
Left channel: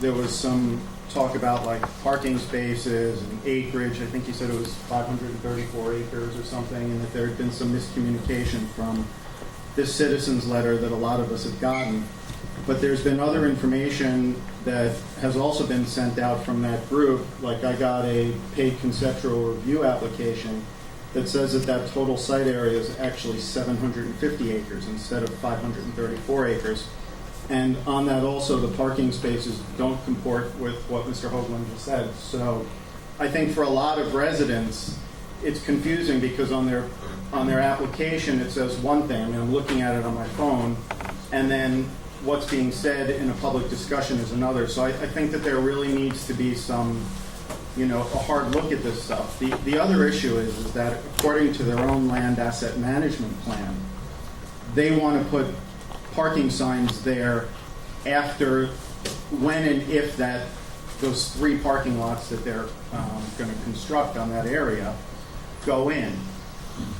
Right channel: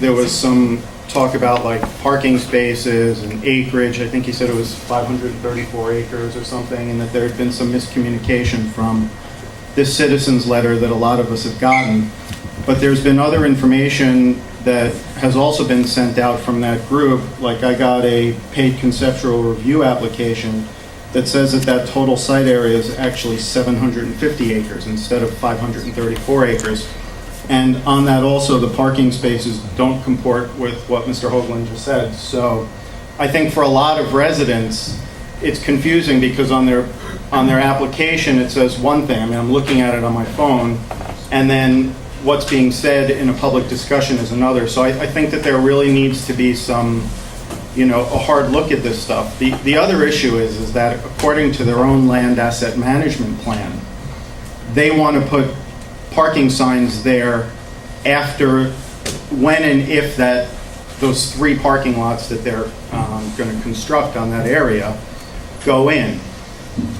there was some talk about like parking spaces and acreage. I think he said it was 534 acres or something, and that there had been some miscommunication from this citizen's letter that a lot of us have gotten. But there's been other information that has also been sent out from that group. Like I got a paid conceptual review application that says that total site area is actually 750 acres instead of 534 acres. And on that also, the parking spaces don't comport with what Mr. Hoagland just said. So I think for a lot of residents, it's confusing because on their application, it says one thing. I mean, I'm looking at it on my phone, and then what's being said in a public discussion is another. So I think that there really needs to be some, a hard look at this stuff. The other issue is that according to their own land asset management plan, they want to put parking signs there after, when and if those 3 parking lots that they're going to construct on that area go in.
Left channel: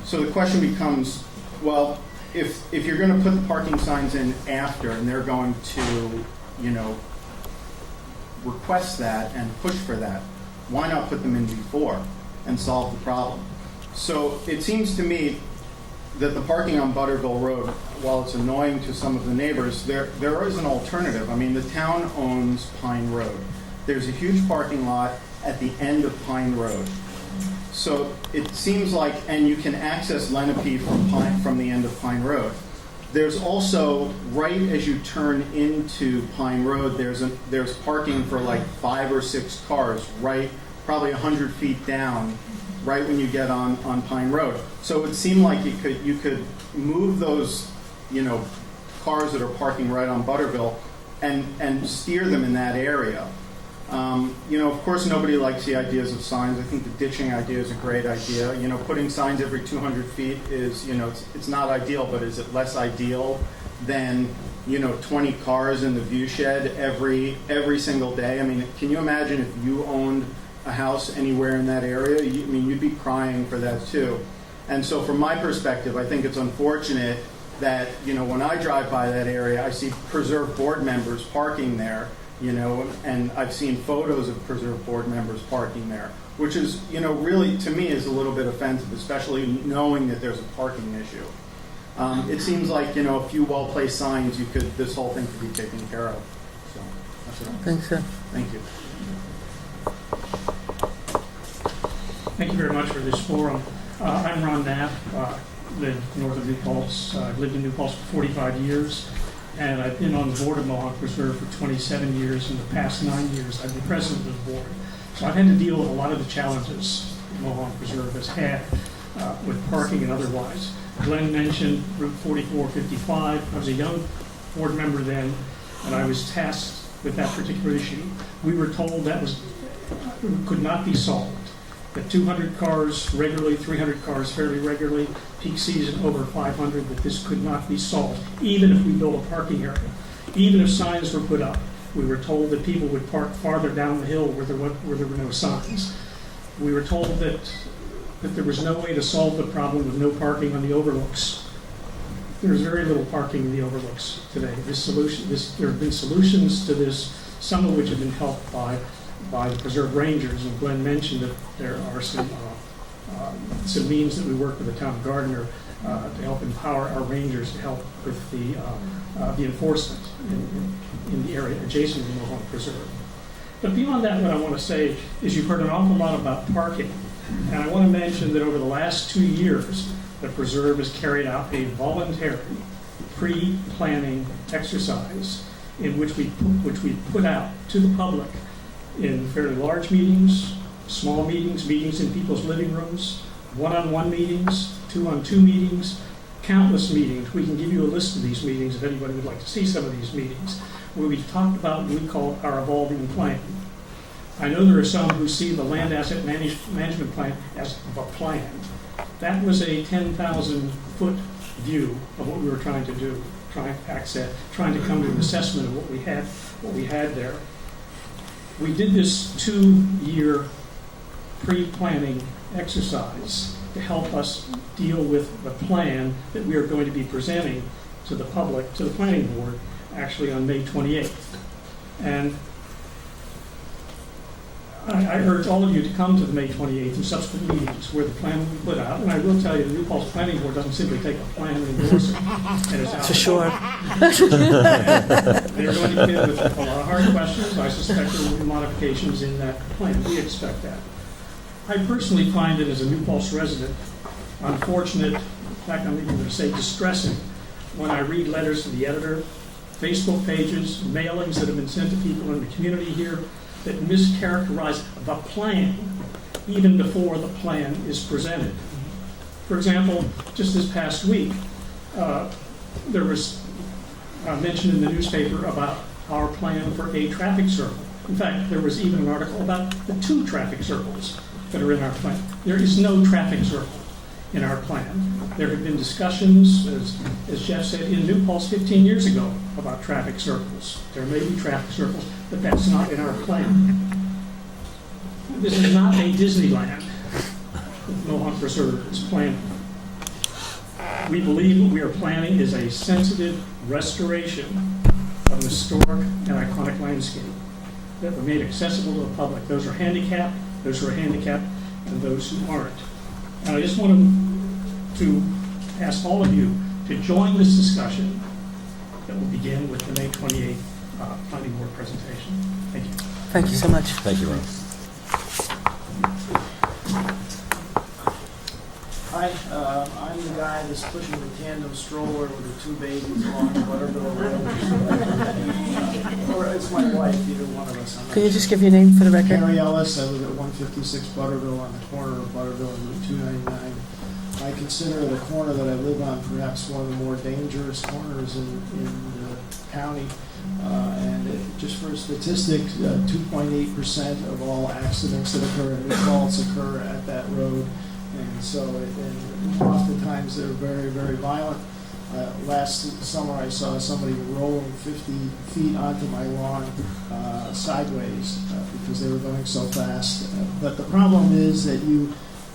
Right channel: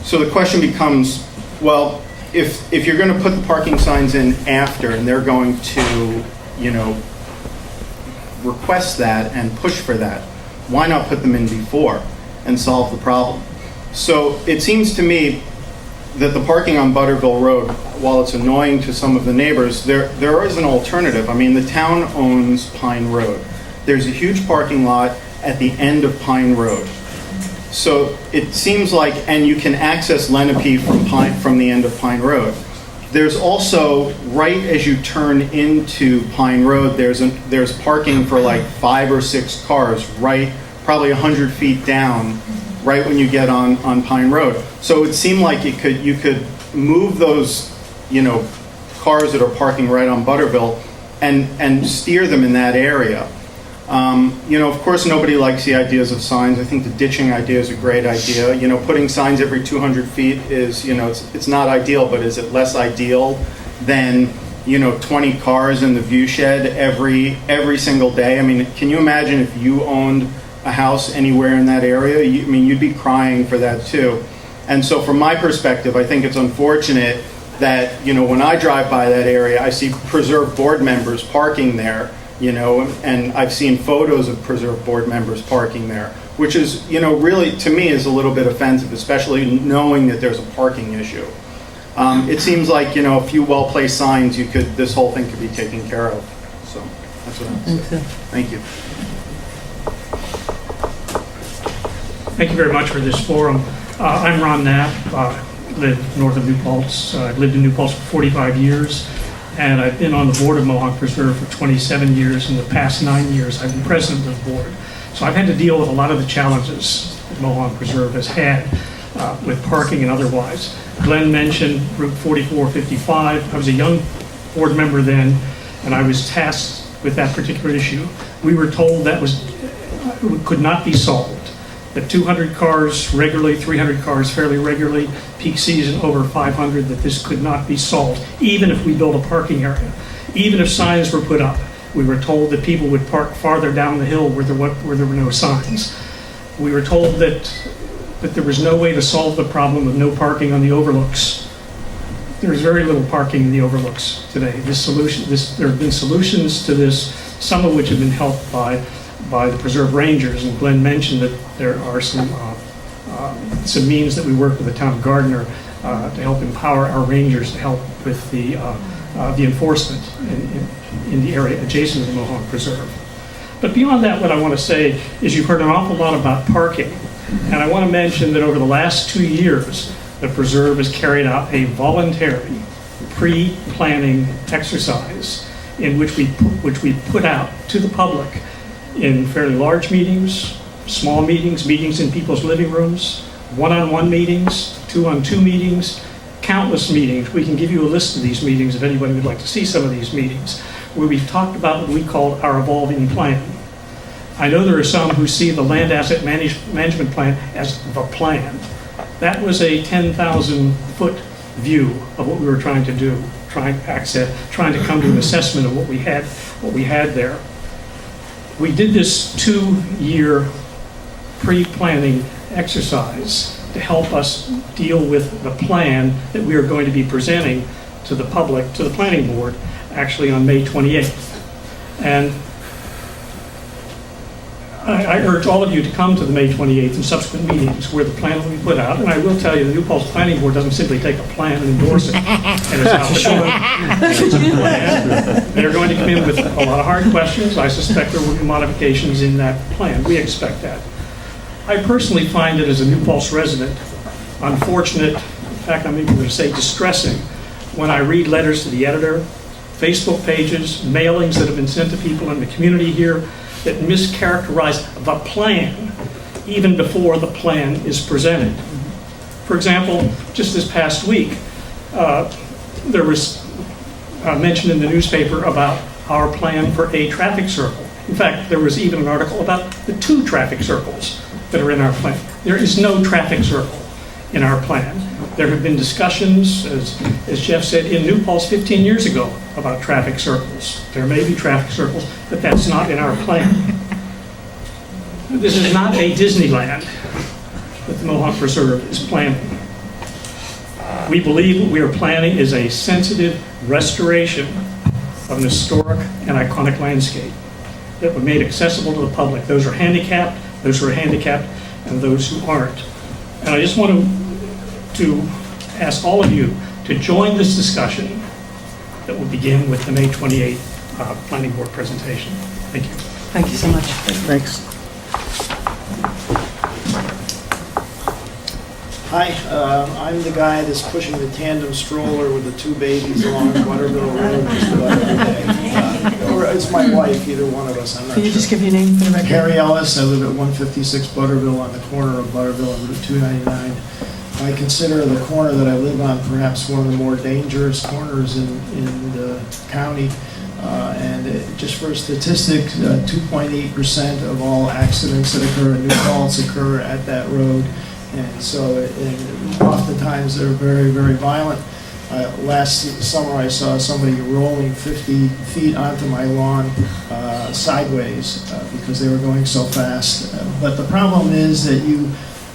So the question becomes, well, if you're going to put the parking signs in after and they're going to, request that and push for that, why not put them in before and solve the problem? So it seems to me that the parking on Butterville Road, while it's annoying to some of the neighbors, there is an alternative. I mean, the town owns Pine Road. There's a huge parking lot at the end of Pine Road. So it seems like, and you can access Lenape from the end of Pine Road. There's also, right as you turn into Pine Road, there's parking for like 5 or 6 cars, right, probably 100 feet down, right when you get on Pine Road. So it would seem like you could move those, cars that are parking right on Butterville and steer them in that area. Of course, nobody likes the ideas of signs. I think the ditching idea is a great idea. Putting signs every 200 feet is, it's not ideal, but is it less ideal than, 20 cars in the view shed every single day? I mean, can you imagine if you owned a house anywhere in that area? You'd be crying for that too. And so from my perspective, I think it's unfortunate that, when I drive by that area, I see Preserve board members parking there, and I've seen photos of Preserve board members parking there, which is, really, to me, is a little bit offensive, especially knowing that there's a parking issue. It seems like, a few well-placed signs, this whole thing could be taken care of. So that's what I'm saying. Thank you. Thank you very much for this forum. I'm Ron Knapp, live north of New Paltz. I've lived in New Paltz for 45 years, and I've been on the board of Mohawk Preserve for 27 years. In the past 9 years, I've been president of the board. So I've had to deal with a lot of the challenges that Mohawk Preserve has had with parking and otherwise. Glenn mentioned Route 4455. I was a young board member then, and I was tasked with that particular issue. We were told that could not be solved. That 200 cars regularly, 300 cars fairly regularly, peak season over 500, that this could not be solved, even if we built a parking area. Even if signs were put up, we were told that people would park farther down the hill where there were no signs. We were told that there was no way to solve the problem of no parking on the overlooks. There's very little parking in the overlooks today. There have been solutions to this, some of which have been helped by the Preserve Rangers, and Glenn mentioned that there are some means that we work with the town of Gardner to help empower our rangers to help with the enforcement in the area adjacent to the Mohawk Preserve. But beyond that, what I want to say is you've heard an awful lot about parking, and I want to mention that over the last 2 years, the Preserve has carried out a voluntary pre-planning exercise in which we put out to the public in fairly large meetings, small meetings, meetings in people's living rooms, one-on-one meetings, two-on-two meetings, countless meetings. We can give you a list of these meetings if anybody would like to see some of these meetings, where we've talked about what we call our evolving plan. I know there are some who see the land asset management plan as the plan. That was a 10,000-foot view of what we were trying to do, trying to come to an assessment of what we had there. We did this 2-year pre-planning exercise to help us deal with the plan that we are going to be presenting to the public, to the planning board, actually on May 28th. And I urge all of you to come to the May 28th and subsequent meetings where the plan will be put out. And I will tell you, the New Paltz Planning Board doesn't simply take a plan and endorse it. And it's out They're going to come in with a lot of hard questions. I suspect there will be modifications in that plan. We expect that. I personally find it, as a New Paltz resident, unfortunate, in fact, I'm even going to say distressing, when I read letters to the editor, Facebook pages, mailings that have been sent to people in the community here that mischaracterize the plan even before the plan is presented. For example, just this past week, there was mention in the newspaper about our plan for a traffic circle. In fact, there was even an article about the 2 traffic circles that are in our plan. There is no traffic circle in our plan. There have been discussions, as Jeff said, in New Paltz 15 years ago about traffic circles. There may be traffic circles, but that's not in our plan. This is not a Disneyland that the Mohawk Preserve is planning. We believe what we are planning is a sensitive restoration of an historic and iconic landscape that will be made accessible to the public. Those who are handicapped, and those who aren't. And I just want to ask all of you to join this discussion that will begin with the May 28th Planning Board presentation. Thank you. Thank you so much. Thanks. Hi, I'm the guy that's pushing the tandem stroller with the two babies along Butterville Road just about every day. Or it's my wife, either one of us, I'm not Can you sure. just give your name for the record? Harry Ellis, I live at 156 Butterville on the corner of Butterville and Route 299. I consider the corner that I live on perhaps one of the more dangerous corners in the county. Just for statistics, 2.8% of all accidents that occur in New Paltz occur at that road. And so oftentimes they're very, very violent. Last summer I saw somebody rolling 50 feet onto my lawn sideways because they were going so fast. But the problem is that you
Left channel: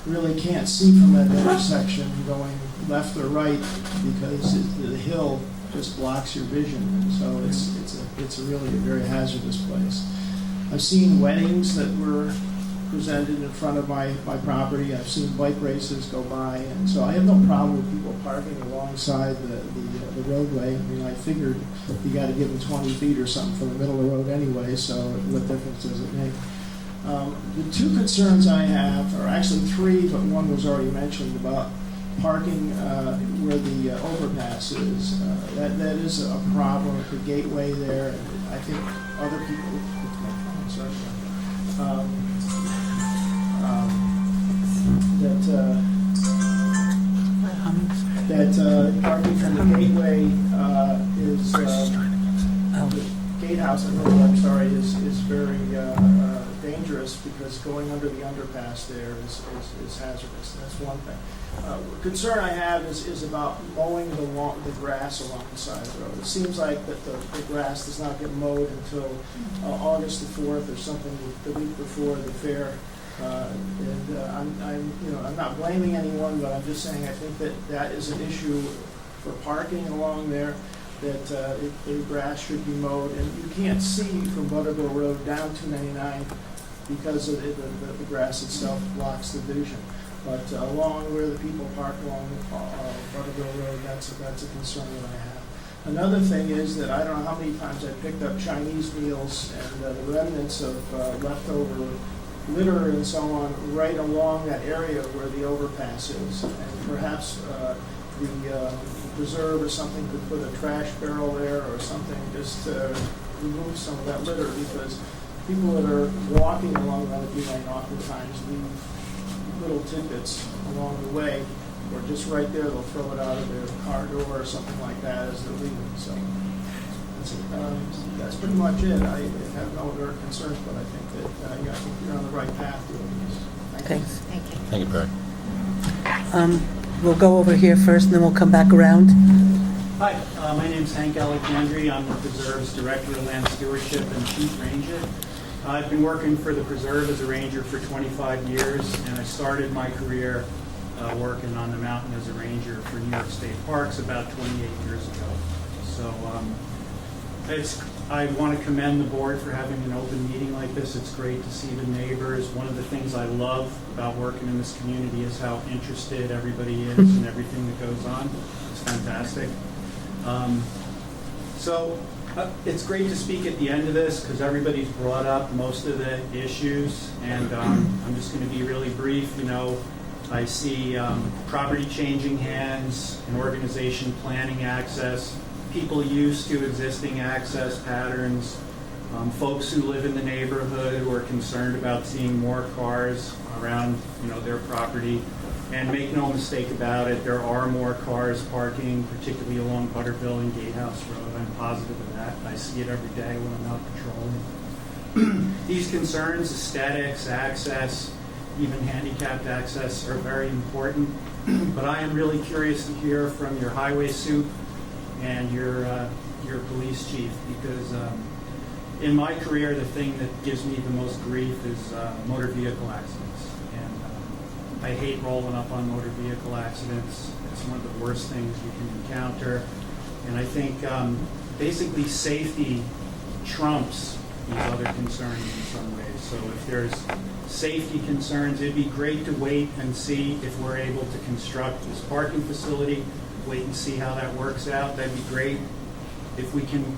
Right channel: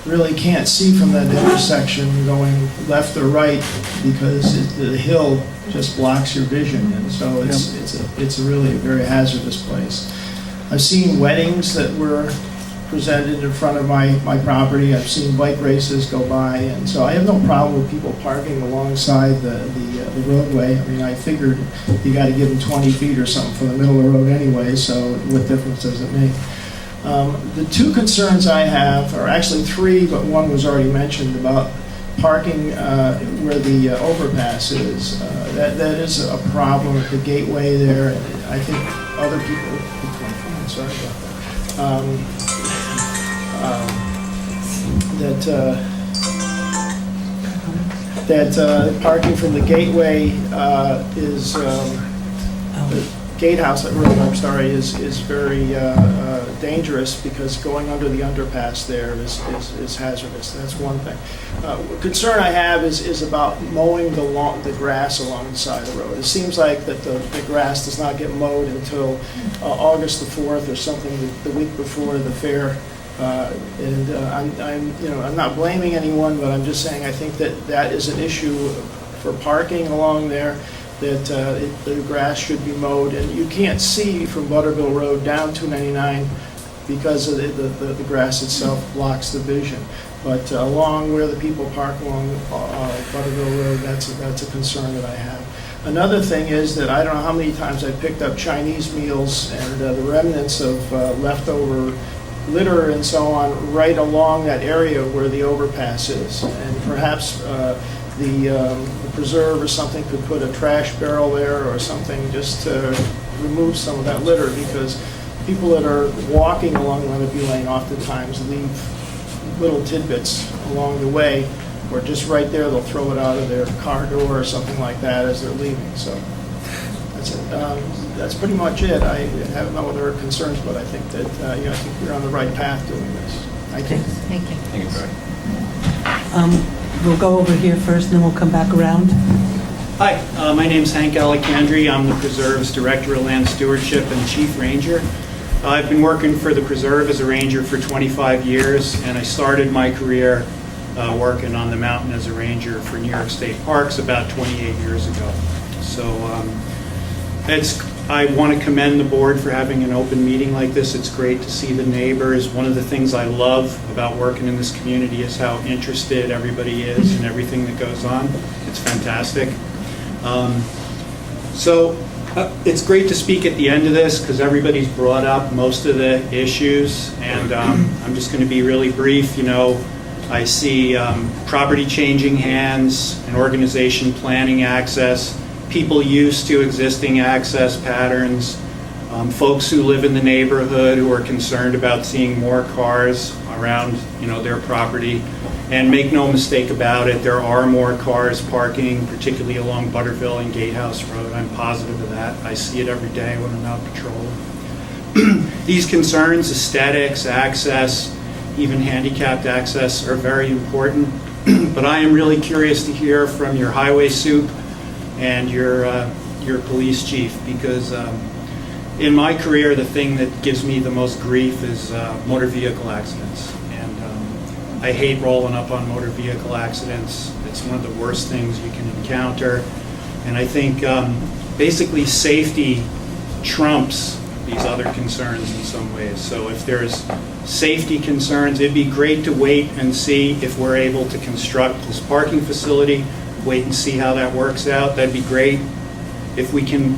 really can't see from that intersection going left or right because the hill just blocks your vision, and so it's really a very hazardous place. I've seen weddings that were presented in front of my property. I've seen bike races go by, and so I have no problem with people parking alongside the roadway. I mean, I figured you got to give them 20 feet or something for the middle of the road anyway, so what difference does it make? The two concerns I have are actually three, but one was already mentioned about parking where the overpass is. That is a problem at the gateway there. I think other people, sorry about that. That parking from the gateway is the gatehouse at Road, I'm sorry, is very dangerous because going under the underpass there is hazardous. That's one thing. Concern I have is about mowing the grass along the side of the road. It seems like that the grass does not get mowed until August the 4th or something, the week before the fair. I'm not blaming anyone, but I'm just saying I think that is an issue for parking along there. That the grass should be mowed, and you can't see from Butterville Road down 299 because of the grass itself blocks the vision. But along where the people park along Butterville Road, that's a concern that I have. Another thing is that I don't know how many times I picked up Chinese meals and the remnants of leftover litter and so on right along that area where the overpass is, and perhaps the preserve or something could put a trash barrel there or something just to remove some of that litter, because people that are walking along Lenape Lane oftentimes leave little tidbits along the way, or just right there they'll throw it out of their car door or something like that as they're leaving. So that's it. That's pretty much it. I have no other concerns, but I think that I think we're on the right path doing this. Thank you. Thank you. Thank you, Barry. We'll go over here first, and then we'll come back around. Hi, my name's Hank Alicandri. I'm the Preserve's Director of Land Stewardship and Chief Ranger. I've been working for the Preserve as a ranger for 25 years, and I started my career working on the mountain as a ranger for New York State Parks about 28 years ago. So I want to commend the board for having an open meeting like this. It's great to see the neighbors. One of the things I love about working in this community is how interested everybody is in everything that goes on. It's fantastic. It's great to speak at the end of this because everybody's brought up most of the issues, and I'm just going to be really brief. You know, I see property changing hands, an organization planning access, people used to existing access patterns, folks who live in the neighborhood who are concerned about seeing more cars around, their property. And make no mistake about it, there are more cars parking, particularly along Butterville and Gatehouse Road. I'm positive of that. I see it every day when I'm out patrolling. These concerns, aesthetics, access, even handicapped access, are very important. But I am really curious to hear from your highway soup and your police chief, because in my career, the thing that gives me the most grief is motor vehicle accidents. And I hate rolling up on motor vehicle accidents. It's one of the worst things you can encounter. And I think basically safety trumps these other concerns in some ways. So if there's safety concerns, it'd be great to wait and see if we're able to construct this parking facility, wait and see how that works out. That'd be great if we can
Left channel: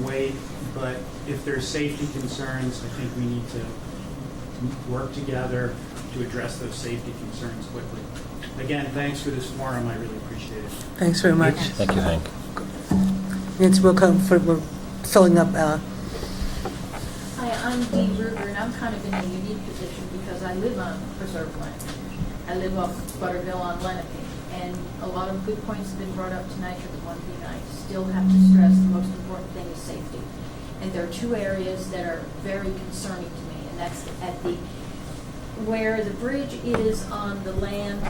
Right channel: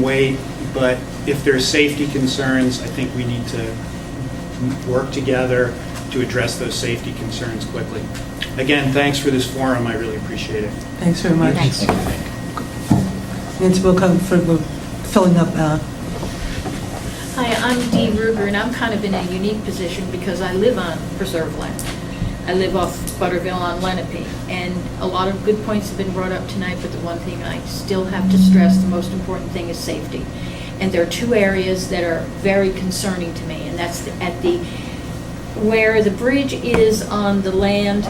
wait. But if there's safety concerns, I think we need to work together to address those safety concerns quickly. Again, thanks for this forum. I really appreciate it. Thanks very much. Thank you, Hank. Nancy, we're filling up. Hi, I'm Dee Ruger, and I'm kind of in a unique position because I live on preserve land. I live off Butterville on Lenape, and a lot of good points have been brought up tonight, but the one thing I still have to stress, the most important thing is safety. And there are two areas that are very concerning to me, and that's where the bridge is on the land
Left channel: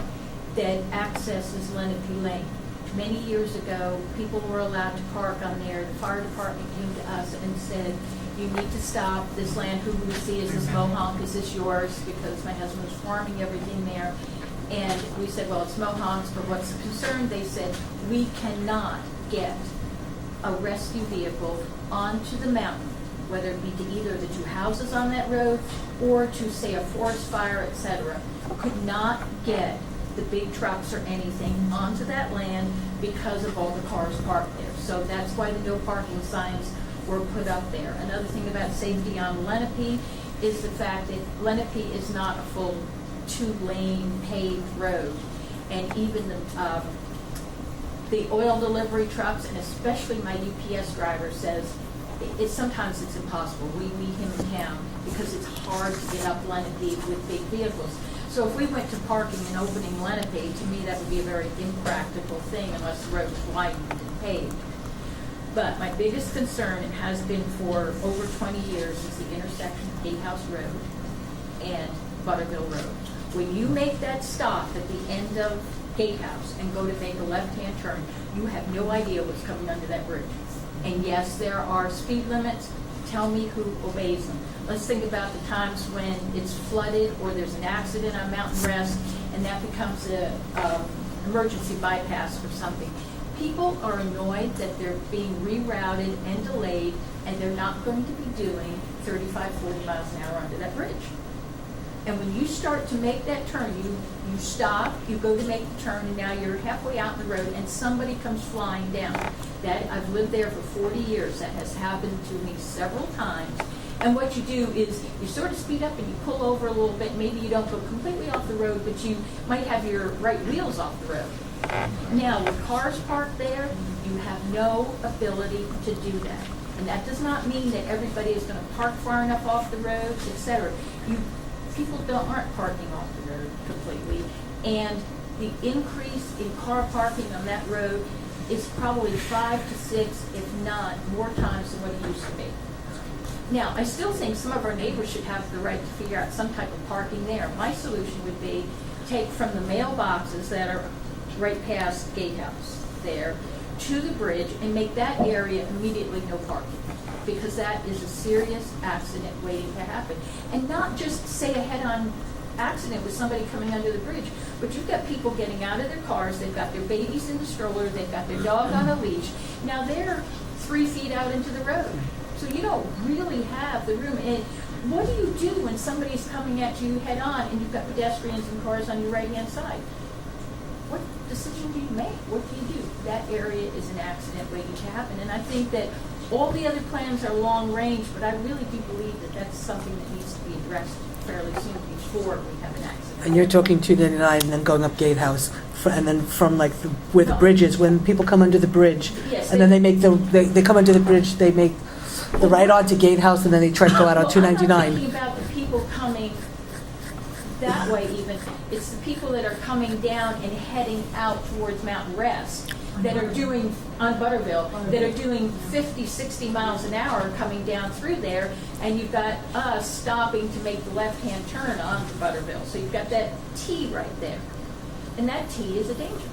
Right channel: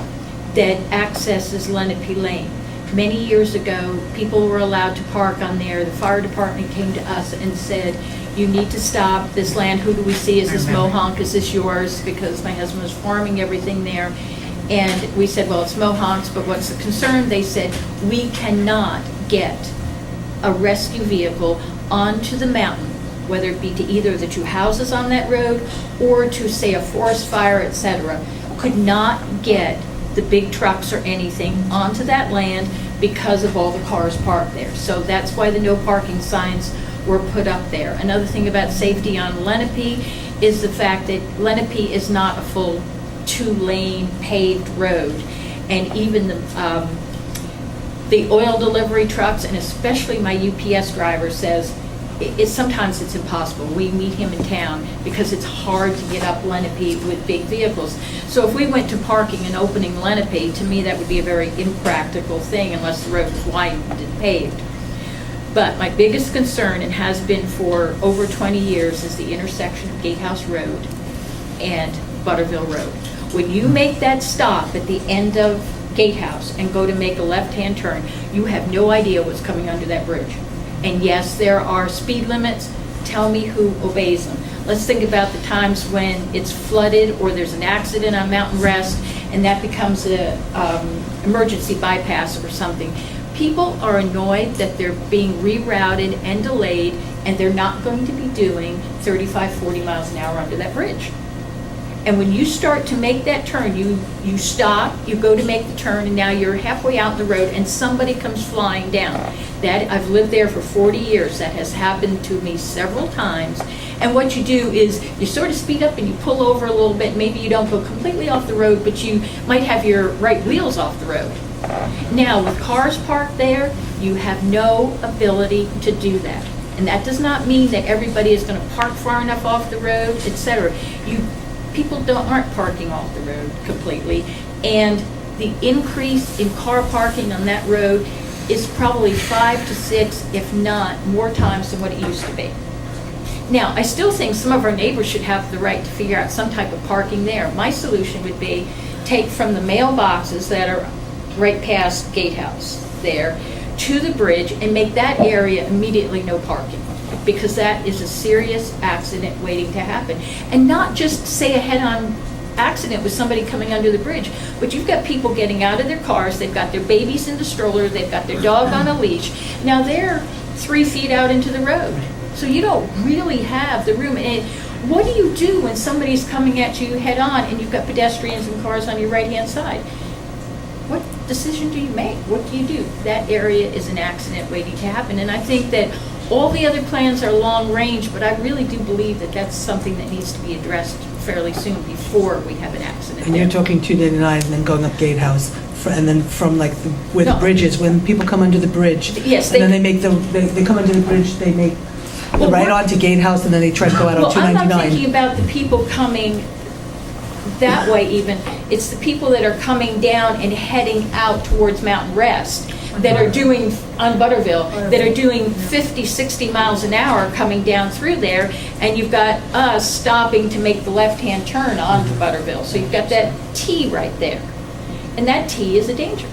that accesses Lenape Lane. Many years ago, people were allowed to park on there. The fire department came to us and said, you need to stop this land. Who do we see? Is this Mohonk? Is this yours? Because my husband was farming everything there. And we said, well, it's Mohonk's, but what's the concern? They said, we cannot get a rescue vehicle onto the mountain, whether it be to either the two houses on that road or to, say, a forest fire, etc. Could not get the big trucks or anything onto that land because of all the cars parked there. So that's why the no parking signs were put up there. Another thing about safety on Lenape is the fact that Lenape is not a full 2-lane paved road, and even the oil delivery trucks, and especially my UPS driver, says sometimes it's impossible. We meet him in town because it's hard to get up Lenape with big vehicles. So if we went to parking and opening Lenape, to me that would be a very impractical thing unless the road was widened and paved. But my biggest concern, and has been for over 20 years, is the intersection of Gatehouse Road and Butterville Road. When you make that stop at the end of Gatehouse and go to make a left-hand turn, you have no idea what's coming under that bridge. And yes, there are speed limits. Tell me who obeys them. Let's think about the times when it's flooded or there's an accident on Mountain Rest and that becomes an emergency bypass or something. People are annoyed that they're being rerouted and delayed, and they're not going to be doing 35, 40 miles an hour under that bridge. And when you start to make that turn, you stop, you go to make the turn, and now you're halfway out the road and somebody comes flying down. That, I've lived there for 40 years. That has happened to me several times. And what you do is you sort of speed up and you pull over a little bit. Maybe you don't go completely off the road, but you might have your right wheels off the road. Now, with cars parked there, you have no ability to do that. And that does not mean that everybody is going to park far enough off the road, etc. People aren't parking off the road completely, and the increase in car parking on that road is probably 5 to 6, if not more times than what it used to be. Now, I still think some of our neighbors should have the right to figure out some type of parking there. My solution would be take from the mailboxes that are right past Gatehouse there to the bridge and make that area immediately no parking, because that is a serious accident waiting to happen. And not just say a head-on accident with somebody coming under the bridge, but you've got people getting out of their cars, they've got their babies in the stroller, they've got their dog on a leash. Now they're 3 feet out into the road. So you don't really have the room. And what do you do when somebody's coming at you head-on and you've got pedestrians and cars on your right-hand side? What decision do you make? What do you do? That area is an accident waiting to happen. And I think that all the other plans are long range, but I really do believe that that's something that needs to be addressed fairly soon before we have an accident. And you're talking 299 and then going up Gatehouse, and then from like where the bridge is, when people come under the bridge, yes, and then they come under the bridge, they make the right onto Gatehouse, and then they try to go out on 299. I'm not thinking about the people coming that way even. It's the people that are coming down and heading out towards Mountain Rest that are doing, on Butterville, that are doing 50, 60 miles an hour coming down through there, and you've got us stopping to make the left-hand turn onto Butterville. So you've got that T right there. And that T is a danger.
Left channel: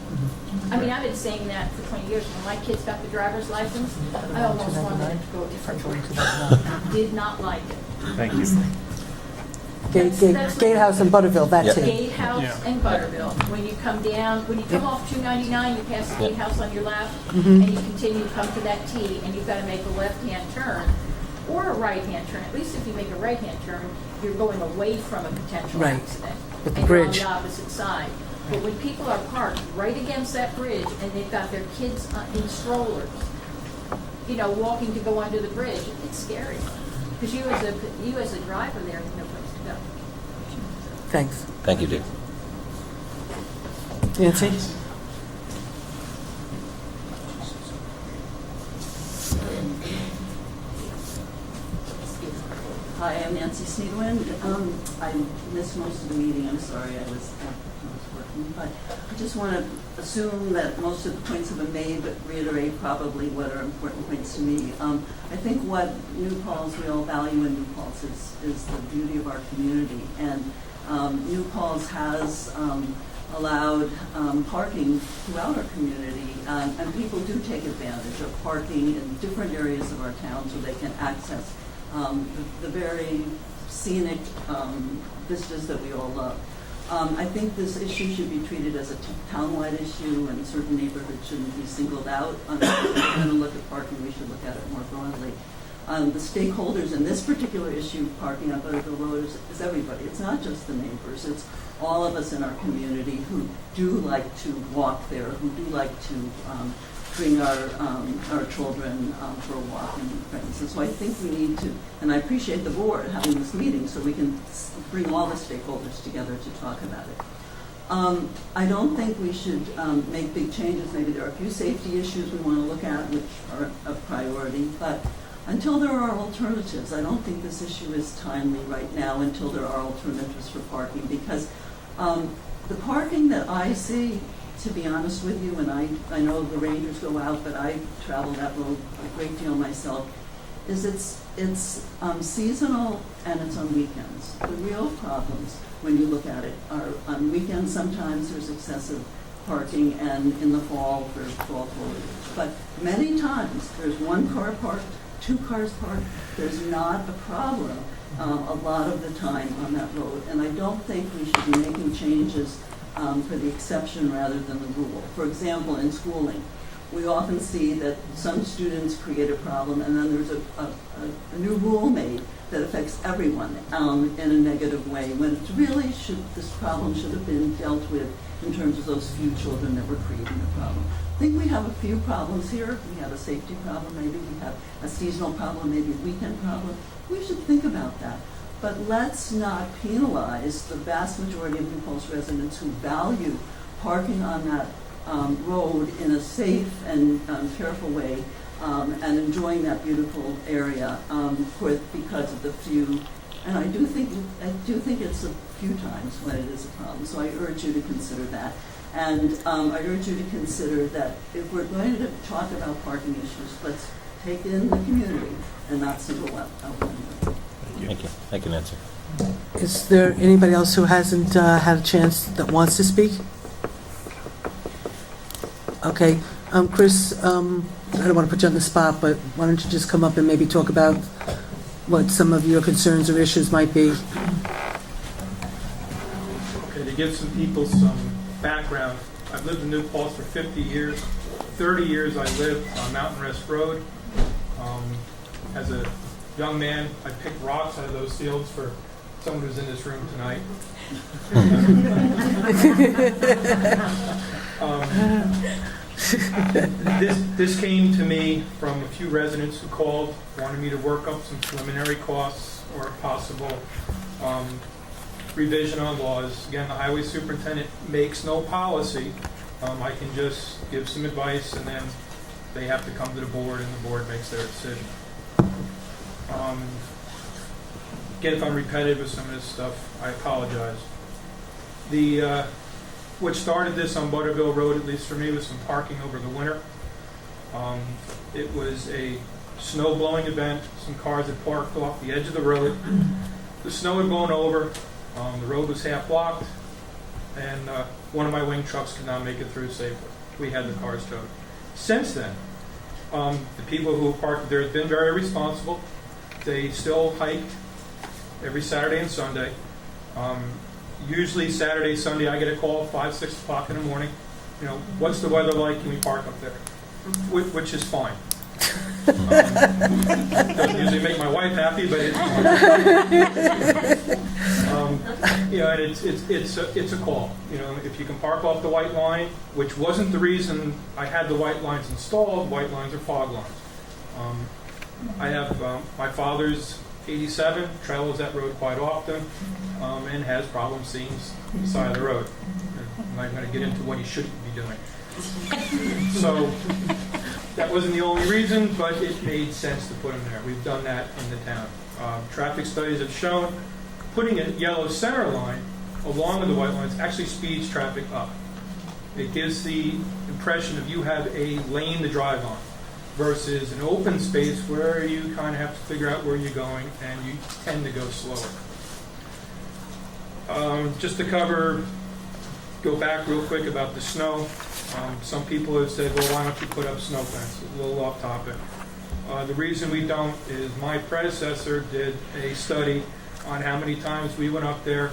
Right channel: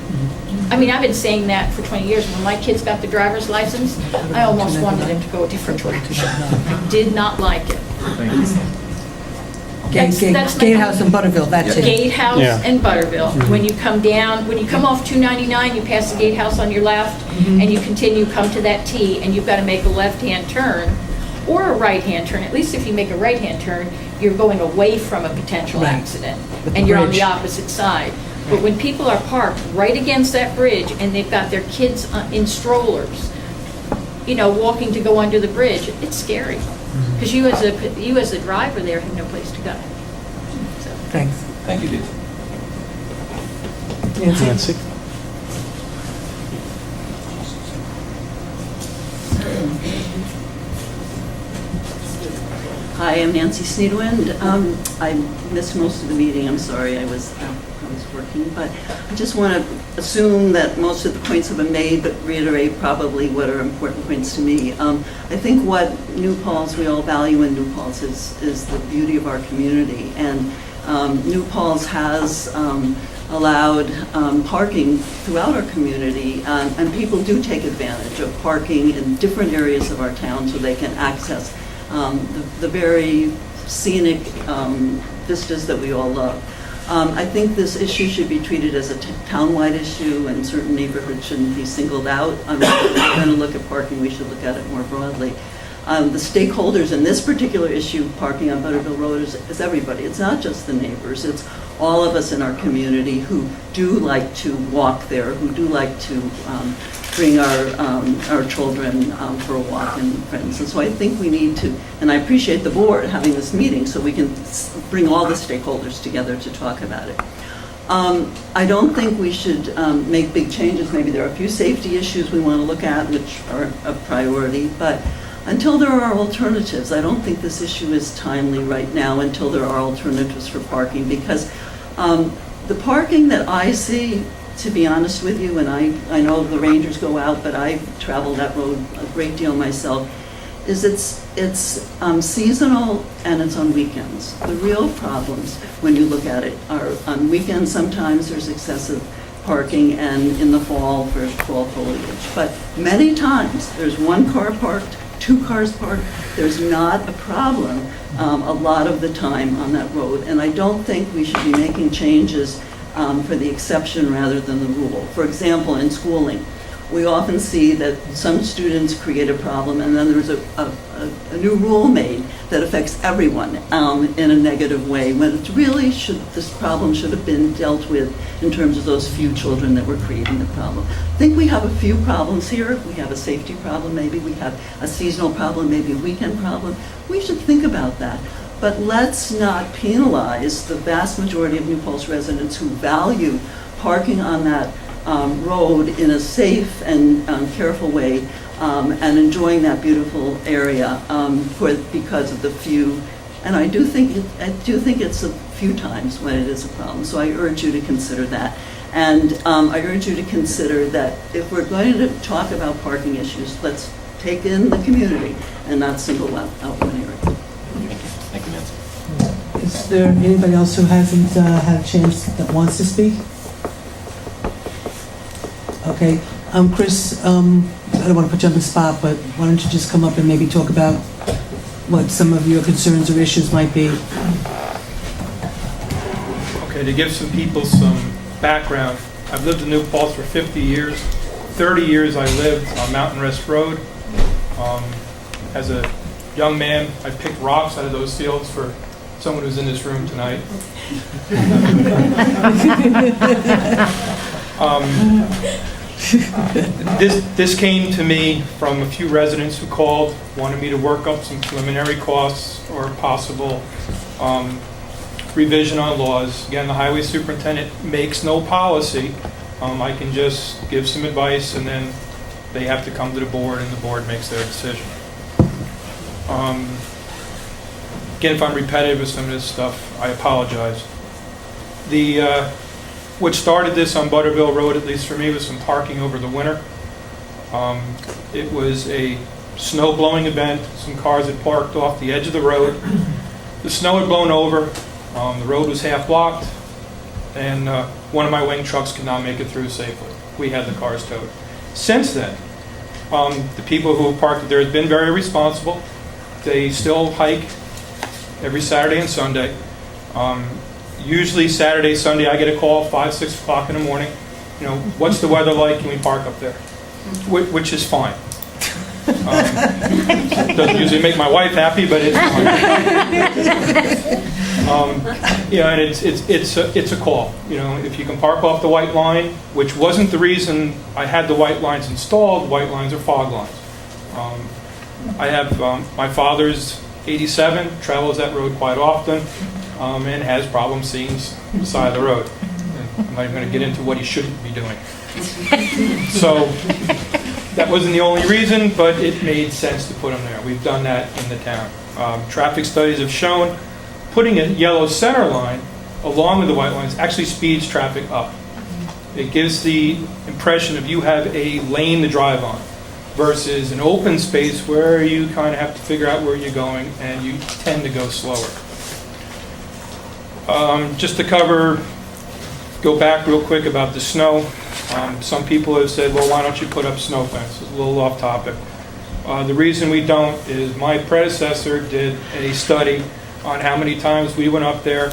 I mean, I've been saying that for 20 years. When my kids got the driver's license, I almost wanted them to go a different direction. I did not like it. Thank you. That's Gatehouse and Butterville, that's it. Gatehouse and Butterville. When you come down, when you come off 299, you pass the Gatehouse on your left, and you continue, come to that T, and you've got to make a left-hand turn or a right-hand turn. At least if you make a right-hand turn, you're going away from a potential accident, and you're on the opposite side. But when people are parked right against that bridge and they've got their kids in strollers, you know, walking to go under the bridge, it's scary. Because you as a driver there have no place to go. So. Thanks. Thank you, Dave. Nancy? Hi, I'm Nancy Sneedwind. I missed most of the meeting. I'm sorry, I was working, but I just want to assume that most of the points have been made, but reiterate probably what are important points to me. I think what New Paltz, we all value in New Paltz is the beauty of our community, and New Paltz has allowed parking throughout our community, and people do take advantage of parking in different areas of our town so they can access the very scenic vistas that we all love. I think this issue should be treated as a town-wide issue, and certain neighborhoods shouldn't be singled out. If we're going to look at parking, we should look at it more broadly. The stakeholders in this particular issue, parking on Butterville Road, is everybody. It's not just the neighbors. It's all of us in our community who do like to walk there, who do like to bring our children for a walk and friends. And so I think we need to, and I appreciate the board having this meeting so we can bring all the stakeholders together to talk about it. I don't think we should make big changes. Maybe there are a few safety issues we want to look at, which are a priority, but until there are alternatives, I don't think this issue is timely right now until there are alternatives for parking, because the parking that I see, to be honest with you, and I know the Rangers go out, but I travel that road a great deal myself, is it's seasonal and it's on weekends. The real problems, when you look at it, are on weekends. Sometimes there's excessive parking, and in the fall for fall foliage. But many times there's one car parked, two cars parked. There's not a problem a lot of the time on that road. And I don't think we should be making changes for the exception rather than the rule. For example, in schooling, we often see that some students create a problem, and then there's a new rule made that affects everyone in a negative way, when it really this problem should have been dealt with in terms of those few children that were creating the problem. I think we have a few problems here. We have a safety problem, maybe we have a seasonal problem, maybe a weekend problem. We should think about that. But let's not penalize the vast majority of New Paltz residents who value parking on that road in a safe and careful way, and enjoying that beautiful area because of the few. And I do think it's a few times when it is a problem. So I urge you to consider that. And I urge you to consider that if we're going to talk about parking issues, let's take in the community and not single out one area. Thank you. Thank you, Nancy. Is there anybody else who hasn't had a chance that wants to speak? Okay, Chris, I don't want to put you on the spot, but why don't you just come up and maybe talk about what some of your concerns or issues might be? Okay, to give some people some background, I've lived in New Paltz for 50 years. 30 years I lived on Mountain Rest Road. As a young man, I picked rocks out of those fields for someone who's in this room tonight. This came to me from a few residents who called, wanted me to work up some preliminary costs or possible revision on laws. Again, the highway superintendent makes no policy. I can just give some advice, and then they have to come to the board, and the board makes their decision. Again, if I'm repetitive with some of this stuff, I apologize. What started this on Butterville Road, at least for me, was some parking over the winter. It was a snow blowing event. Some cars had parked off the edge of the road. The snow had blown over. The road was half blocked, and one of my wing trucks could not make it through safely. We had the cars towed. Since then, the people who parked there have been very responsible. They still hike every Saturday and Sunday. Usually Saturday, Sunday, I get a call 5, 6 o'clock in the morning. You know, what's the weather like? Can we park up there? Which is fine. Doesn't usually make my wife happy, but it's fine. Yeah, and it's a call. You know, if you can park off the white line, which wasn't the reason I had the white lines installed. White lines are fog lines. I have my father's 87 travels that road quite often and has problems seeing the side of the road. And I'm not going to get into what he shouldn't be doing. So that wasn't the only reason, but it made sense to put them there. We've done that in the town. Traffic studies have shown putting a yellow center line along with the white lines actually speeds traffic up. It gives the impression of you have a lane to drive on versus an open space where you kind of have to figure out where you're going and you tend to go slower. Just to go back real quick about the snow. Some people have said, well, why don't you put up snow fence? It's a little off topic. The reason we don't is my predecessor did a study on how many times we went up there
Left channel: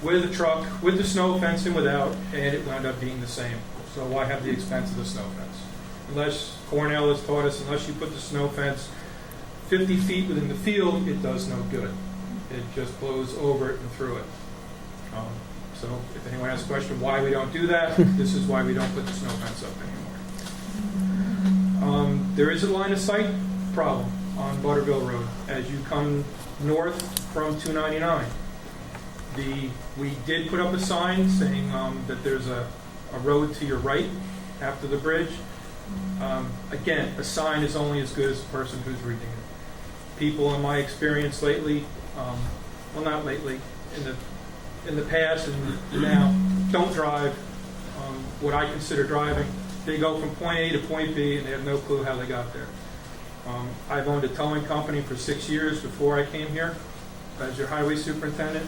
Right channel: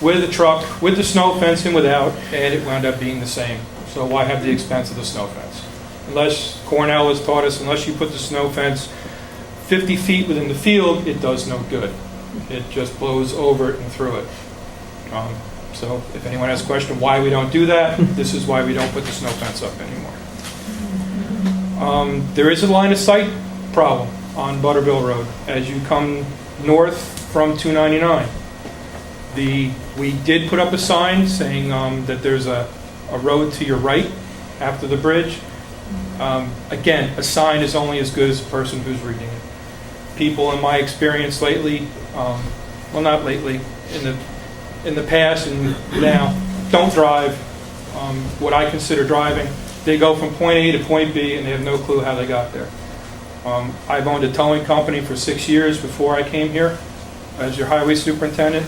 with a truck, with the snow fence and without, and it wound up being the same. So why have the expense of the snow fence? Unless Cornell has taught us, unless you put the snow fence 50 feet within the field, it does no good. It just blows over it and through it. So if anyone has a question why we don't do that, this is why we don't put the snow fence up anymore. There is a line of sight problem on Butterville Road as you come north from 299. We did put up a sign saying that there's a road to your right after the bridge. Again, a sign is only as good as the person who's reading it. People in my experience lately, well not lately, in the past and now, don't drive what I consider driving. They go from point A to point B and they have no clue how they got there. I've owned a towing company for 6 years before I came here as your highway superintendent.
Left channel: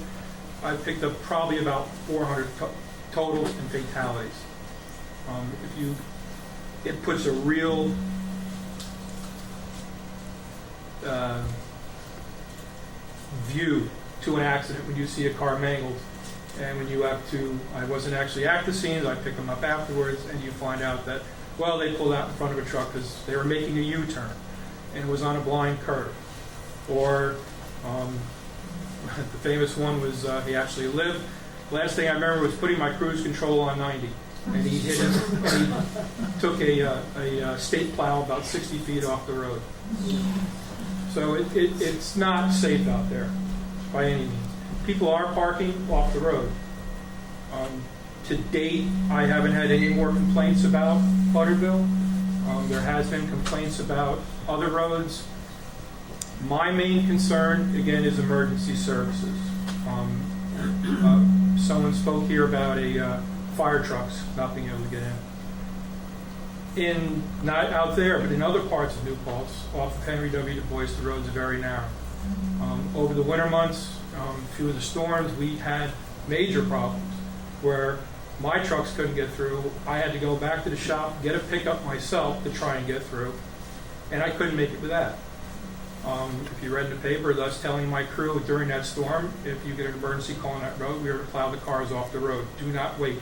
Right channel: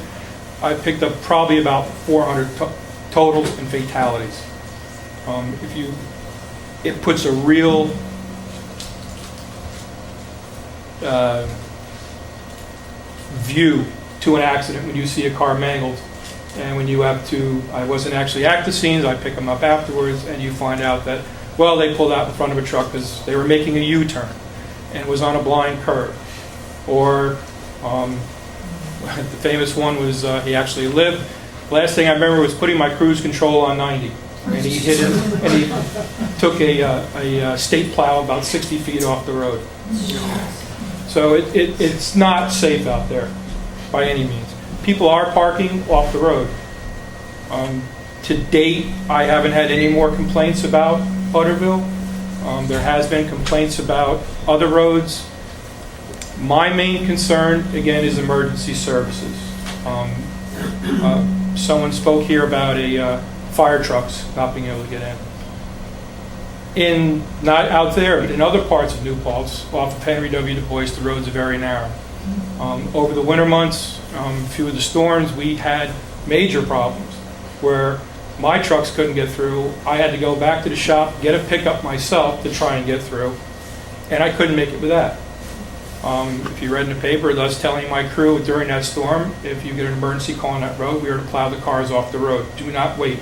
I picked up probably about 400 totals and fatalities. It puts a real view to an accident when you see a car mangled, and when you have to, I wasn't actually at the scenes, I pick them up afterwards, and you find out that, well, they pulled out in front of a truck because they were making a U-turn and was on a blind curve. Or the famous one was he actually lived. Last thing I remember was putting my cruise control on 90, and he hit it, and he took a state plow about 60 feet off the road. So it's not safe out there by any means. People are parking off the road. To date, I haven't had any more complaints about Butterville. There has been complaints about other roads. My main concern, again, is emergency services. Someone spoke here about fire trucks not being able to get in. Not out there, but in other parts of New Paltz, off of Henry W. Du Bois, the roads are very narrow. Over the winter months, a few of the storms, we had major problems where my trucks couldn't get through. I had to go back to the shop, get a pickup myself to try and get through, and I couldn't make it with that. If you read in the paper, thus telling my crew during that storm, if you get an emergency call on that road, we are to plow the cars off the road. Do not wait.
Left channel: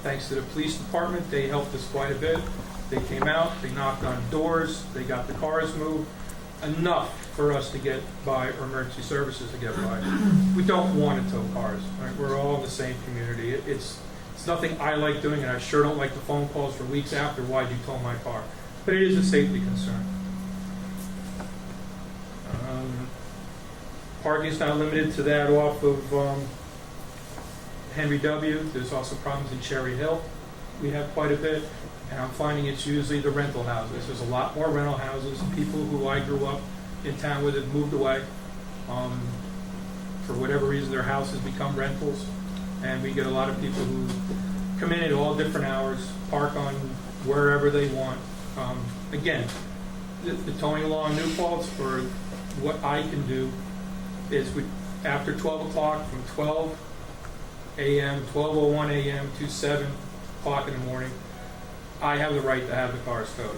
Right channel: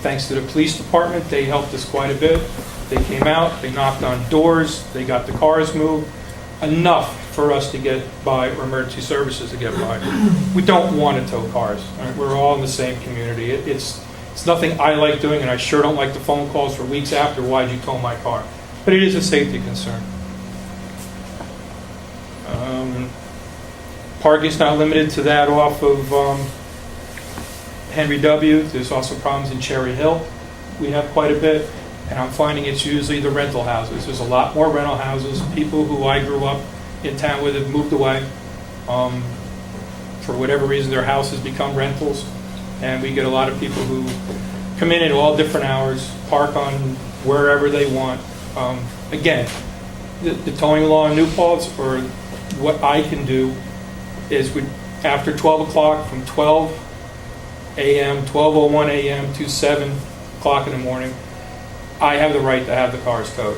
Thanks to the police department, they helped us quite a bit. They came out, they knocked on doors, they got the cars moved. Enough for us to get by, or emergency services to get by. We don't want to tow cars. Right? We're all in the same community. It's nothing I like doing, and I sure don't like the phone calls for weeks after, why'd you tow my car? But it is a safety concern. Parking's not limited to that off of Henry W. There's also problems in Cherry Hill. We have quite a bit, and I'm finding it's usually the rental houses. There's a lot more rental houses. People who I grew up in town with have moved away. For whatever reason, their houses become rentals, and we get a lot of people who come in at all different hours, park on wherever they want. Again, the towing law in New Paltz, or what I can do, is after 12 o'clock, from 12 a.m., 12:01 a.m. to 7 o'clock in the morning, I have the right to have the cars towed.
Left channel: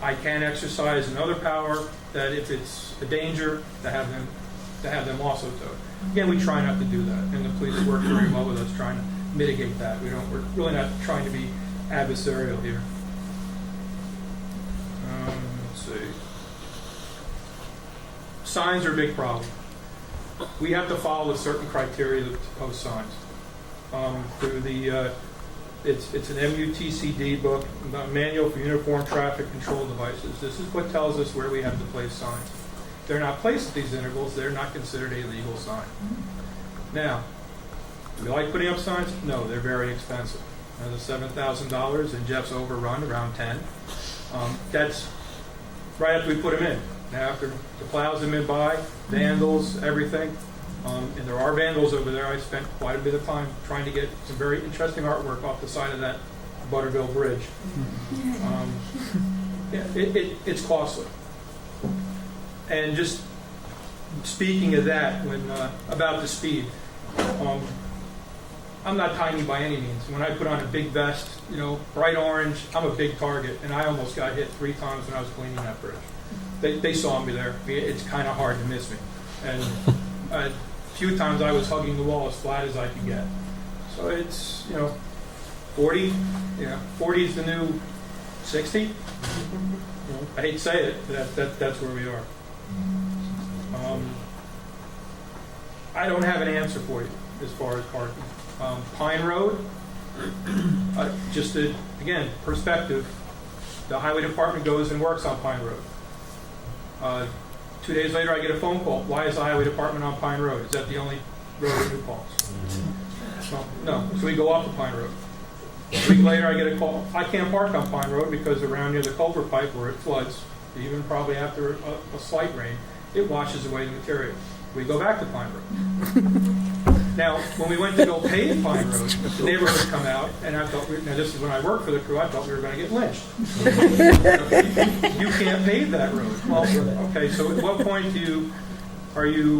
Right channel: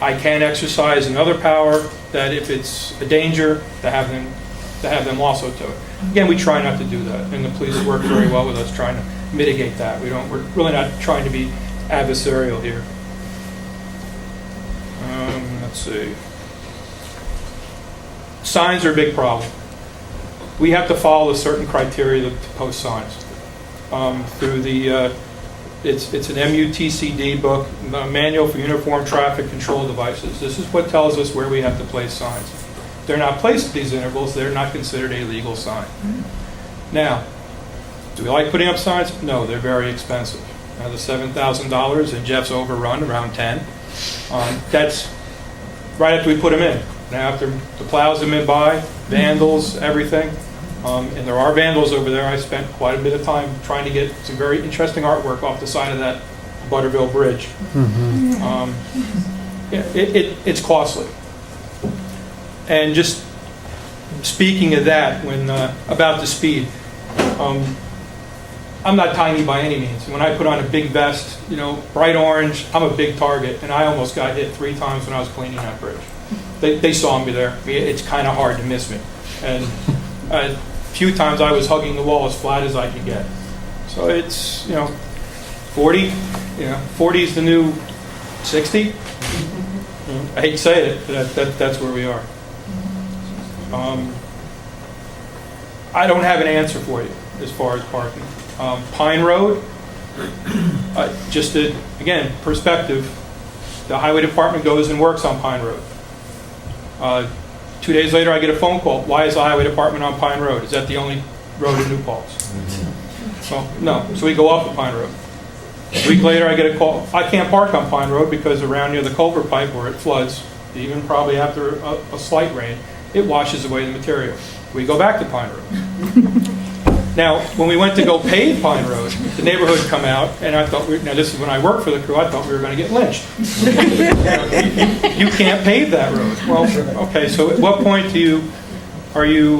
I can exercise another power that if it's a danger, to have them also towed. Again, we try not to do that, and the police work very well with us trying to mitigate that. We're really not trying to be adversarial here. Let's see. Signs are a big problem. We have to follow a certain criteria to post signs. Through the, it's an MUTCD book, Manual for Uniform Traffic Control Devices. This is what tells us where we have to place signs. they're not placed at these intervals, they're not considered a legal sign. Now, do we like putting up signs? No, they're very expensive. Now, the $7,000 and Jeff's overrun around 10. That's right after we put them in. Now, after the plows have been by, vandals, everything, and there are vandals over there. I spent quite a bit of time trying to get some very interesting artwork off the side of that Butterville Bridge. It's costly. And just speaking of that, when about the speed, I'm not tiny by any means. When I put on a big vest, bright orange, I'm a big target, and I almost got hit 3 times when I was cleaning that bridge. They saw me there. It's kind of hard to miss me. And a few times I was hugging the wall as flat as I could get. So it's, 40, 40 is the new 60. I hate to say it, but that's where we are. I don't have an answer for you as far as parking. Pine Road, just to, again, perspective, the highway department goes and works on Pine Road. 2 days later, I get a phone call. Why is the highway department on Pine Road? Is that the only road in New Paltz? So, no. So we go off of Pine Road. A week later, I get a call. I can't park on Pine Road because around near the culvert pipe where it floods, even probably after a slight rain, it washes away the material. We go back to Pine Road. Now, when we went to go pave Pine Road, the neighborhood come out, and I thought, now this is when I worked for the crew, I thought we were going to get lynched. You can't pave that road. Well, okay, so at what point are you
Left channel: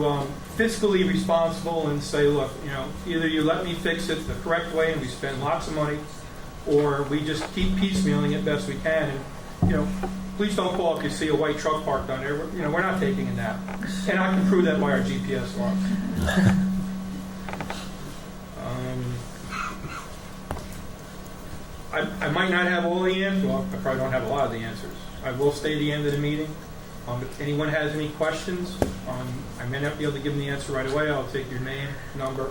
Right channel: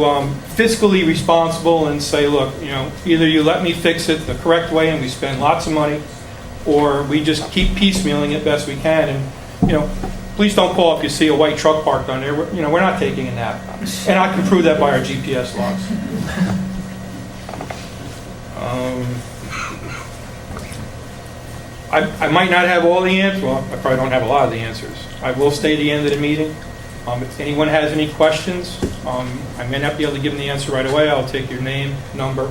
fiscally responsible and say, look, either you let me fix it the correct way and we spend lots of money, or we just keep piecemealing it best we can, and, please don't call if you see a white truck parked on there. We're not taking a nap. And I can prove that by our GPS logs. I might not have all the answers. Well, I probably don't have a lot of the answers. I will stay at the end of the meeting. If anyone has any questions, I may not be able to give them the answer right away. I'll take your name, number.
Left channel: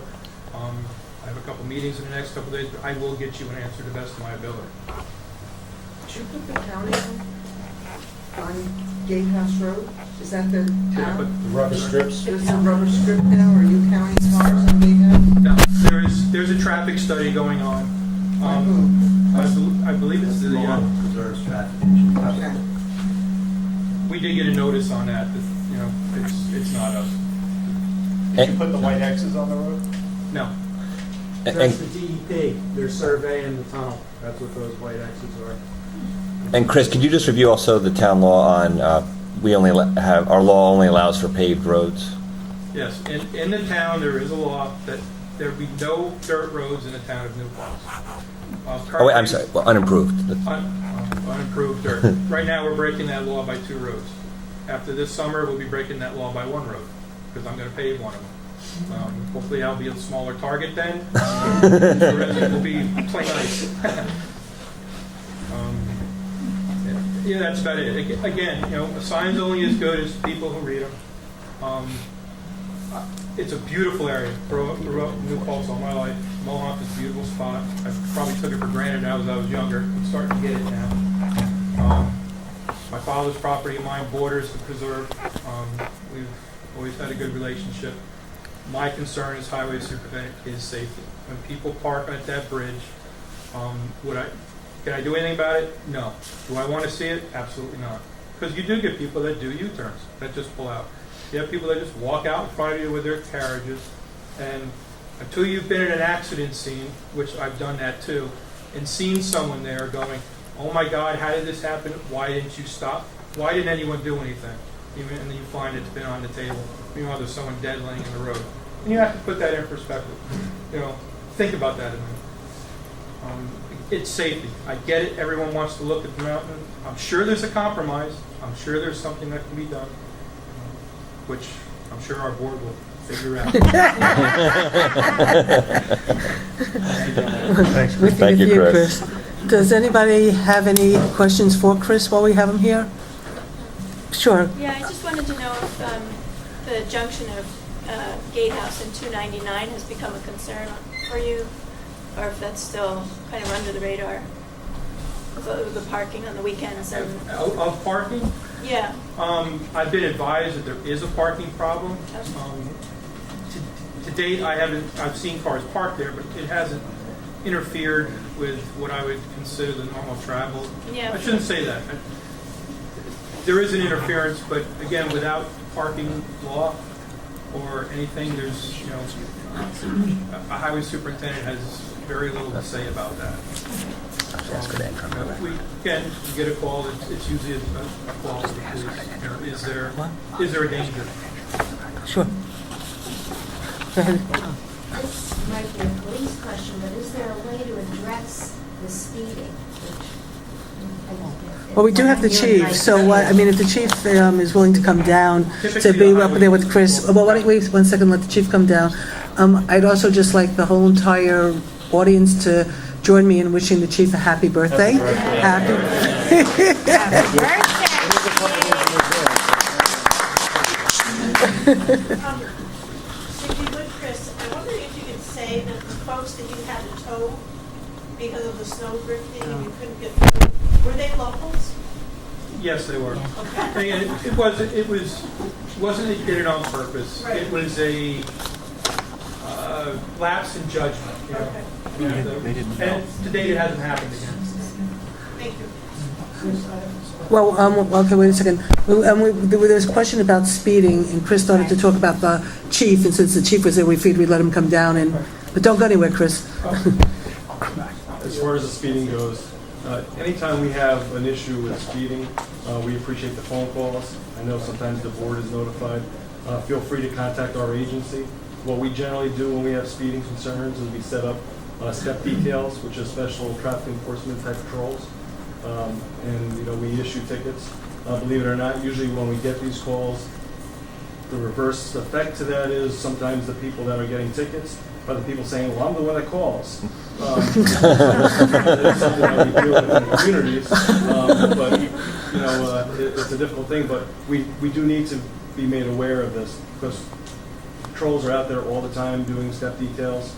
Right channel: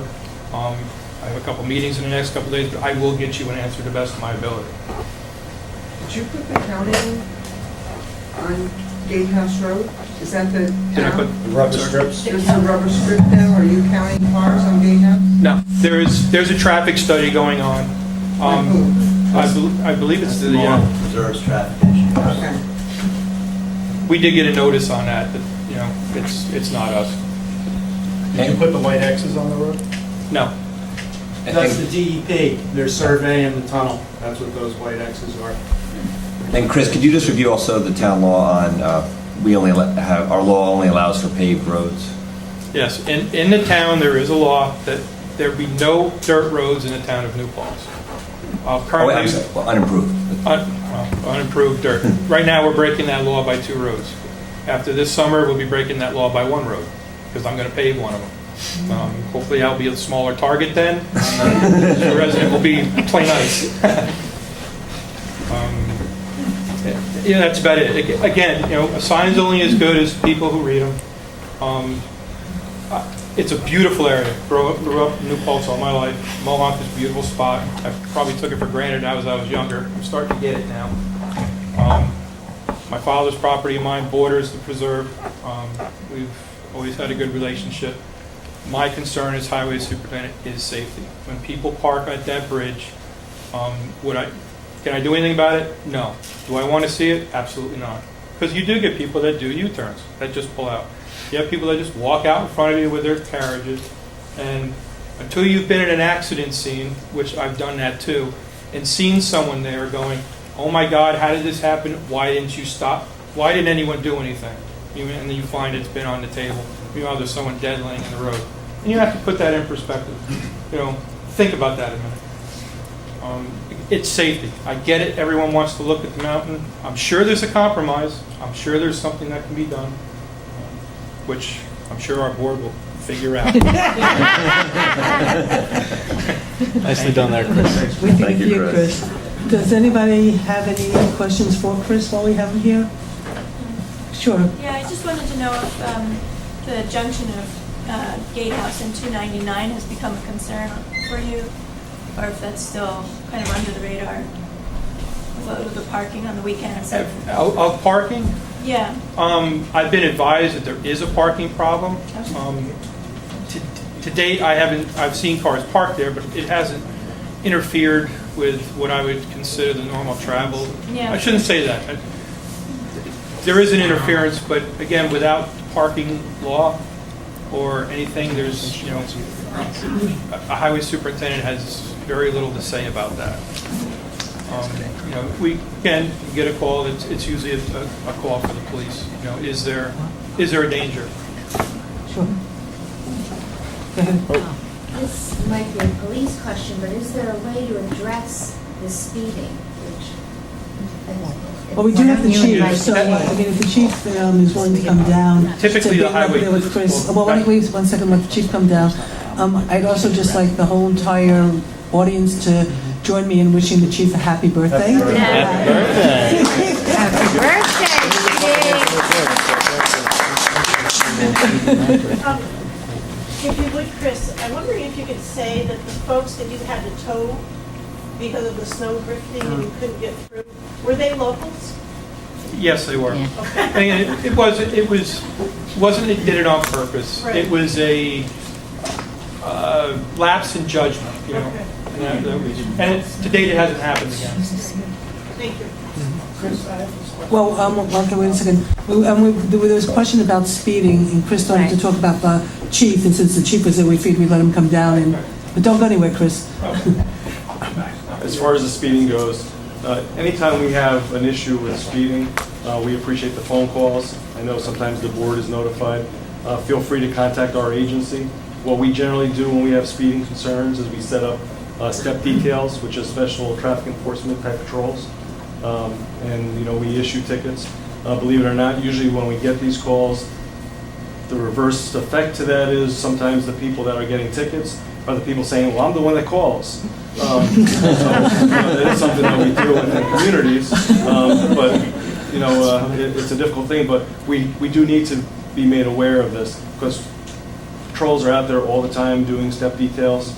I have a couple meetings in the next couple of days, but I will get you an answer to the best of my ability. Did you put the counting on Gatehouse Road? Is that the Did I put rubber strips? There's a rubber strip now. Are you counting cars on Gatehouse? No, there's a traffic study going on. I believe it's the Reserves traffic issue. Okay. we did get a notice on that, it's not us. Did you put the white X's on the road? No. That's the DEP. They're surveying the tunnel. That's what those white X's are. And Chris, could you just review also the town law on, our law only allows for paved roads? Yes, in the town, there is a law that there be no dirt roads in the town of New Paltz. I'm sorry, well, unimproved. Unimproved dirt. Right now, we're breaking that law by 2 roads. After this summer, we'll be breaking that law by 1 road, because I'm going to pave one of them. Hopefully, I'll be a smaller target then. The resident will be plain ice. Yeah, that's about it. Again, a sign's only as good as people who read them. It's a beautiful area. Grew up in New Paltz all my life. Mohawk is a beautiful spot. I probably took it for granted now as I was younger. I'm starting to get it now. My father's property, mine borders the preserve. We've always had a good relationship. My concern as highway superintendent is safety. When people park at that bridge, can I do anything about it? No. Do I want to see it? Absolutely not. Because you do get people that do U-turns, that just pull out. You have people that just walk out in front of you with their carriages, and until you've been at an accident scene, which I've done that too, and seen someone there going, oh my God, how did this happen? Why didn't you stop? Why didn't anyone do anything? And then you find it's been on the table. There's someone dead laying in the road. And you have to put that in perspective. Think about that a minute. It's safety. I get it. Everyone wants to look at the mountain. I'm sure there's a compromise. I'm sure there's something that can be done, which I'm sure our board will figure out. Nicely done there, Chris. Thanks. Thank you, Chris. Does anybody have any questions for Chris while we have him here? Sure. Yeah, I just wanted to know if the junction of Gatehouse and 299 has become a concern for you, or if that's still kind of under the radar, with the parking on the weekends. Of parking, Yeah. I've been advised that there is a parking problem. To date, I've seen cars parked there, but it hasn't interfered with what I would consider the normal travel. Yeah. I shouldn't say that. There is an interference, but again, without parking law or anything, there's, a highway superintendent has very little to say about that. If we can get a call, it's usually a call to the police. Is there a danger? Sure. Go ahead. This might be a police question, but is there a way to address the speeding? Well, we do have the chief, so if the chief is willing to come down to Typically, be the up there with Chris. Well, why don't we wait 1 second, let the chief come down. I'd also just like the whole entire audience to join me in wishing the chief a happy birthday. Happy If you would, Chris, I'm wondering if you could say that the folks that you had to tow because of the snow drifting and you couldn't get through, were they locals? Yes, they were. And it wasn't. It did it on purpose. Right. It was a lapse in judgment. Okay. And to date, it hasn't happened again. Thank you. Well, okay, wait a second. There was a question about speeding, and Chris wanted to talk about the chief, and since the chief was there, we figured we'd let him come down. But don't go anywhere, Chris. As far as the speeding goes, anytime we have an issue with speeding, we appreciate the phone calls. I know sometimes the board is notified. Feel free to contact our agency. What we generally do when we have speeding concerns is we set up step details, which is special traffic enforcement type patrols. And we issue tickets. Believe it or not, usually when we get these calls, the reverse effect to that is sometimes the people that are getting tickets are the people saying, well, I'm the one that calls. That is something that we deal with in communities, but it's a difficult thing. But we do need to be made aware of this because patrols are out there all the time doing step details,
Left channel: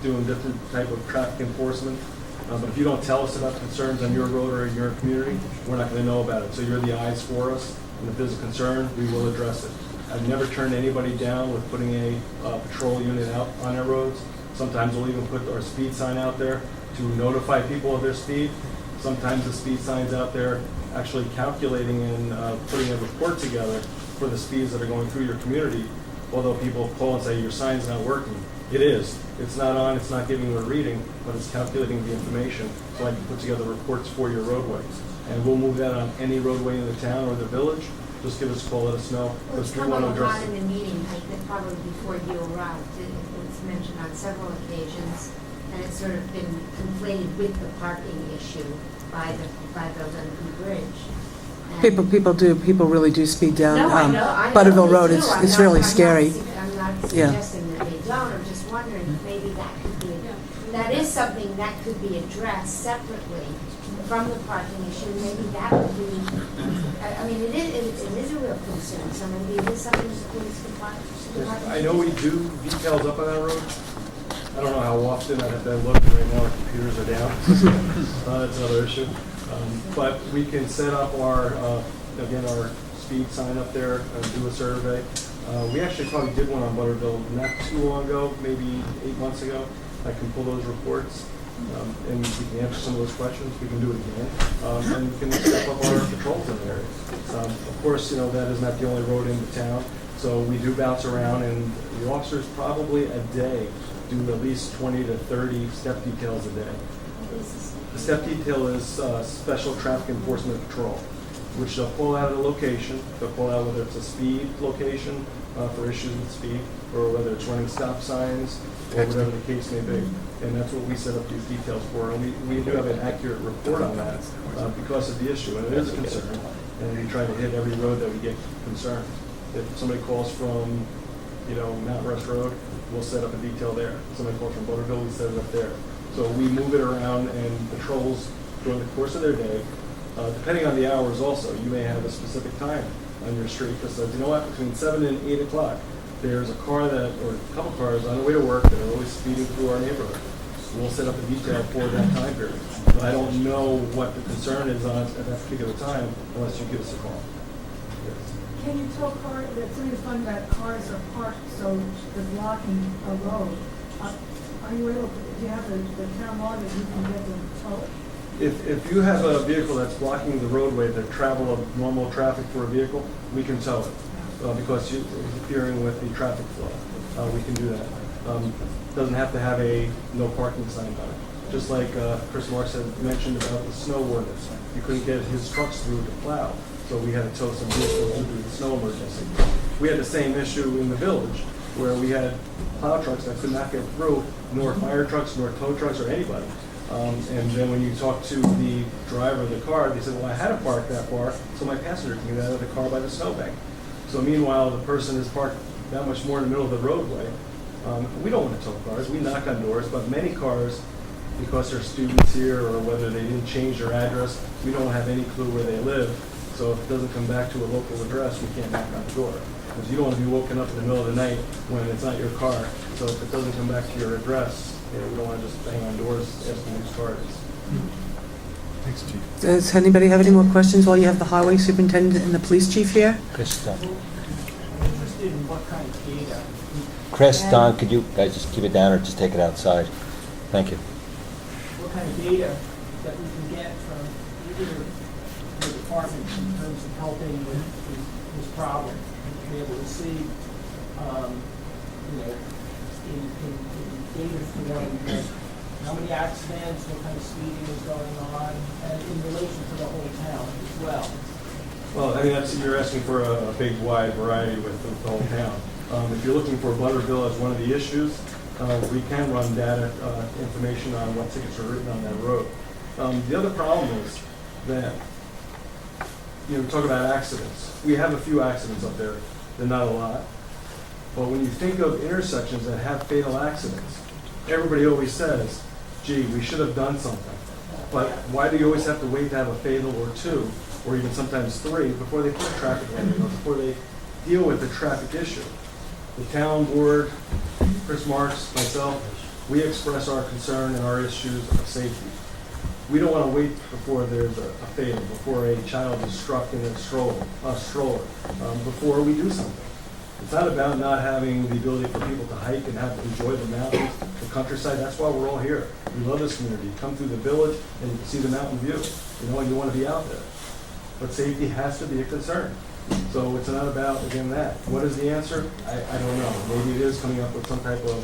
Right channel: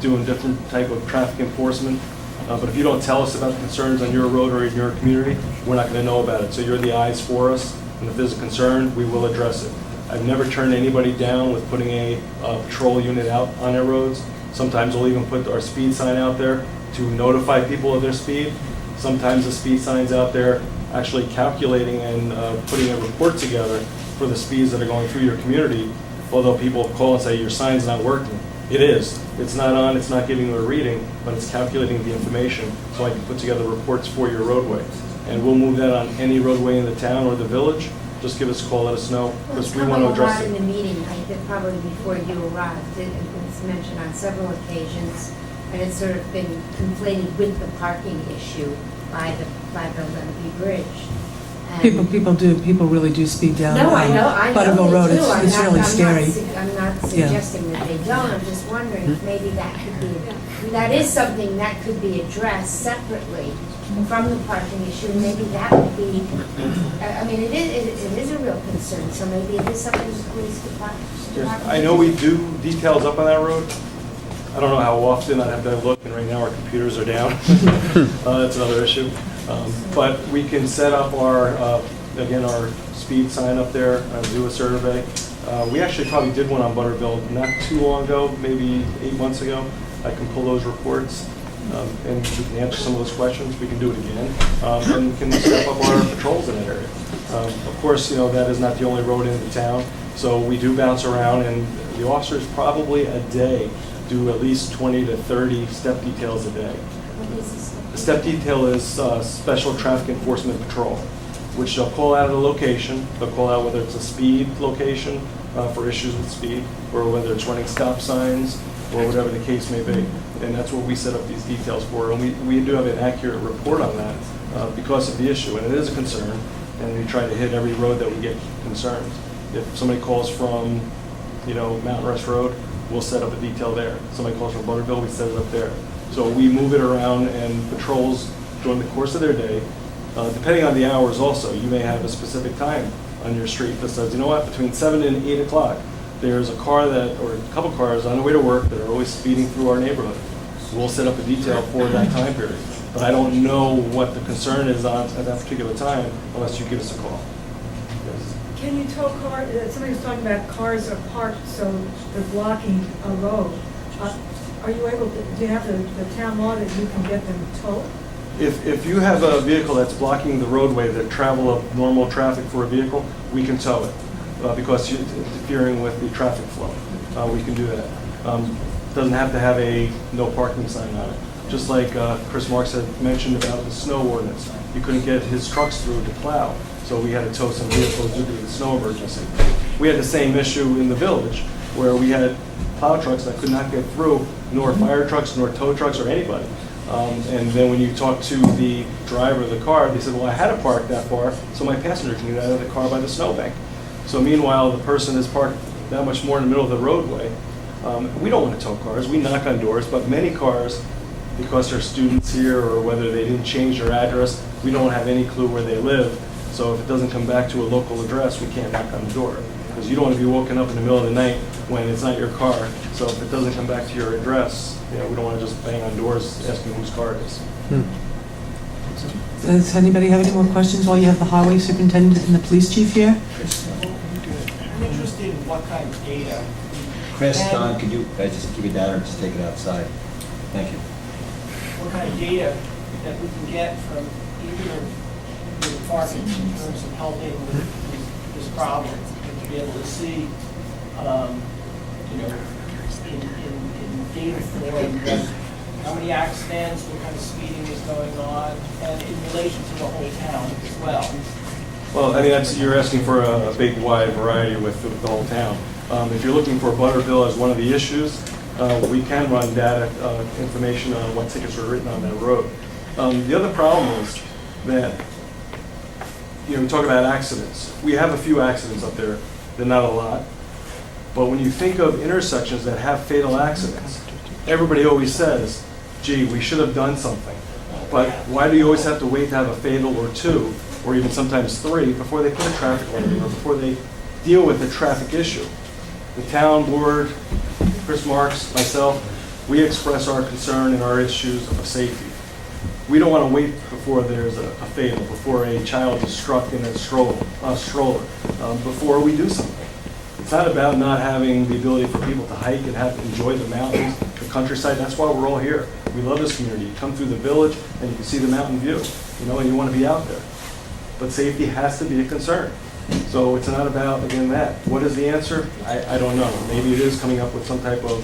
doing different type of traffic enforcement. But if you don't tell us about the concerns on your road or in your community, we're not going to know about it. So you're the eyes for us, and if there's a concern, we will address it. I've never turned anybody down with putting a patrol unit out on their roads. Sometimes we'll even put our speed sign out there to notify people of their speed. Sometimes the speed sign's out there actually calculating and putting a report together for the speeds that are going through your community. Although people call and say, your sign's not working. It is. It's not on, it's not giving you a reading, but it's calculating the information so I can put together reports for your roadway. And we'll move that on any roadway in the town or the village. Just give us a call, let us know, because we want to address it. In the meeting, I think probably before you arrived, it's mentioned on several occasions, and it's sort of been conflated with the parking issue by the Little Bridge. People really do speed down. No, I know Butterville they Road, do. it's really scary. I'm not suggesting that they don't, I'm just wondering if maybe that is something that could be addressed separately from the parking issue, maybe that would be, it is a real concern, so maybe it is something the police department. I know we do decals up on that road. I don't know how often, I'd have to look, and right now our computers are down. That's another issue. But we can set up our speed sign up there, do a survey. We actually probably did one on Butterville not too long ago, maybe 8 months ago. I can pull those reports and we can answer some of those questions. We can do it again and we can step up our patrols in that area. Of course, that is not the only road in the town, so we do bounce around, and the officers probably a day do at least 20 to 30 step details a day. A step detail is special traffic enforcement patrol, which they'll call out at a location. They'll call out whether it's a speed location for issues with speed, or whether it's running stop signs, or whatever the case may be. And that's what we set up these details for. And we do have an accurate report on that because of the issue. And it is a concern. And we try to hit every road that we get concerned. If somebody calls from, Mountain Rest Road, we'll set up a detail there. If somebody calls from Butterville, we set it up there. So we move it around, and patrols during the course of their day, depending on the hours also, you may have a specific time on your street that says, between 7 and 8 o'clock, there's a car or a couple cars on the way to work that are always speeding through our neighborhood. We'll set up a detail for that time period. but I don't know what the concern is on at that particular time unless you give us a call. Can you tow cars, somebody was talking about cars are parked, so they're blocking a road. Are you able to, do you have the town law that you can get them towed? If you have a vehicle that's blocking the roadway that travel of normal traffic for a vehicle, we can tow it because you're interfering with the traffic flow. We can do that. Doesn't have to have a no parking sign on it. Just like Chris Marks had mentioned about the snow ordinance. He couldn't get his trucks through to plow, so we had to tow some vehicles due to the snow emergency. We had the same issue in the village where we had plow trucks that could not get through, nor fire trucks, nor tow trucks, or anybody. And then when you talk to the driver of the car, they said, well, I had to park that far so my passenger can get out of the car by the snowbank. So meanwhile, the person is parked that much more in the middle of the roadway. We don't want to tow cars. We knock on doors, but many cars, because they're students here or whether they didn't change their address, we don't have any clue where they live. So if it doesn't come back to a local address, we can't knock on the door. Because you don't want to be woken up in the middle of the night when it's not your car. So if it doesn't come back to your address, we don't want to just bang on doors asking whose car it is. Does anybody have any more questions while you have the highway superintendent and the police chief here? I'm interested in what kind of data. Chris, Don, could you guys just keep it down or just take it outside? Thank you. What kind of data that we can get from either the departments in terms of helping with this problem, and to be able to see, in data form, how many accidents, what kind of speeding is going on, and in relation to the whole town as well. Well, I mean, you're asking for a big, wide variety with the whole town. If you're looking for Butterville as one of the issues, we can run data information on what tickets were written on that road. The other problem is that, we talk about accidents. We have a few accidents up there. They're not a lot. But when you think of intersections that have fatal accidents, everybody always says, gee, we should have done something. But why do you always have to wait to have a fatal or two, or even sometimes three, before they put a traffic light, or before they deal with the traffic issue? The town board, Chris Marks, myself, we express our concern and our issues of safety. We don't want to wait before there's a fatal, before a child is struck in a stroller, before we do something. It's not about not having the ability for people to hike and enjoy the mountains, the countryside. That's why we're all here. We love this community. You come through the village and you can see the mountain view, and you want to be out there. But safety has to be a concern. So it's not about, again, that. What is the answer? I don't know. Maybe it is coming up with some type of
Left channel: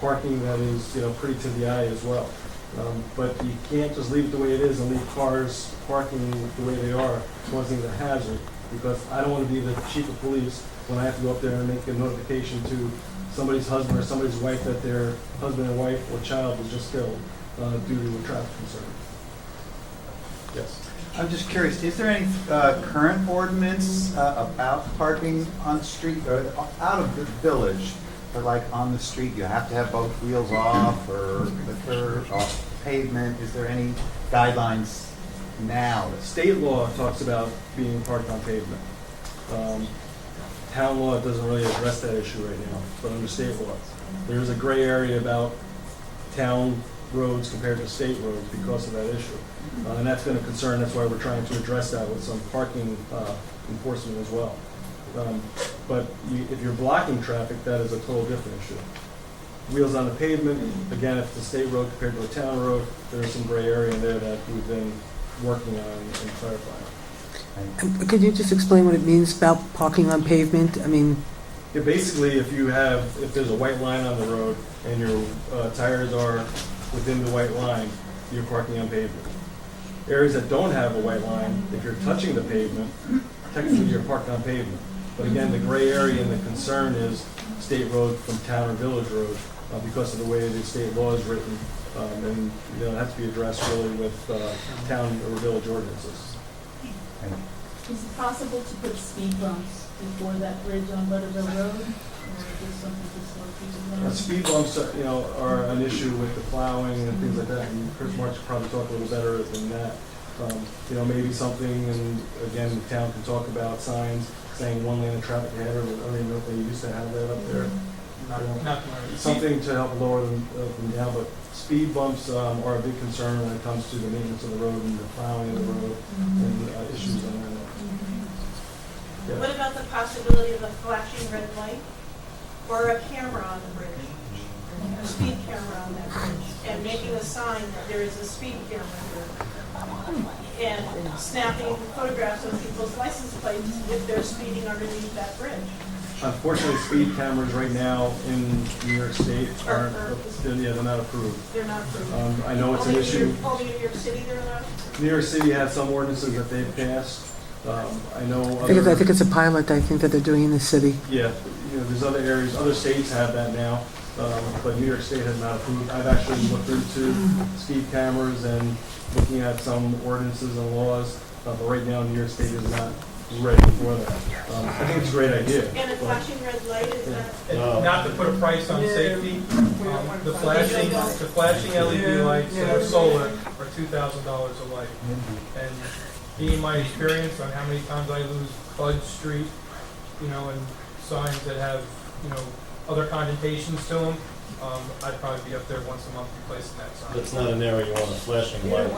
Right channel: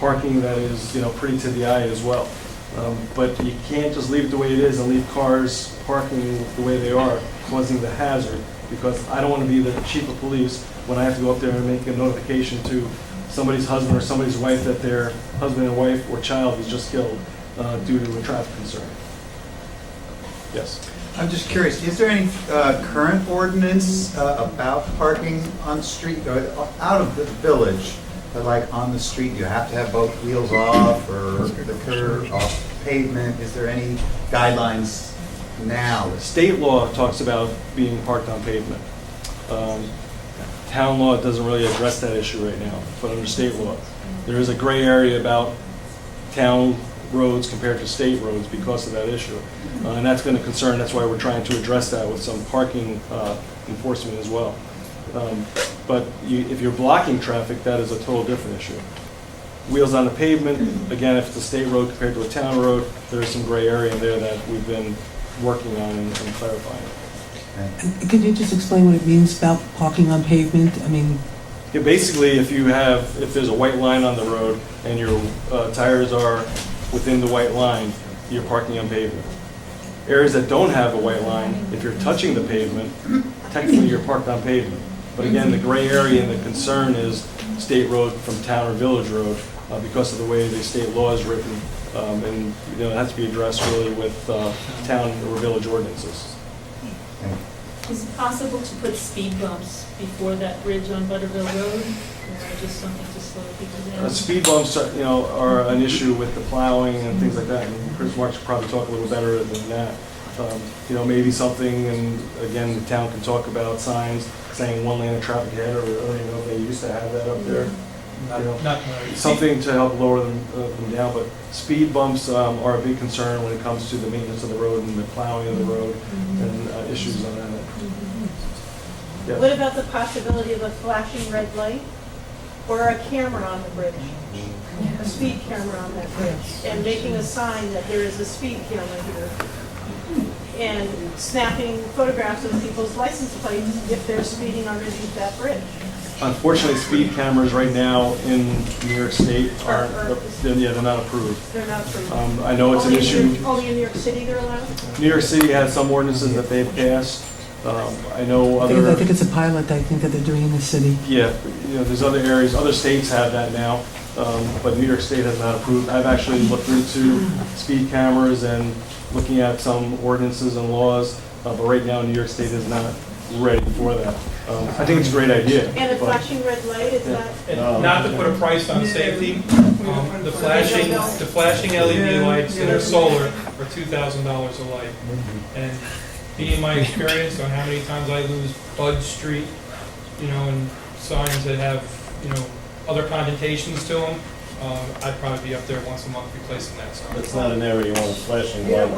parking that is, pretty to the eye as well. But you can't just leave it the way it is and leave cars parking the way they are, causing the hazard, because I don't want to be the chief of police when I have to go up there and make a notification to somebody's husband or somebody's wife that their husband and wife or child was just killed due to a traffic concern. Yes. I'm just curious, is there any current ordinance about parking on street, or out of the village, like on the street, you have to have both wheels off, or the curb off pavement? Is there any guidelines now? State law talks about being parked on pavement. Town law doesn't really address that issue right now, but under state law, there is a gray area about town roads compared to state roads because of that issue. And that's been a concern. That's why we're trying to address that with some parking enforcement as well. But if you're blocking traffic, that is a total different issue. Wheels on the pavement, again, if it's a state road compared to a town road, there's some gray area in there that we've been working on and clarifying. Could you just explain what it means about parking on pavement? I mean, Yeah, basically, if there's a white line on the road and your tires are within the white line, you're parking on pavement. Areas that don't have a white line, if you're touching the pavement, technically you're parked on pavement. But again, the gray area and the concern is state road from town or village road because of the way the state law is written. And it has to be addressed really with town or village ordinances. Is it possible to put speed bumps before that bridge on Butterville Road, or just something to slow people down? Speed bumps, are an issue with the plowing and things like that. And Chris Marks could probably talk a little better than that. Maybe something, and again, the town can talk about signs saying one lane of traffic ahead, or I don't even know if they used to have that up there. Not something to help lower them down, but speed bumps are a big concern when it comes to the maintenance of the road and the plowing of the road and issues on that. Yeah. What about the possibility of a flashing red light or a camera on the bridge? A speed camera on that bridge, and making a sign that there is a speed camera here. And snapping photographs of people's license plates if they're speeding underneath that bridge. Unfortunately, speed cameras right now in New York State aren't, they're not approved. They're not approved. I know it's an issue. Only in New York City they're allowed? New York City has some ordinances that they've passed. I know I think it's a pilot, I think, that they're doing in the city. Yeah, there's other areas, other states have that now, but New York State has not approved. I've actually looked into speed cameras and looking at some ordinances and laws, but right now New York State is not ready for that. I think it's a great idea. And a flashing red light, is that? And not to put a price on safety, the flashing LED lights that are solar are $2,000 a light. And being my experience on how many times I lose Bud Street, and signs that have, other connotations to them, I'd probably be up there once a month replacing that sign. That's not an area you want a flashing light.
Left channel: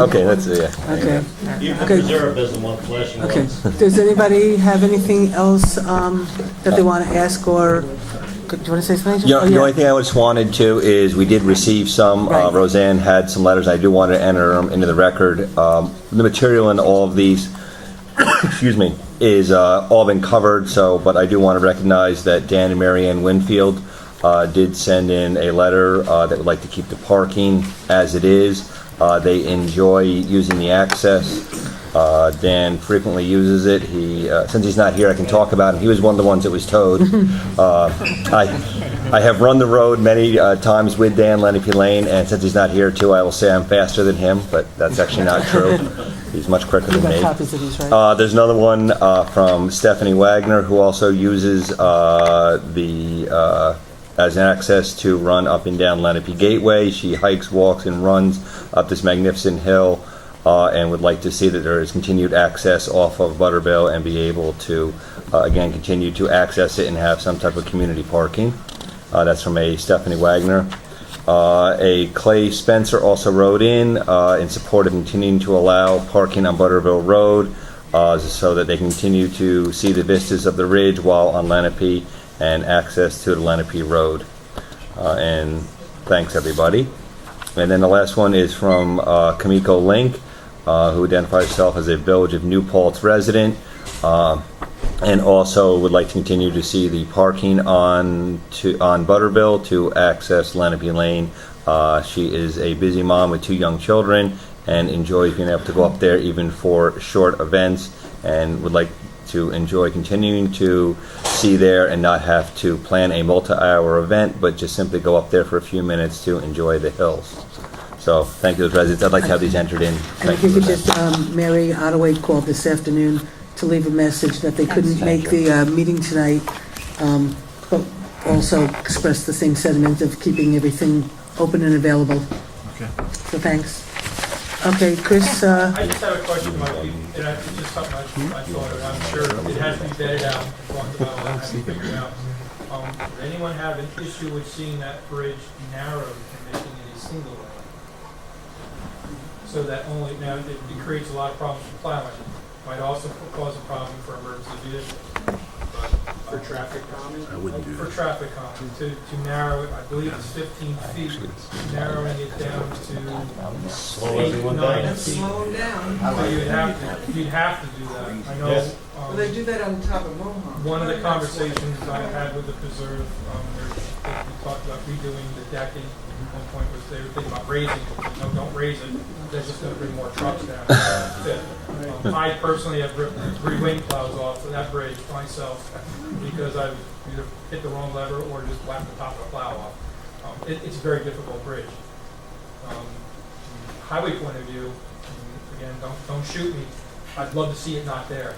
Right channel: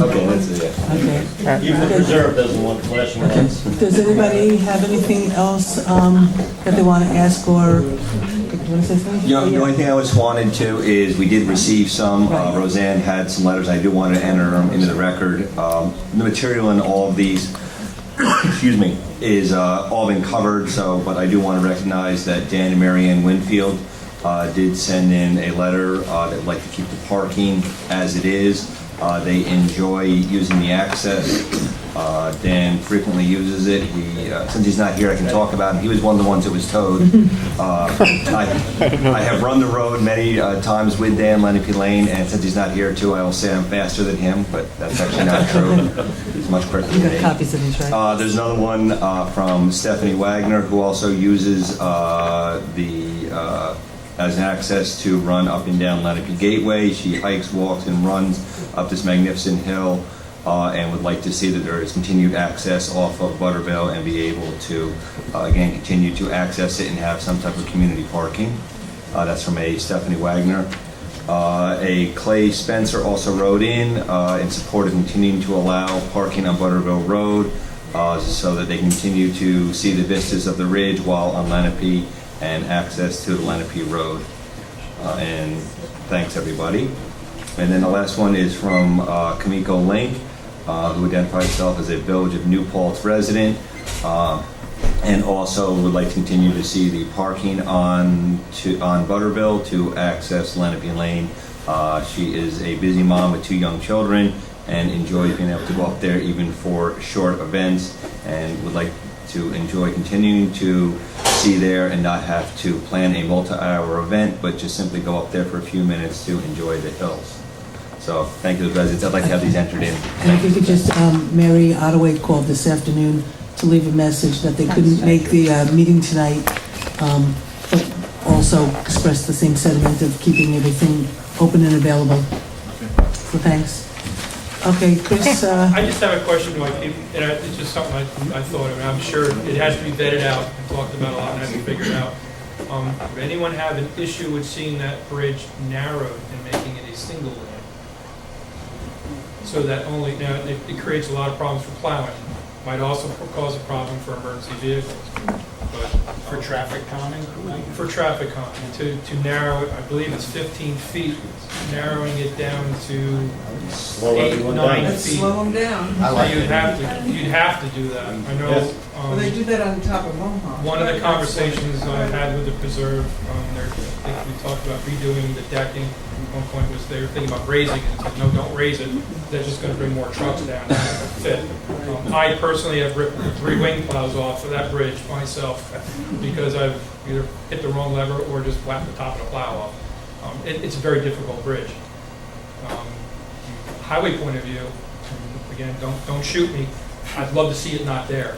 Okay, that's it. Okay. Even the preserve doesn't want flashing Okay. lights. Does anybody have anything else that they want to ask, or do you want to say something? Yeah, the only thing I just wanted to is we did receive some. Roseanne had some letters. I do want to enter them into the record. The material in all of these, excuse me, is all been covered. So, but I do want to recognize that Dan and Marianne Winfield did send in a letter that would like to keep the parking as it is. They enjoy using the access. Dan frequently uses it. Since he's not here, I can talk about it. He was one of the ones that was towed. I have run the road many times with Dan Lenape Lane, and since he's not here too, I will say I'm faster than him, but that's actually not true. He's much quicker You than me. got copies of these, right? There's another one from Stephanie Wagner, who also uses as an access to run up and down Lenape Gateway. She hikes, walks, and runs up this magnificent hill, and would like to see that there is continued access off of Butterville and be able to, again, continue to access it and have some type of community parking. That's from a Stephanie Wagner. A Clay Spencer also wrote in support of continuing to allow parking on Butterville Road so that they continue to see the vistas of the ridge while on Lenape and access to the Lenape Road. And thanks, everybody. And then the last one is from Kamiko Link, who identifies herself as a Village of New Paltz resident, and also would like to continue to see the parking on Butterville to access Lenape Lane. She is a busy mom with 2 young children and enjoys being able to go up there even for short events, and would like to enjoy continuing to see there and not have to plan a multi-hour event, but just simply go up there for a few minutes to enjoy the hills. So thank you to the residents. I'd like to have these entered in. And if you could just, Mary Ottaway called this afternoon to leave a message that they couldn't make the meeting tonight, but also express the same sentiment of keeping everything open and available. Okay. So thanks. Okay, Chris. I just have a question, Mike. It's just something I thought of. I'm sure it has to be vetted out, talked about a lot, and has to be figured out. Does anyone have an issue with seeing that bridge narrowed and making it a single lane? So that only, it creates a lot of problems for plowing. Might also cause a problem for emergency vehicles. But For traffic calming? for traffic calming, to narrow it, I believe it's 15 feet, narrowing it down to Slow 8, everyone 9 down. feet. Slow them down. You'd have to do that. I know. Yes. Well, they do that on top of Mohawk. One of the conversations I had with the preserve, we talked about redoing the decking. At one point was they were thinking about raising it. They said, no, don't raise it. They're just going to bring more trucks down. Fit. I personally have ripped 3 wing plows off of that bridge myself because I've either hit the wrong lever or just whacked the top of the plow off. It's a very difficult bridge. Highway point of view, again, don't shoot me. I'd love to see it not there.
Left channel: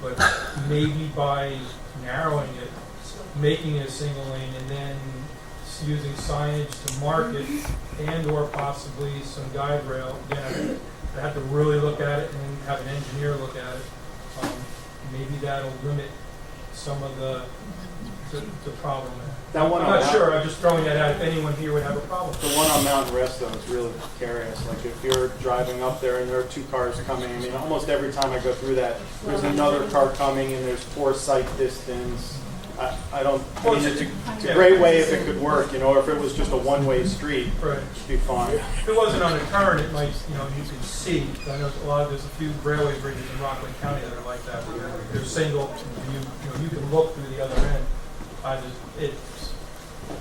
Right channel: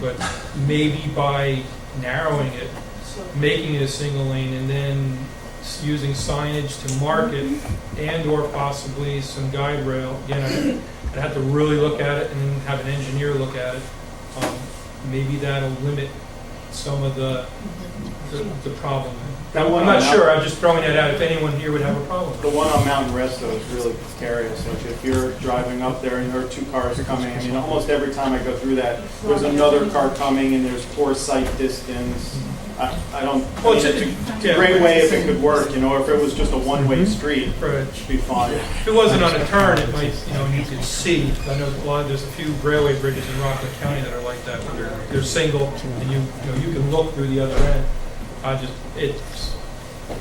But maybe by narrowing it, making it a single lane, and then using signage to mark it, and or possibly some guide rail. Again, I'd have to really look at it and then have an engineer look at it. Maybe that'll limit some of the problem. That one I'm not on sure, Mount- I'm just throwing that out, if anyone here would have a problem. The one on Mountain Rest, though, is really precarious. Like, if you're driving up there and there are two cars coming, I mean, almost every time I go through that, there's another car coming and there's poor sight distance. I don't, Well, it's it's a great way if it could work, you know, if it was just a one-way street, it'd be fine. If it wasn't on a turn, it might, you could see. I know there's a few railway bridges in Rockland County that are like that, where they're single, and you can look through the other end. It's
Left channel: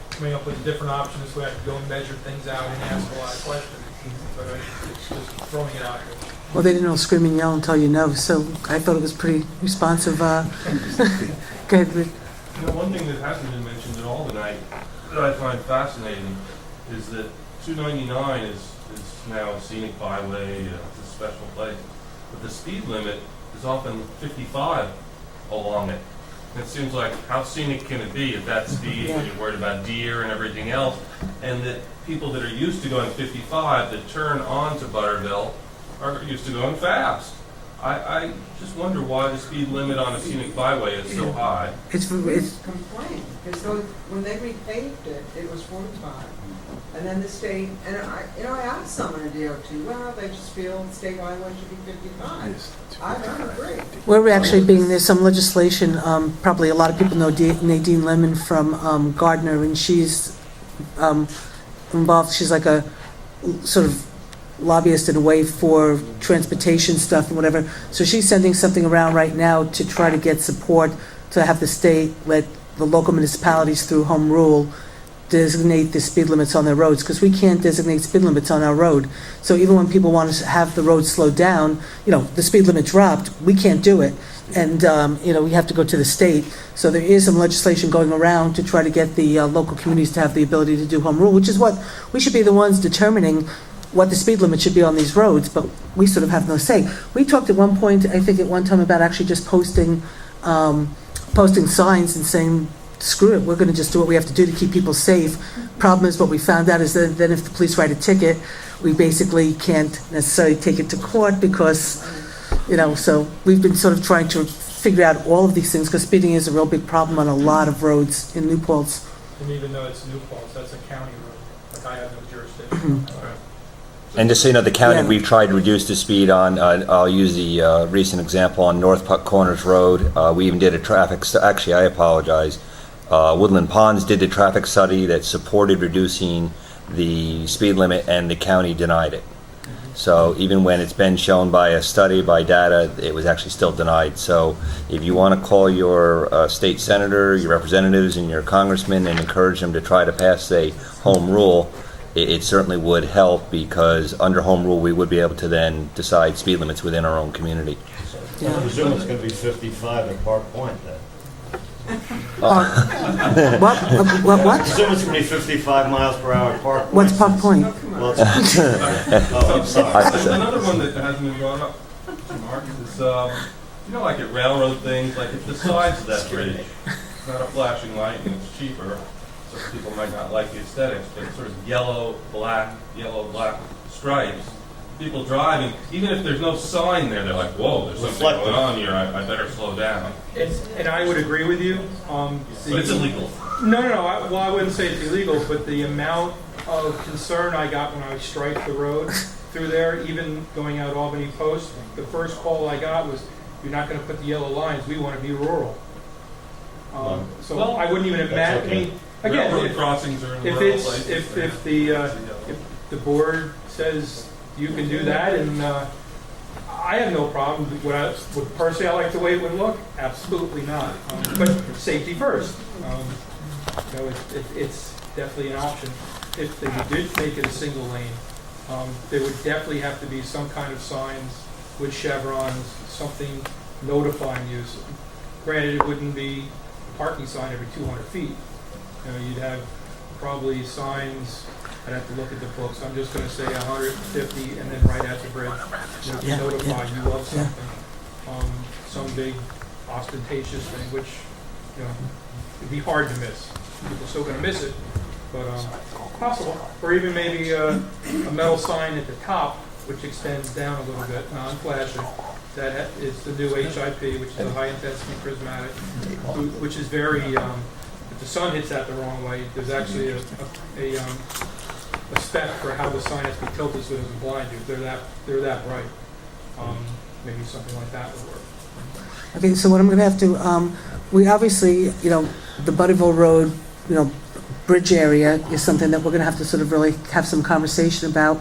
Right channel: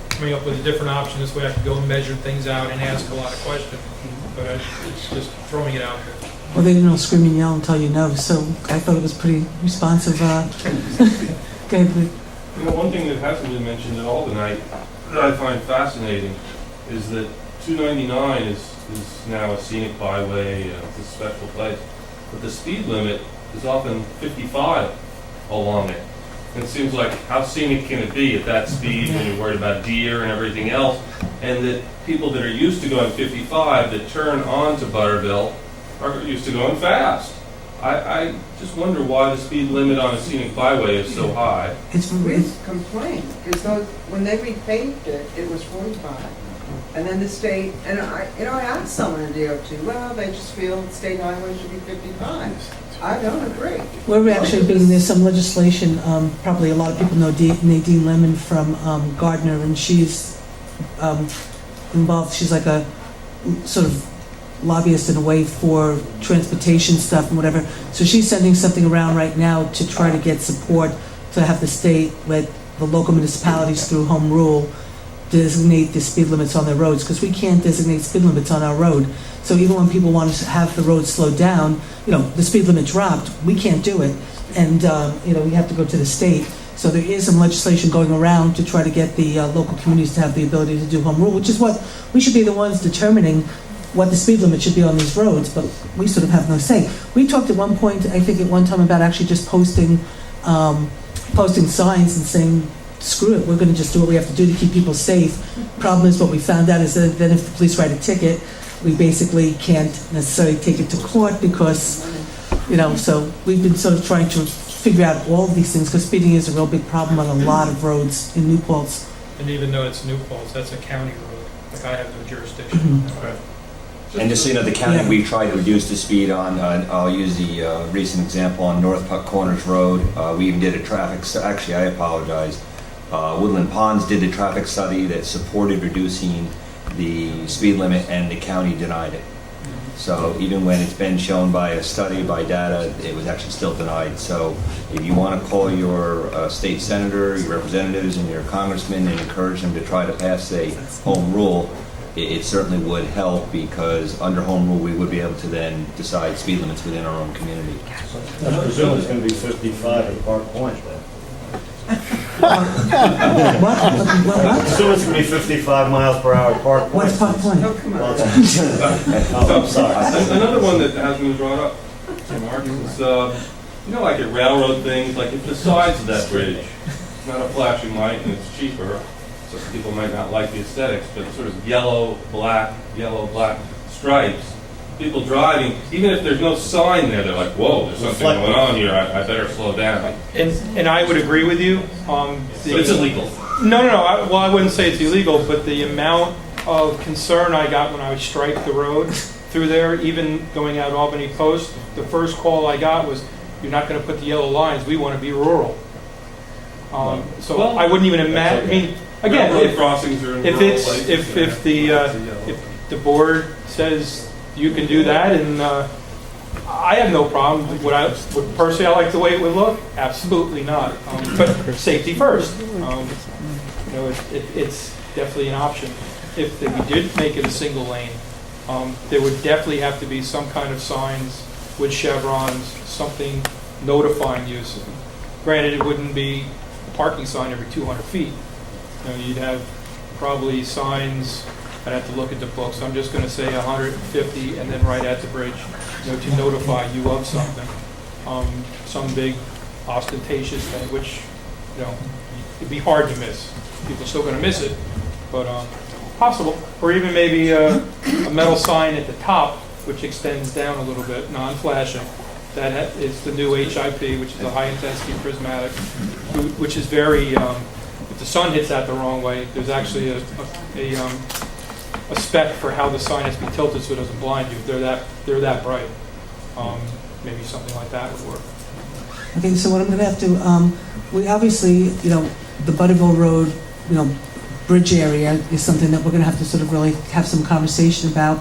coming up with a different option, this way I can go and measure things out and ask a lot of questions, but it's just throwing it out there. Well, they didn't all scream and yell and tell you no, so I thought it was pretty responsive. Okay, One thing that hasn't been mentioned at all tonight that I find fascinating is that 299 is now a scenic byway, it's a special place. But the speed limit is often 55 along it. And it seems like, how scenic can it be at that speed when you're worried about deer and everything else? And that people that are used to going 55 that turn onto Butterville are used to going fast. I just wonder why the speed limit on a scenic byway is so high. It's complained, because when they repaved it, it was 45. And then the state, and I asked someone in DOT, well, they just feel the state highway should be 55. I don't agree. We're actually there's some legislation, probably a lot of people know Nadine Lemon from Gardner, and she's involved, she's like a sort of lobbyist in a way for transportation stuff and whatever. So she's sending something around right now to try to get support to have the state let the local municipalities through home rule designate the speed limits on their roads, because we can't designate speed limits on our road. So even when people want to have the road slowed down, the speed limit dropped, we can't do it. And, we have to go to the state. So there is some legislation going around to try to get the local communities to have the ability to do home rule, which is what we should be the ones determining what the speed limit should be on these roads, but we sort of have no say. We talked at one point, I think at one time, about actually just posting signs and saying, screw it, we're going to just do what we have to do to keep people safe. Problem is, what we found out is that then if the police write a ticket, we basically can't necessarily take it to court because, so we've been sort of trying to figure out all of these things, because speeding is a real big problem on a lot of roads in New Paltz. And even though it's New Paltz, that's a county road, like I have no jurisdiction. And just so you know, the county, we tried to reduce the speed on, I'll use the recent example on North Puck Corners Road. We even did a actually, I apologize. Woodland Ponds did the traffic study that supported reducing the speed limit, and the county denied it. So even when it's been shown by a study, by data, it was actually still denied. So if you want to call your state senator, your representatives, and your congressman and encourage them to try to pass a home rule, it certainly would help, because under home rule we would be able to then decide speed limits within our own community. I presume it's going to be 55 at Park Point then. What? I presume it's going to be 55 miles per hour at Park Point. What's Park Point? Oh, I'm sorry. Another one that hasn't been brought up, Mark, is like at railroad things, like at the sides of that bridge, it's not a flashing light and it's cheaper, so people might not like the aesthetics, but sort of yellow, black stripes. People driving, even if there's no sign there, they're like, whoa, there's something going on here, I better slow down. And I would agree with you. But it's illegal. No. I wouldn't say it's illegal, but the amount of concern I got when I striped the road through there, even going out Albany Post, the first call I got was, you're not going to put the yellow lines, we want to be rural. So I wouldn't even imagine. Again, if the board says you can do that, and I have no problem. Personally, I like the way it would look. Absolutely not. But safety first. It's definitely an option. If we did make it a single lane, there would definitely have to be some kind of signs with chevrons, something notifying you. Granted, it wouldn't be a parking sign every 200 feet. You'd have probably signs. I'd have to look at the books. I'm just going to say 150, and then right at the bridge, to notify you of something. Some big ostentatious thing, which it'd be hard to miss. People are still going to miss it, but possible. Or even maybe a metal sign at the top, which extends down a little bit, non-flashing, that is the new HIP, which is a high-intensity prismatic, which is very, if the sun hits that the wrong way, there's actually a spec for how the sign has to be tilted so it doesn't blind you. If they're that bright. Maybe something like that would work. Okay, so what I'm going to have to, we obviously, the Butterville Road, bridge area is something that we're going to have to sort of really have some conversation about,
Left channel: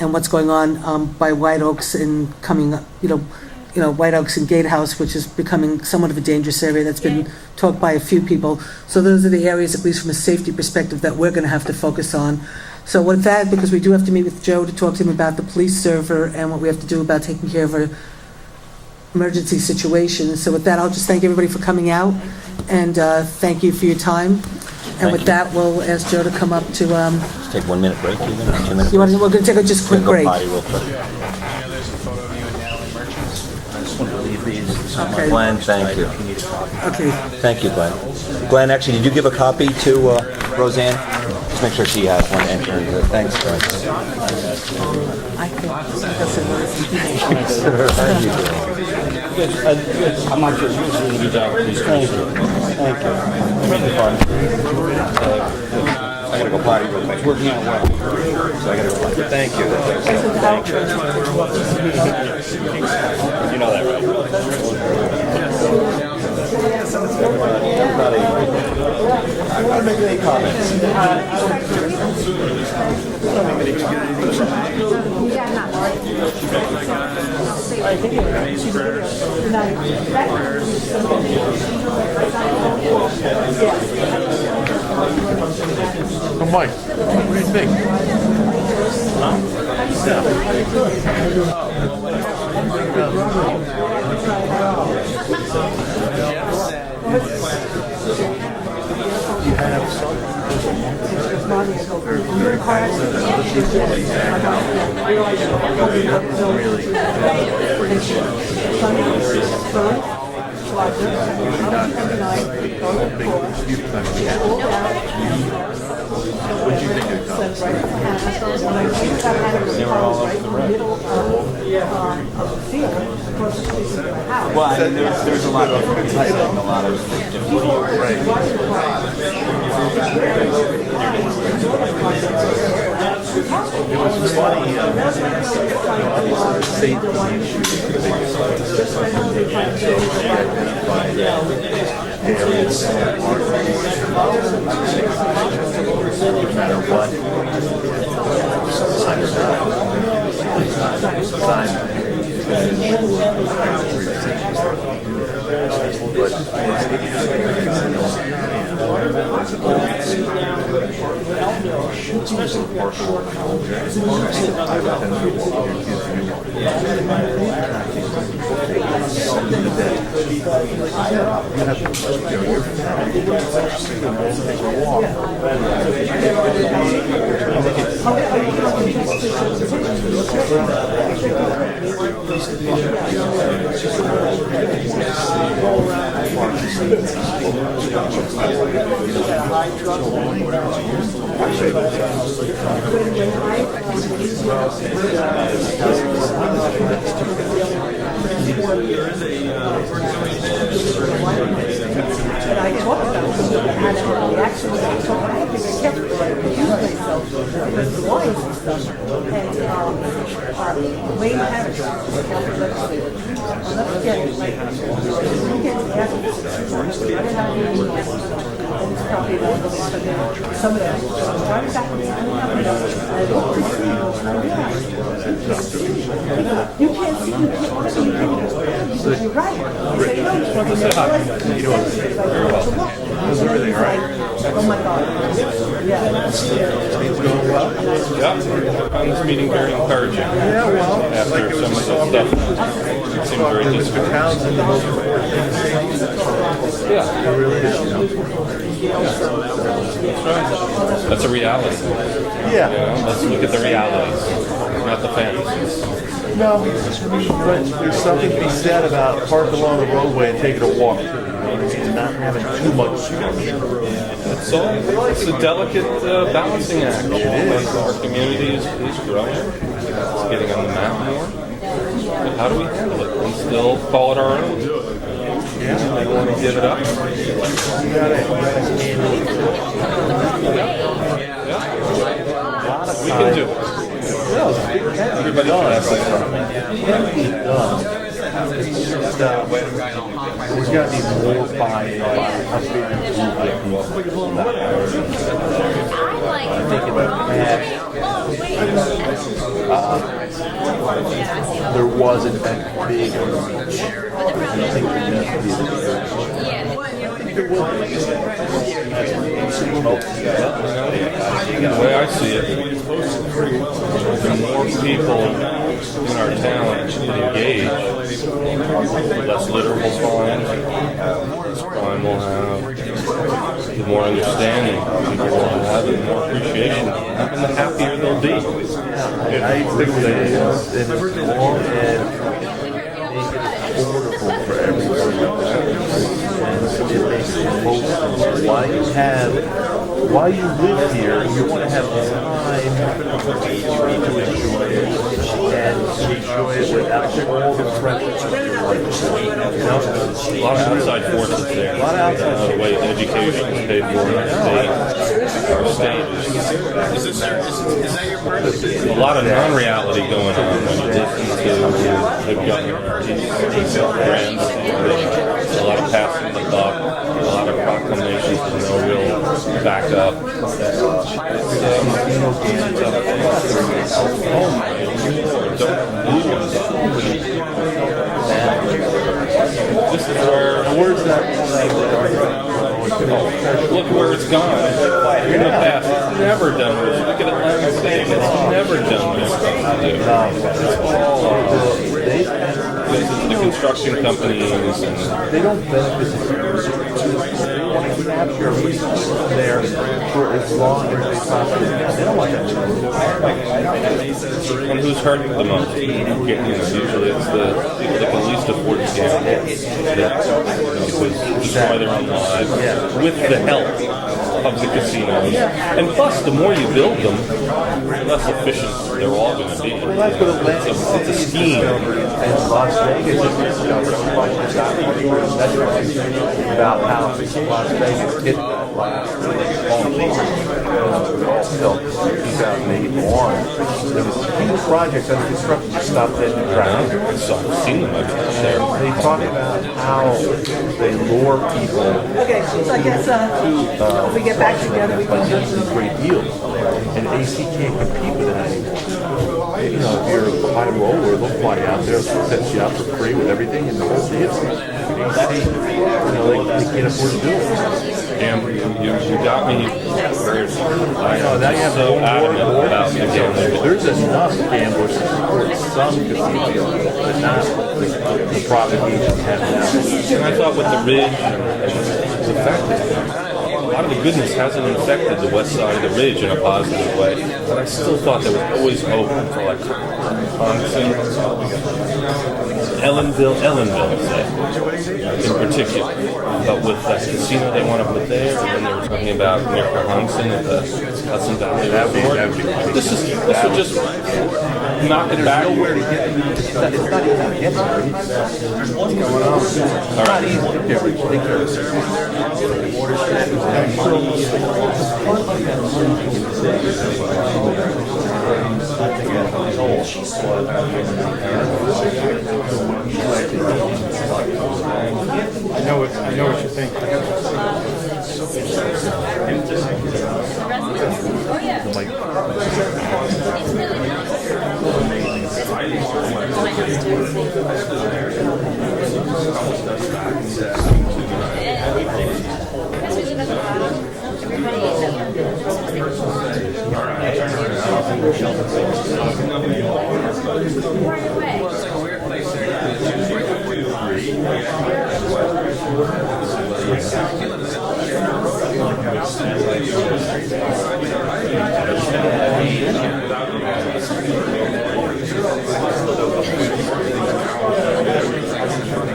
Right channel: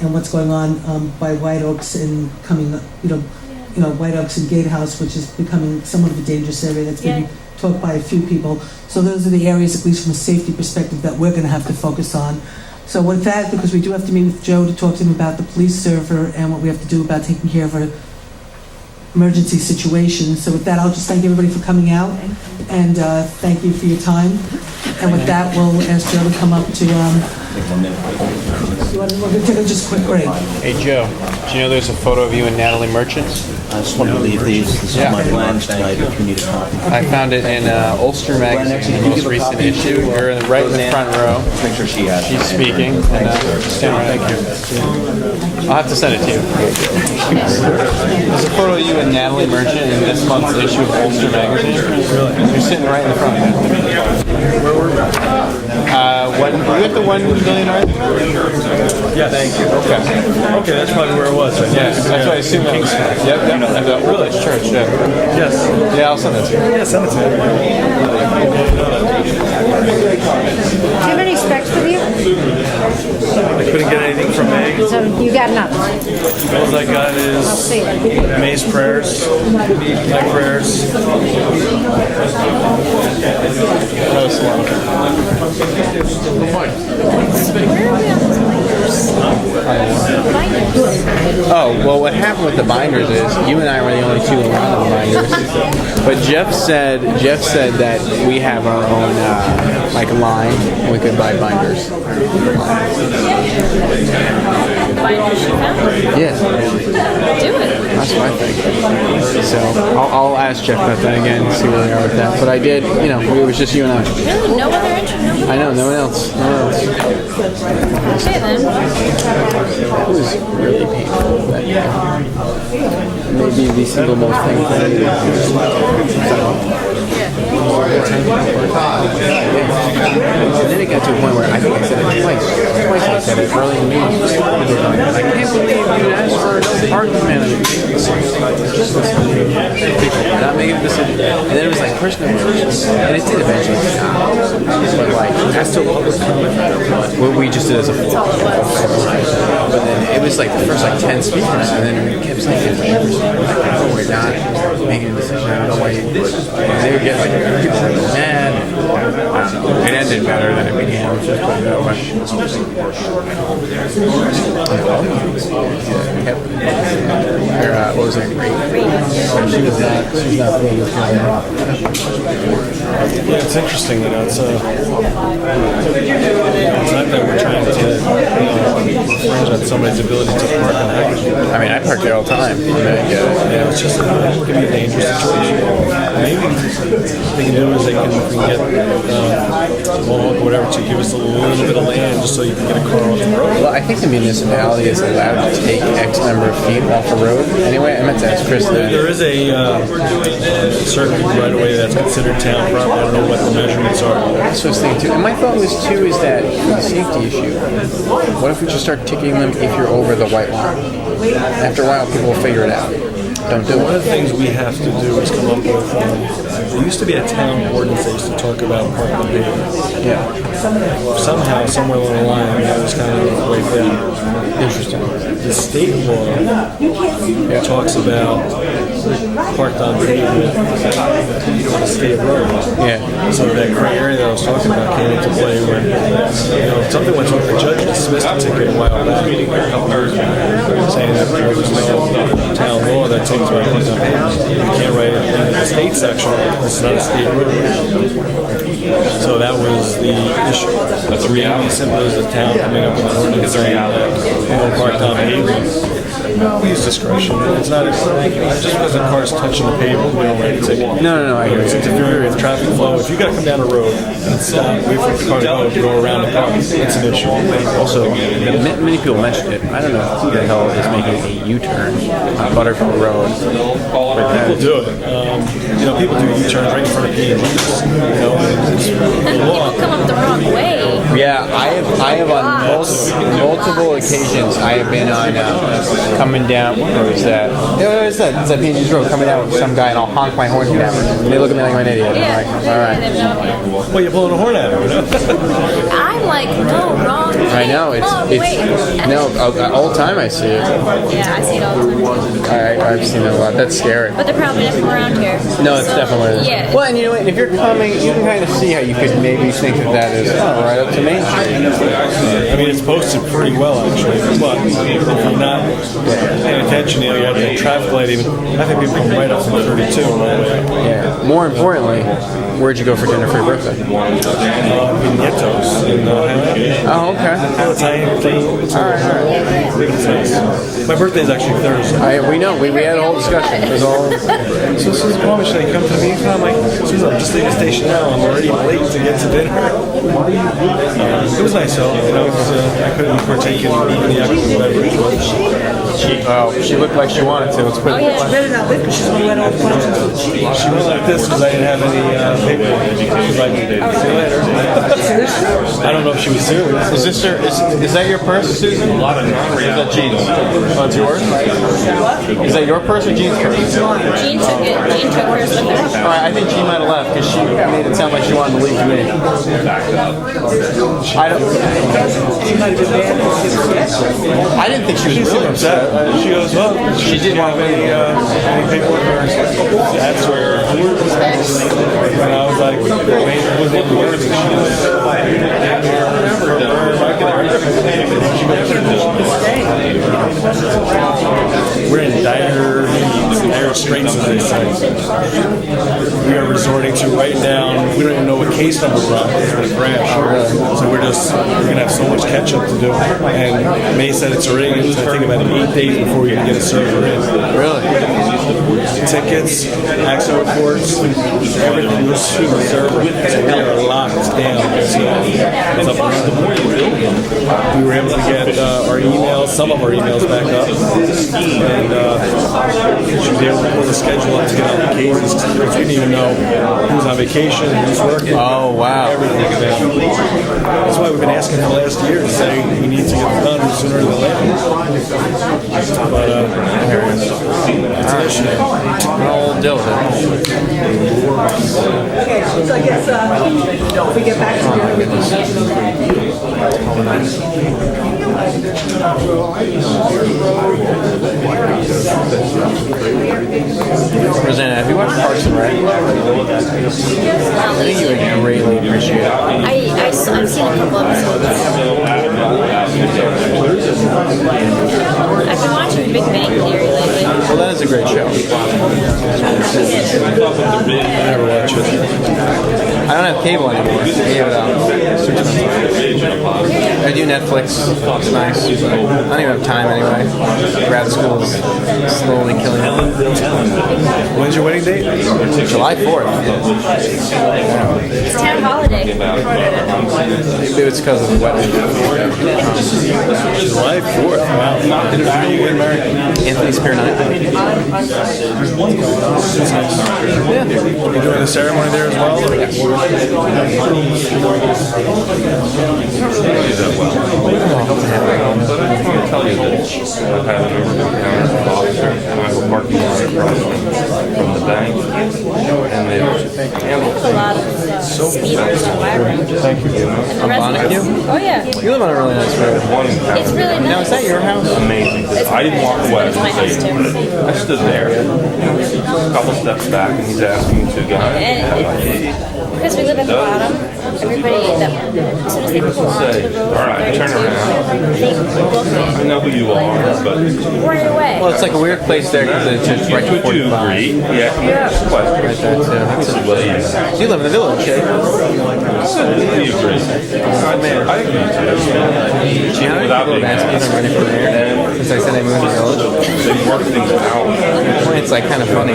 and what's going on by White Oaks and coming, White Oaks and Gatehouse, which is becoming somewhat of a dangerous area that's been talked by a few people. So those are the areas, at least from a safety perspective, that we're going to have to focus on. So with that, because we do have to meet with Joe to talk to him about the police server and what we have to do about taking care of our emergency situation. So with that, I'll just thank everybody for coming out, and thank you for your time. And with that, we'll ask Joe to come up to... Take 1 minute break. 2 minutes. We're going to take a just quick break. Hey Joe, do you know there's a photo of you and Natalie Merchant? I just want to leave these. Yeah. Glenn, thank you. I found it in Ulster magazine. Glenn, actually, did you give a copy to We're right in the front row. Just make sure she has She's speaking. Thanks. Thank you. I'll have to send it to you. There's a photo of you and Natalie Merchant in this month's issue of Ulster magazine. You're sitting right in the front. We got the 1 million art? Yeah, thank you. Okay, that's probably where it was. Yeah, that's what I assumed. Yep. Really? Church, yeah. Yes. Yeah, I'll send it to you. Yeah, send it to me. Do you have any specs with you? I couldn't get anything from May. So you got nothing? All I got is May's prayers, my prayers. Oh, well, what happened with the binders is you and I were the only two around the binders. But Jeff said that we have our own line. We could buy binders. Yeah. That's what I think. So I'll ask Jeff about that again and see where they are with that. But I did, it was just you and I. No other interview? I know, no one else. Okay then. Maybe the single most thing. And then it got to a point where I think I said it twice. I said it early in the meeting. I can't believe you asked for parking management. And I'm making a decision. And then it was like personal issues. And it did eventually. But like, that's still what we just did as a full. But then it was like the first 10 speakers, and then it kept saying, we're not making a decision. And they would get like, man, it ended better than it began. What was it? It's interesting, it's we're trying to on somebody's ability to park. I mean, I park there all the time. It's just it can be a dangerous situation. Maybe what they can do is they can get whatever to give us a little bit of land just so you can get a car off the road. Well, I think the municipality is allowed to take X number of feet off the road. Anyway, I meant to ask Chris that. There is a certain right away that's considered town property. I don't know what the measurements are. That's what I was thinking too. And my thought was too is that a safety issue. What if we just start ticking them if you're over the white line? After a while, people will figure it out. Don't do it. One of the things we have to do is come up with, there used to be a town ordinance that used to talk about parking pavements. Yeah. Somehow, somewhere along the line, that was kind of interesting. The state law talks about parked on pavement, the state road. Yeah. So that area that I was talking about came into play when, something went through the judge dismissed a ticket a while back, saying that there was no town law that takes care of it. You can't write it in the state section, it's not a state road. So that was the issue. That's the reality. Simply as a town coming up with a reality. Parked on pavement. No, we use discretion. It's not, just because the car's touching the pavement, we don't take a walk. No, I hear It's you. interfering with traffic flow. If you gotta come down the road, it's, if the car's going to go around the car, it's an issue. Also, many people mentioned it. I don't know who the hell is making a U-turn on Butterfield Road. People do it. People do U-turns right in front of P&G's. Come up the wrong way. Yeah, I have on multiple occasions. I have been on coming down. What is that? Yeah, it's that P&G's Road coming down with some guy, and I'll honk my horn. They look at me like I'm an idiot. I'm like, all right. Well, you're blowing a horn at him. I'm like, no, wrong way. I know it's all the time I see it. Yeah, I see it all the time. I've seen it a lot. That's scary. But they're probably not from around here. No, it's definitely. Yeah. Well, and you know what? If you're coming, you can kind of see how you could maybe think that is right up to Main Street. I see it. I mean, it's posted pretty well, actually. But if you're not paying attention, you have the traffic light even. I think people come right up to 32. Yeah. More importantly, where'd you go for dinner for your birthday? We can get to us. Oh, okay. All right. My birthday's actually Thursday. We know. We had a whole discussion. It was all. So this is why should I come to me? I'm like, geez, I'm just leaving the station now. I'm already late to get to dinner. Why are you leaving here? It was nice out, because I couldn't partake in the actual whatever. She looked like she wanted to. Let's put it. She's really not with me. She's going to let all the questions to the chief. She was like this because I didn't have any paperwork. She was like, I don't know if she was serious. Is that your purse? A lot of laundry. Is that jeans? That's yours? Is that your purse or Jean's purse? Jean took it. Jean took hers with her. All right, I think Jean might have left because she made it sound like she wanted to leave me. I didn't think she was really upset. She goes, oh, she didn't want to leave. That's where and I was like, we're in dire straits. We are resorting to right now. We don't even know what case number we're on for the crash. So we're gonna have so much catch up to do. And May said it's already going to take about 8 days before we can get a surgery. Really? Tickets, access reports, they're locked down. The more you build them, we were able to get our emails, some of our emails back up, and we should be able to put a schedule up to get cases. We didn't even know who's on vacation, who's working. Oh, wow. That's why we've been asking the last year to say we need to get it done sooner than later. Okay, so I guess if we get back together, we can. Rosanna, have you watched Paltz, right? I think you would greatly appreciate it. I've seen a couple episodes. I've been watching Big Bang Theory lately. Well, that is a great show. I don't have cable anymore. I do Netflix. It's nice. I don't even have time anyway. Grad school is slowly killing me. When's your wedding date? July 4th. It's town holiday. Maybe it's because of the wedding. This is July 4th. Wow. Anthony's parent. There's one going on. Are you doing the ceremony there as well? A lot of speakers on my road. Thank you. On Bonnecue? Oh, yeah. You live on a really nice road. It's really nice. Now, is that your house? Amazing. I didn't walk away. It's my house, too. I stood there, a couple steps back, and he's asking to go. Because we live at the bottom, everybody that as soon as they pull onto the road, All right, turn around. I know who you are, but right away. Well, it's like a weird place there because it's just right before the line. yeah, quite. that too. You live in the village, eh? Oh man. Gianna, I'm ready for there. Because I said I moved to the village. It's like kind of funny.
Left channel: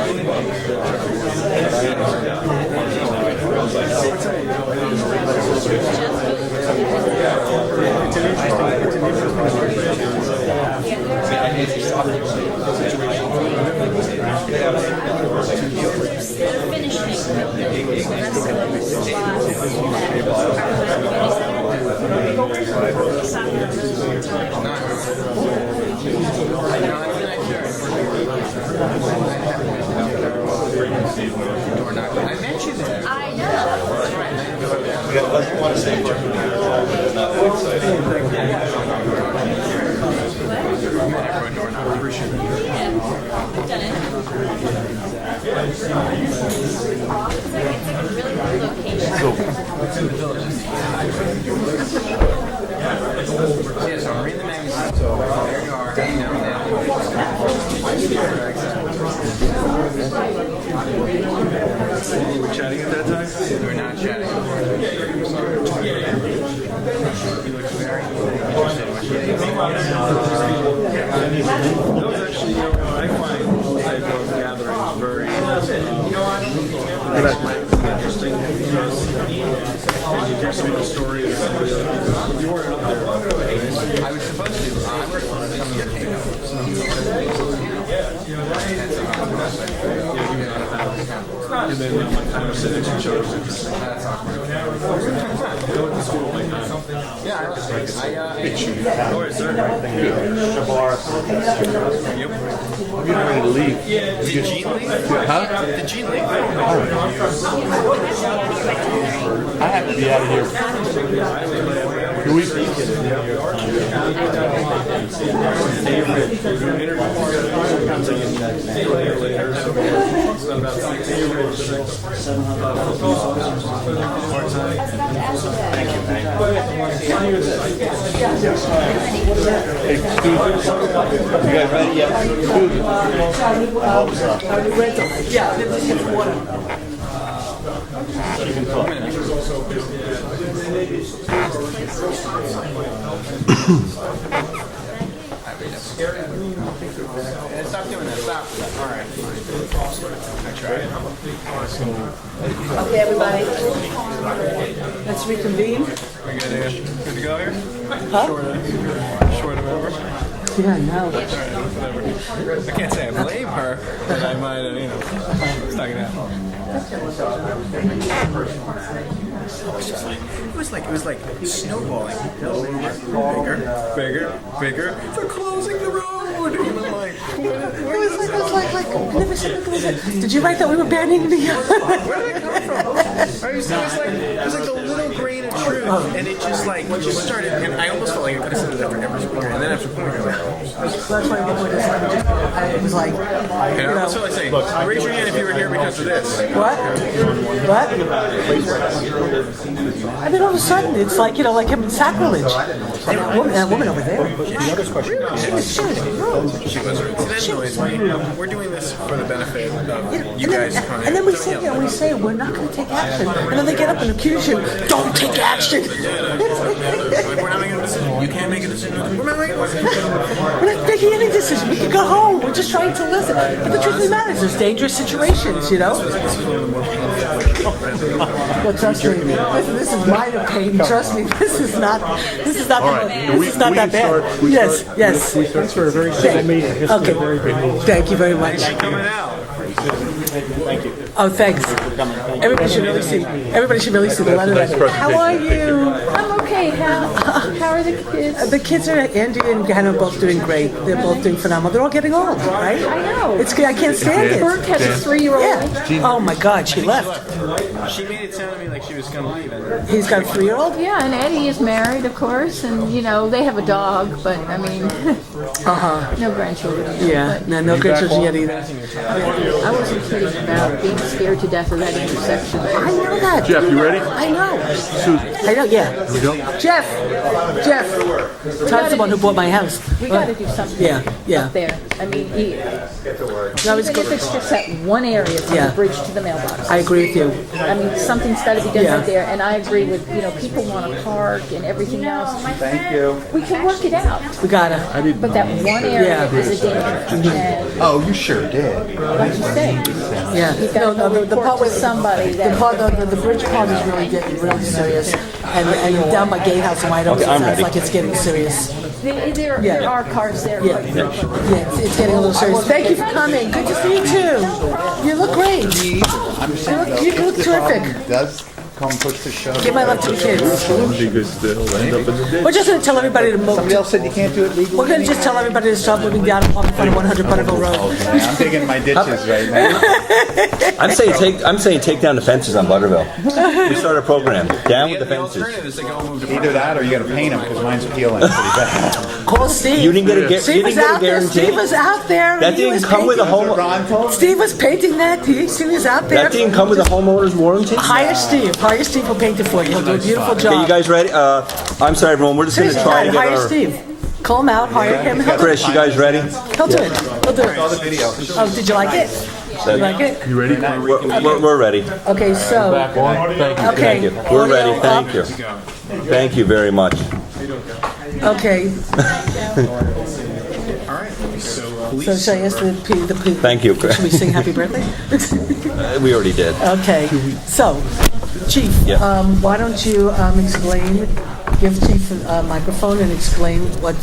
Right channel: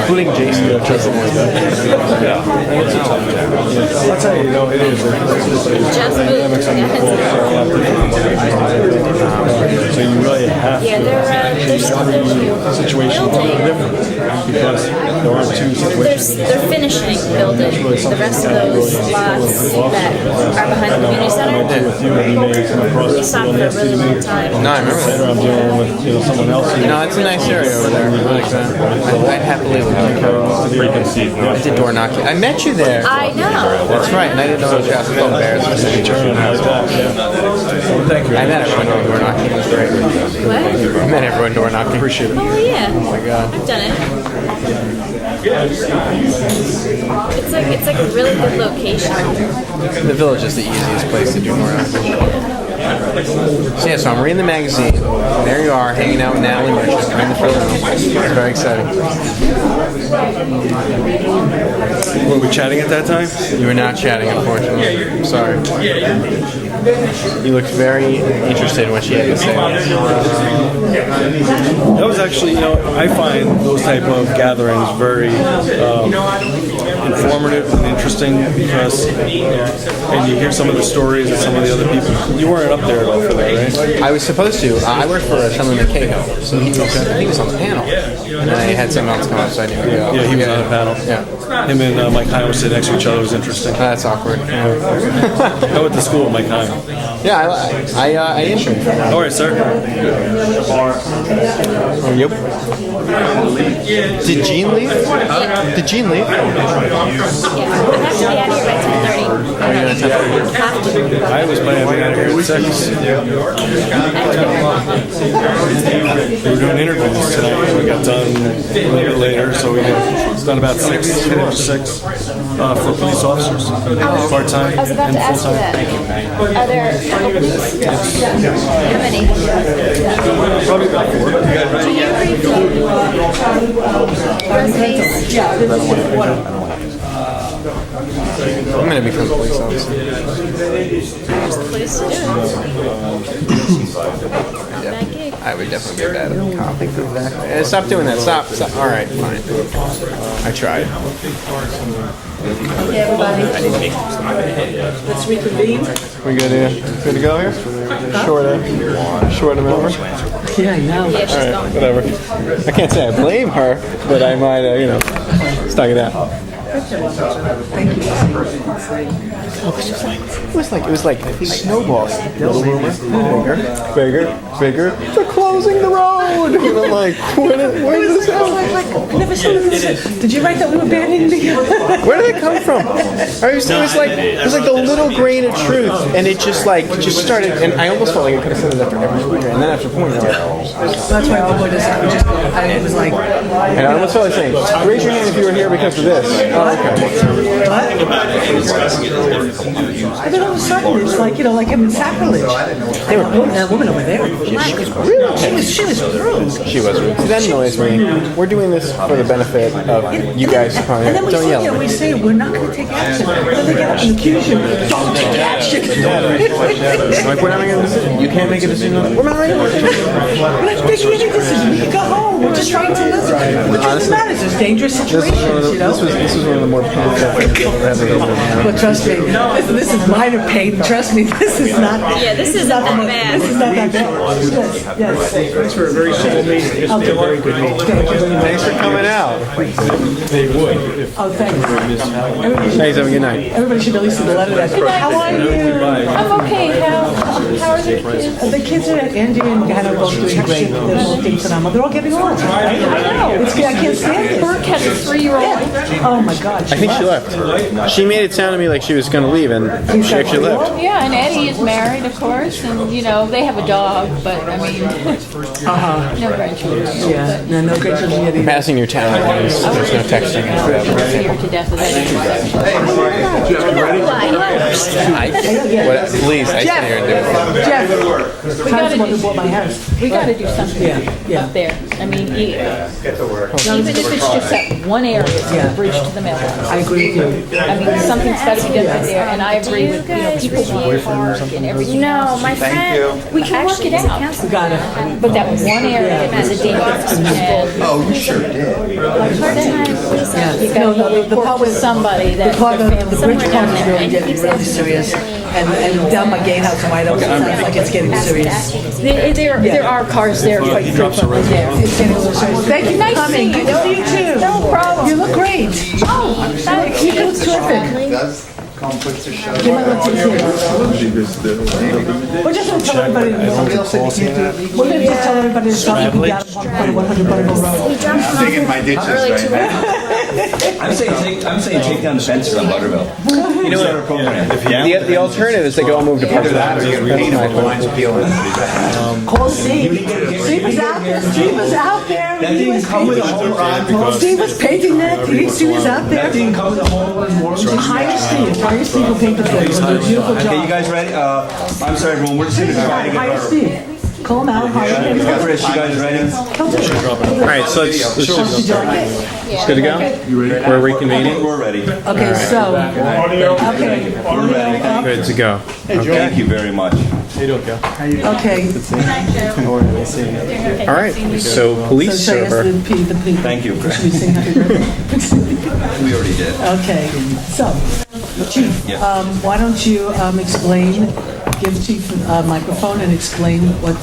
Including Jason. They're finishing building the rest of those lots that are behind the community center. We stopped for a really long time. No, I remember that. No, it's a nice area over there. I like that. I'd happily live there. I did door knocking. I met you there. I know. That's right, and I didn't know it was Jasper Bears. I met everyone door knocking. It was great. What? I met everyone door knocking. Appreciate it. Oh yeah. Oh my god. I've done it. It's like a really good location. The village is the easiest place to do door knocking. So yeah, so I'm reading the magazine. There you are, hanging out with Natalie Merchant, right in the front room. Very exciting. Were we chatting at that time? You were not chatting, unfortunately. I'm sorry. You looked very interested in what she had to say. That was actually, I find those type of gatherings very informative and interesting because, and you hear some of the stories of some of the other people. You weren't up there for that, right? I was supposed to. I worked for Sean McCahill, so he was on the panel. And then I had someone else come up, so I knew. Yeah, he was on the panel. Yeah. Him and Mike Heim were sitting next to each other. It was interesting. That's awkward. I went to school with Mike Heim. Yeah, I interned. All right, sir. Yep. Did Gene leave? Did Gene leave? Yeah, I have to be out here by 10:30. I was planning on being out here at 6. We were doing interviews tonight. We got done a little bit later, so we got done about 6 for police officers. Part-time I was about and to ask you full-time. that. Are there a couple police? How many? Probably about 4. You guys ready yet? I'm going to become a police officer. Here's the place to do I would definitely be bad at copying. Stop doing that. Stop. All right, fine. I tried. Okay, everybody. Let's reconvene. We good here? Good to go here? Short amount. Yeah, I know. All right, whatever. I can't say I blame her, but I might, stuck it out. Thank you. It was like snowballs. Bigger. They're closing the road. You were like, where is this? I never saw this. Did you write that we were banding together? Where did it come from? It was like the little grain of truth, and it just started. And I almost felt like I could have said it after every point, and then after a point, I That's why the boy just it was like. and I almost felt like saying, "Raise your hand if you were here because of this." What? And then all of a sudden, it's like, like him in sacrilege. That woman over there. She was rude. She was rude. She was rude. That annoys me. We're doing this for the benefit of you guys. And then Don't yell. we say we're not going to take action. And then they get up and accuse you. Don't take action. Like, we're not making a decision. You can't make a decision. We're not making a decision. We're not making any decision. We can go home. We're just trying to listen. The truth is not, it's just dangerous situations, you know? This was one of the more painful things I've ever done. Well, trust me, this is minor pain. Trust me, this is not. Yeah, this is not that bad. This is not that bad. Yes. Thanks for a very simple meeting. Okay. Thank you very much. Thanks for coming out. They would. Oh, thanks. Everybody should really see. Everybody should really see the letter. How are you? I'm okay. How are the kids? The kids are like Andy and Hannah both doing great. They're both doing phenomenal. They're all getting on, right? It's good. I can't stand it. Burke has a 3-year-old. Yeah. Oh my God, I think she left. She made it sound to me like she was going to leave, and she actually left. Yeah, and Eddie is married, of course, and they have a dog, but I mean, no grandchildren. Yeah, no grandchildren I'm passing your town. There's no texting. Feared to death of that intersection. Jeff, you ready? Please, I Jeff. stay here and do it. Jeff. Todd's the one who bought my house. We gotta do something Yeah. up there. I mean, Get to work. even if it's just that one area from Yeah. the bridge to the mailbox. I agree with you. I mean, something's got to get Yeah. up there, and I agree with, people want to park and everything. No, my friend. We can work it out. You got it. But that was one area Yeah. that was a dangerous. Oh, you sure did. Yeah. No, the part with somebody that the part their with family the bridge would part have is really getting really serious. And down by Gatehouse and White Oaks, it sounds like it's getting serious. There are cars there. Well, thank you for coming. You too. No problem. You look great. Oh, thanks. You look terrific. Does come put the show. Give my love to the kids. We're just going to tell everybody to move. We're going to just tell everybody to stop moving down on 100 Butterville Road. I'm digging my ditches right now. I'm saying take down the fences on Butterville. You start a program. The alternative is they go and move to Either that or you gotta paint them with lines peeling. Call Steve. You didn't get a Steve was out there. Steve was out there. That didn't come with a homeowner. Steve was painting that. Steve was out there. That didn't come with a homeowner's warranty. Hire Steve. Hire Steve will paint it for you. He'll do a beautiful Okay, job. you guys ready? I'm sorry, everyone. We're just going to try to get Hire our... Steve. Call him out. Hire him. Chris, you guys ready? He'll do it. He'll do it. All right, so let's Oh, did you like it? good to go. Like it? You ready? We're reconvening. We're ready. Okay, so. Okay. We're ready. Thank Good to you. go. Thank you very much. Okay. All right. So police So I guess server. Thank you. Should we sing happy birthday? We already did. Okay, so, Chief, Yep. why don't you explain, give Chief a microphone and explain what,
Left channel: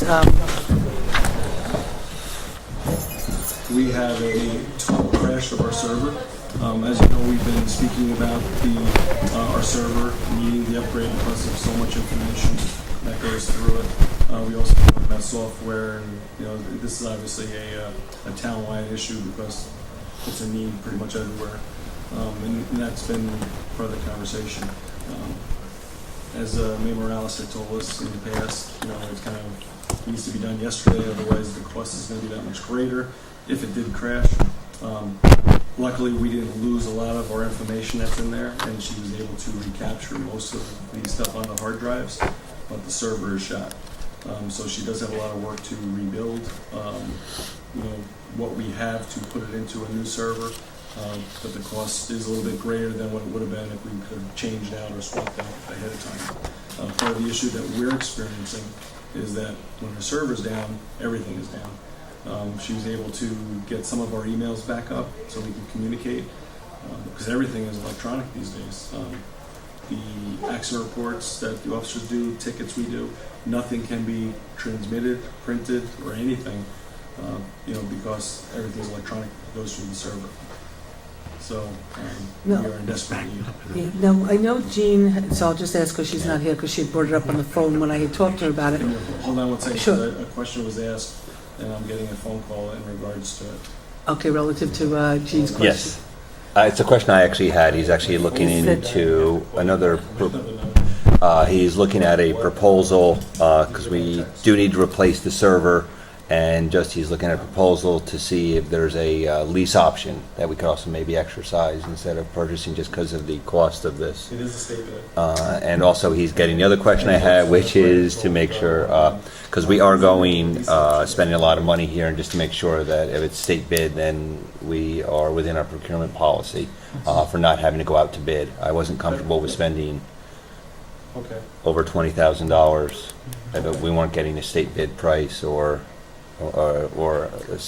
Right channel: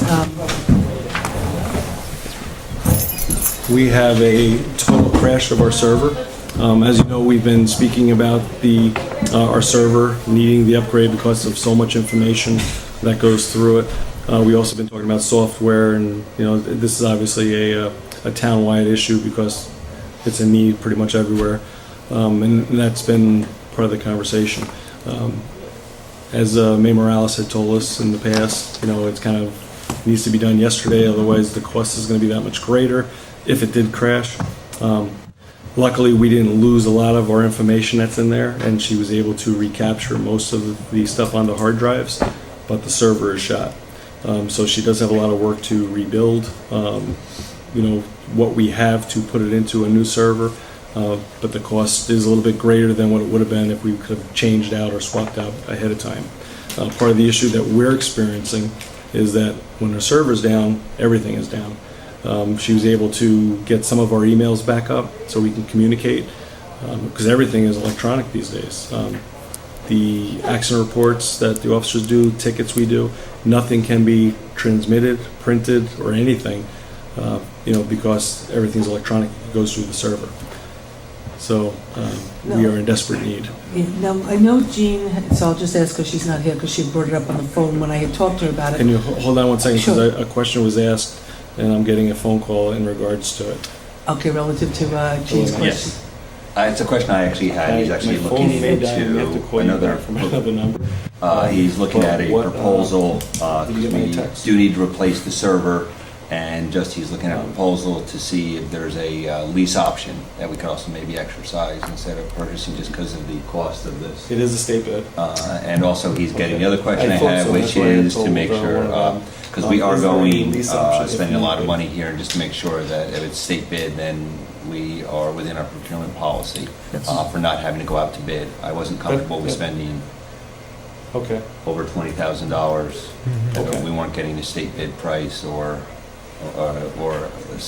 We have a total crash of our server. As you know, we've been speaking about our server needing the upgrade because of so much information that goes through it. We also been talking about software, and this is obviously a town-wide issue because it's a need pretty much everywhere, and that's been part of the conversation. As May Morales had told us in the past, it's kind of needs to be done yesterday, otherwise the cost is going to be that much greater if it did crash. Luckily, we didn't lose a lot of our information that's in there, and she was able to recapture most of the stuff onto hard drives, but the server is shot. So she does have a lot of work to rebuild, what we have to put it into a new server, but the cost is a little bit greater than what it would have been if we could have changed out or swapped out ahead of time. Part of the issue that we're experiencing is that when her server's down, everything is down. She was able to get some of our emails back up so we can communicate, because everything is electronic these days. The accident reports that the officers do, tickets we do, nothing can be transmitted, printed, or anything, because everything's electronic, it goes through the server. So we are in desperate need. now, I know Jean, so I'll just ask her, she's not here because she brought it up on the phone when I had talked to her about it. Can you hold on one second, because Sure. a question was asked, and I'm getting a phone call in regards to it. Okay, relative to Jean's question. Yes. It's a question I actually had. He's actually looking into another, he's looking at a proposal, because we do need to replace the server, and he's looking at a proposal to see if there's a lease option that we could also maybe exercise instead of purchasing, just because of the cost of this. It is a state bid. And also, he's getting the other question I have, which is to make sure, because we are going, spending a lot of money here, and just to make sure that if it's state bid, then we are within our procurement policy for not having to go out to bid. I wasn't comfortable with spending over $20,000. We weren't getting the state bid price, or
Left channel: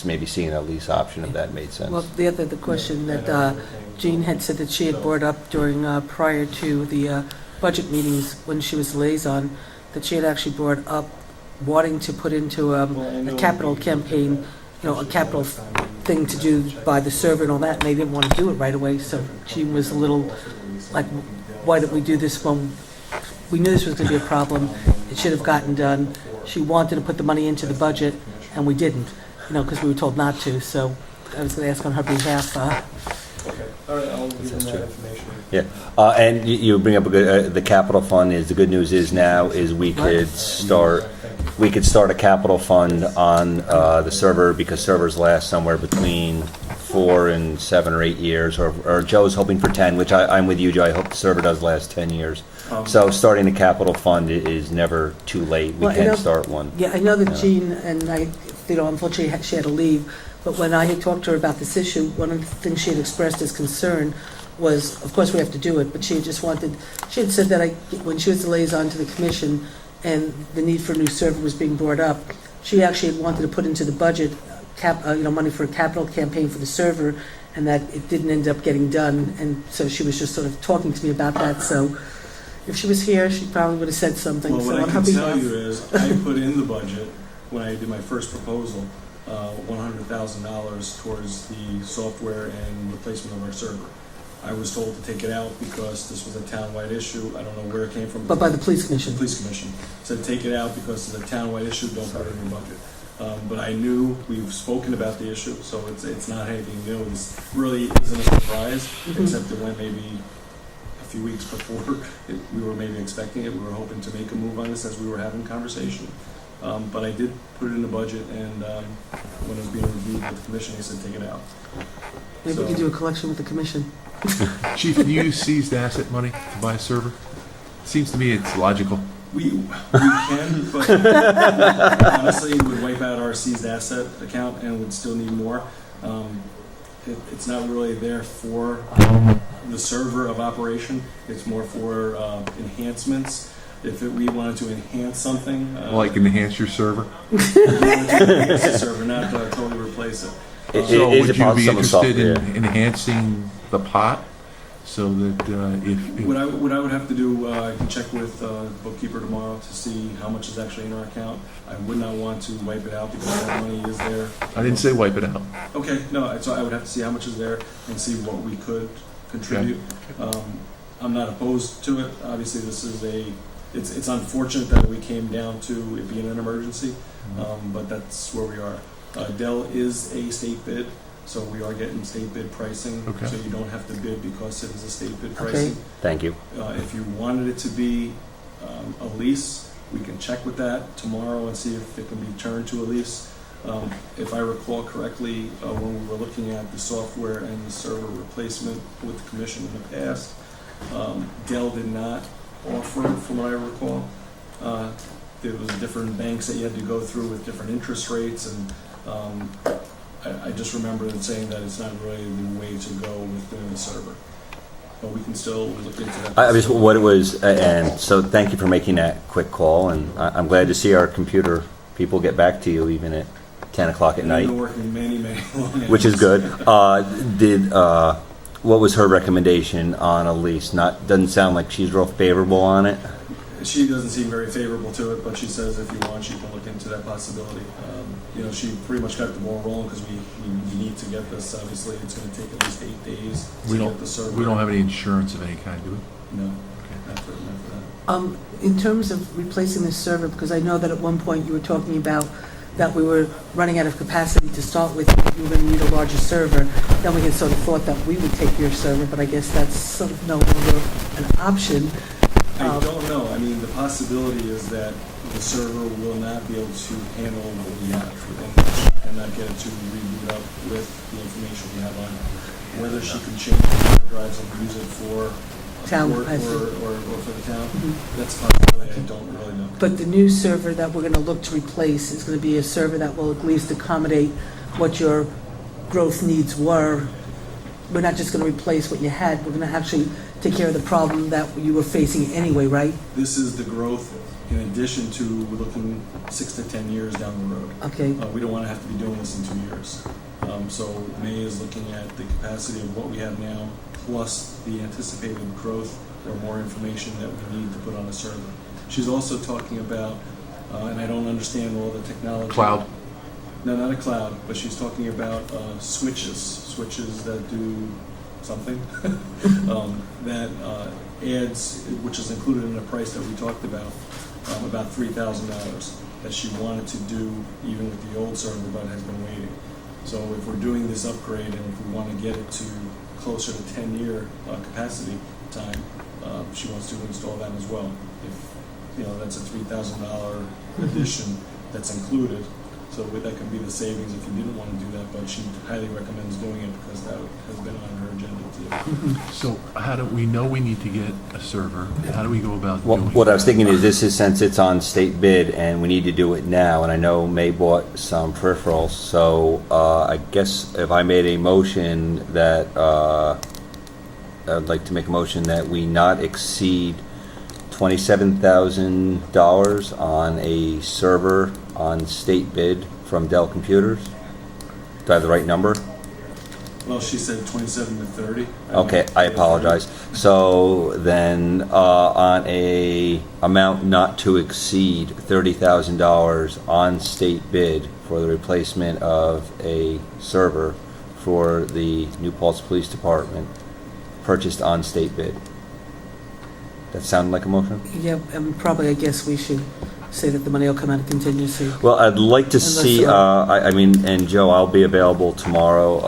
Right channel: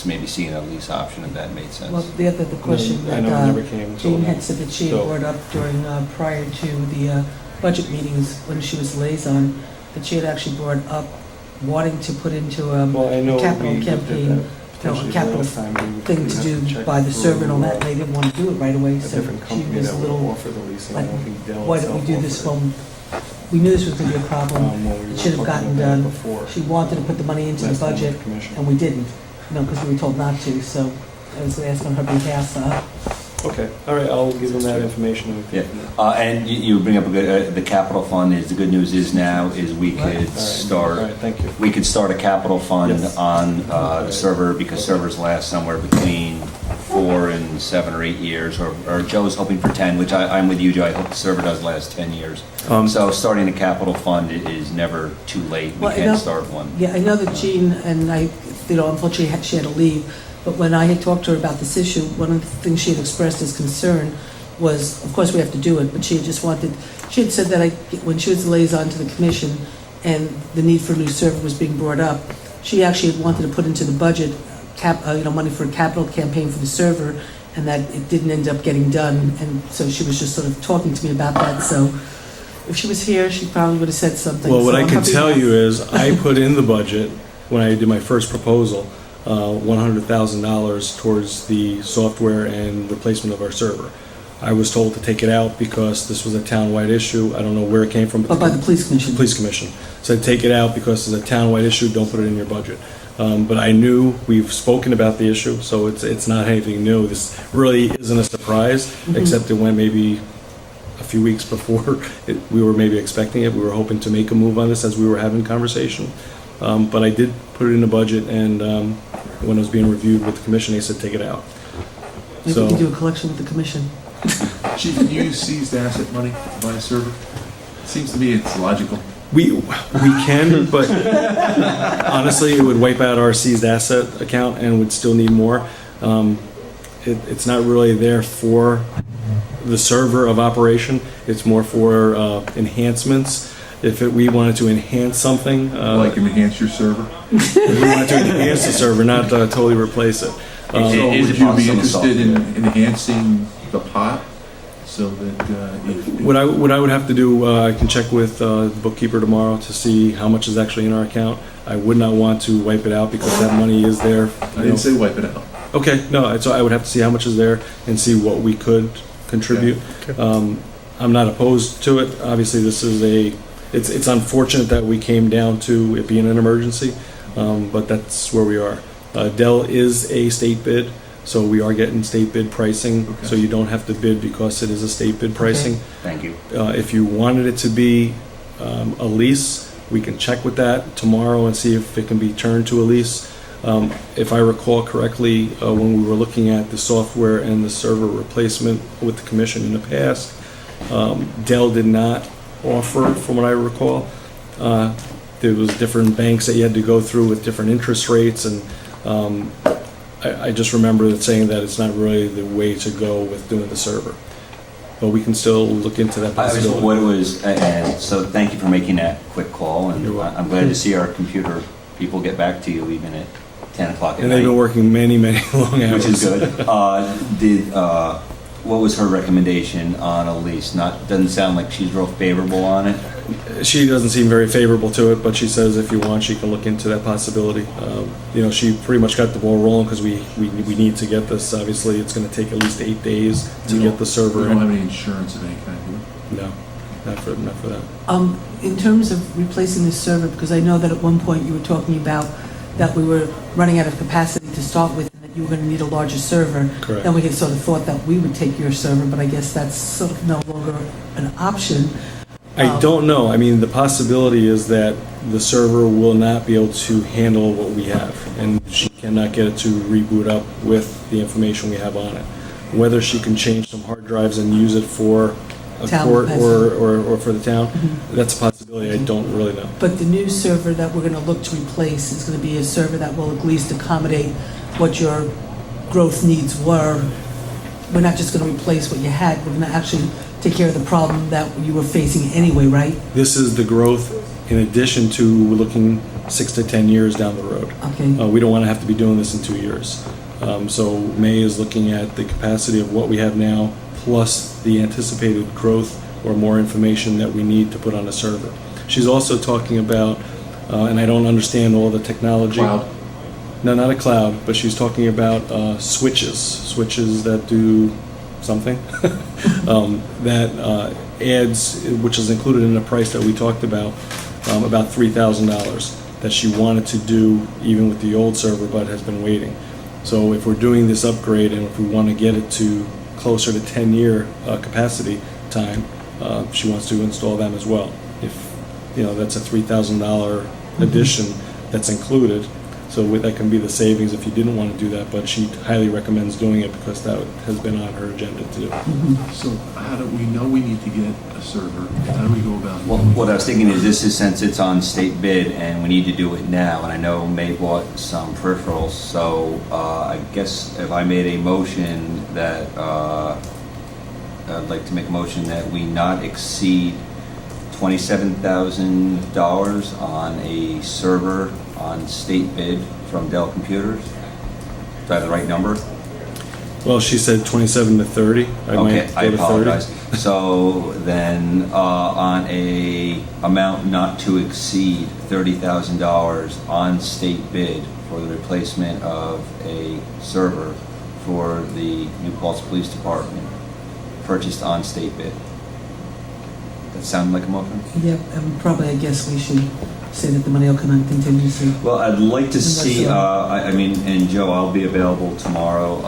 maybe seeing a lease option, if that made sense. Well, the question that Jean had said that she had brought up during, prior to the budget meetings when she was liaison, that she had actually brought up wanting to put into a capital campaign, a capital thing to do by the server and all that, and they didn't want to do it right away, so she was a little like, why don't we do this when we knew this was going to be a problem, it should have gotten done. She wanted to put the money into the budget, and we didn't, because we were told not to, so I was going to ask on her behalf, Okay, all right, I'll give them that information. Yeah, and you bring up a good, the capital fund is, the good news is now is we could start, All right, thank you. we could start a capital fund Yes. on the server, because servers last somewhere between 4 and 7 or 8 years, or Joe's hoping for 10, which I'm with you, Joe, I hope the server does last 10 years. So starting a capital fund is never too late, we Well, can you know- start one. Yeah, I know that Jean and I, unfortunately she had to leave, but when I had talked to her about this issue, one of the things she had expressed as concern was, of course we have to do it, but she had said that when she was the liaison to the commission and the need for a new server was being brought up, she actually had wanted to put into the budget money for a capital campaign for the server, and that it didn't end up getting done, and so she was just sort of talking to me about that, so if she was here, she probably would have said something. Well, what So I on can her tell behalf- you is, I put in the budget, when I did my first proposal, $100,000 towards the software and replacement of our server. I was told to take it out because this was a town-wide issue. I don't know where it came from. But by the police commission. Police commission. Said take it out because it's a town-wide issue, don't put it in your budget. But I knew, we've spoken about the issue, so it's not anything new. This really isn't a surprise, except it went maybe a few weeks before we were maybe expecting it. We were hoping to make a move on this as we were having conversation. But I did put it in the budget, and when it was being reviewed with the commission, they said take it out. Maybe we can do a collection with the commission. Chief, can you use seized asset money to buy a server? Seems to me it's logical. We can, but honestly, it would wipe out our seized asset account and would still need more. It's not really there for the server of operation. It's more for enhancements. If we wanted to enhance something, Like enhance your server? we wanted to enhance the server, not totally replace it. So would you be interested in enhancing the pot so that if... What I would have to do, I can check with the bookkeeper tomorrow to see how much is actually in our account. I would not want to wipe it out because that money is there. I didn't say wipe it out. Okay, no, so I would have to see how much is there and see what we could contribute. I'm not opposed to it. Obviously, this is it's unfortunate that we came down to it being an emergency, but that's where we are. Dell is a state bid, so we are getting state bid pricing, so you don't have to bid because it is a state bid pricing. Thank you. If you wanted it to be a lease, we can check with that tomorrow and see if it can be turned to a lease. If I recall correctly, when we were looking at the software and the server replacement with the commission in the past, Dell did not offer, from what I recall. There was different banks that you had to go through with different interest rates, and I just remember it saying that it's not really the way to go with doing the server. But we can still look into that possibility. What it was, and so thank you for making that quick call, and I'm glad to see our computer people get back to you even at 10 o'clock at And night. they've been working many, many long hours. Which is good. What was her recommendation on a lease? Doesn't sound like she's real favorable on it. She doesn't seem very favorable to it, but she says if you want, she can look into that possibility. She pretty much got the ball rolling because we need to get this. Obviously, it's going to take at least 8 days to get the server. We don't have any insurance of any kind, do we? No, not for that. In terms of replacing the server, because I know that at one point you were talking about that we were running out of capacity to start with, you were going to need a larger server. Correct. Then we had sort of thought that we would take your server, but I guess that's sort of no longer an option. I don't know. I mean, the possibility is that the server will not be able to handle what we have, and she cannot get it to reboot up with the information we have on it. Whether she can change the hard drives and use it for a Town court capacity. or for the town, that's a possibility. I don't really know. But the new server that we're going to look to replace is going to be a server that will at least accommodate what your growth needs were. We're not just going to replace what you had, we're going to actually take care of the problem that you were facing anyway, right? This is the growth in addition to looking 6 to 10 years down the road. Okay. We don't want to have to be doing this in 2 years. So May is looking at the capacity of what we have now, plus the anticipated growth or more information that we need to put on a server. She's also talking about, and I don't understand all the technology. Cloud? No, not a cloud, but she's talking about switches that do something that adds, which is included in the price that we talked about $3,000 that she wanted to do even with the old server, but has been waiting. So if we're doing this upgrade and if we want to get it to closer to 10-year capacity time, she wants to install them as well. If, that's a $3,000 addition that's included. So that can be the savings if you didn't want to do that, but she highly recommends doing it because that has been on her agenda to do. So how do we know we need to get a server? How do we go about Well, doing what I it? was thinking is this is since it's on state bid and we need to do it now, and I know May bought some peripherals, so I guess if I made a motion that, I'd like to make a motion that we not exceed $27,000 on a server on state bid from Dell Computers. Do I have the right number? Well, she said 27 to 30. Okay, might I go to 30. apologize. So then, on a amount not to exceed $30,000 on state bid for the replacement of a server for the New Paltz Police Department, purchased on state bid. That sound like a motion? Yeah, and probably, I guess we should say that the money will come out of contingency. Well, I'd like to see, Unless, I mean, and Joe, I'll be available tomorrow.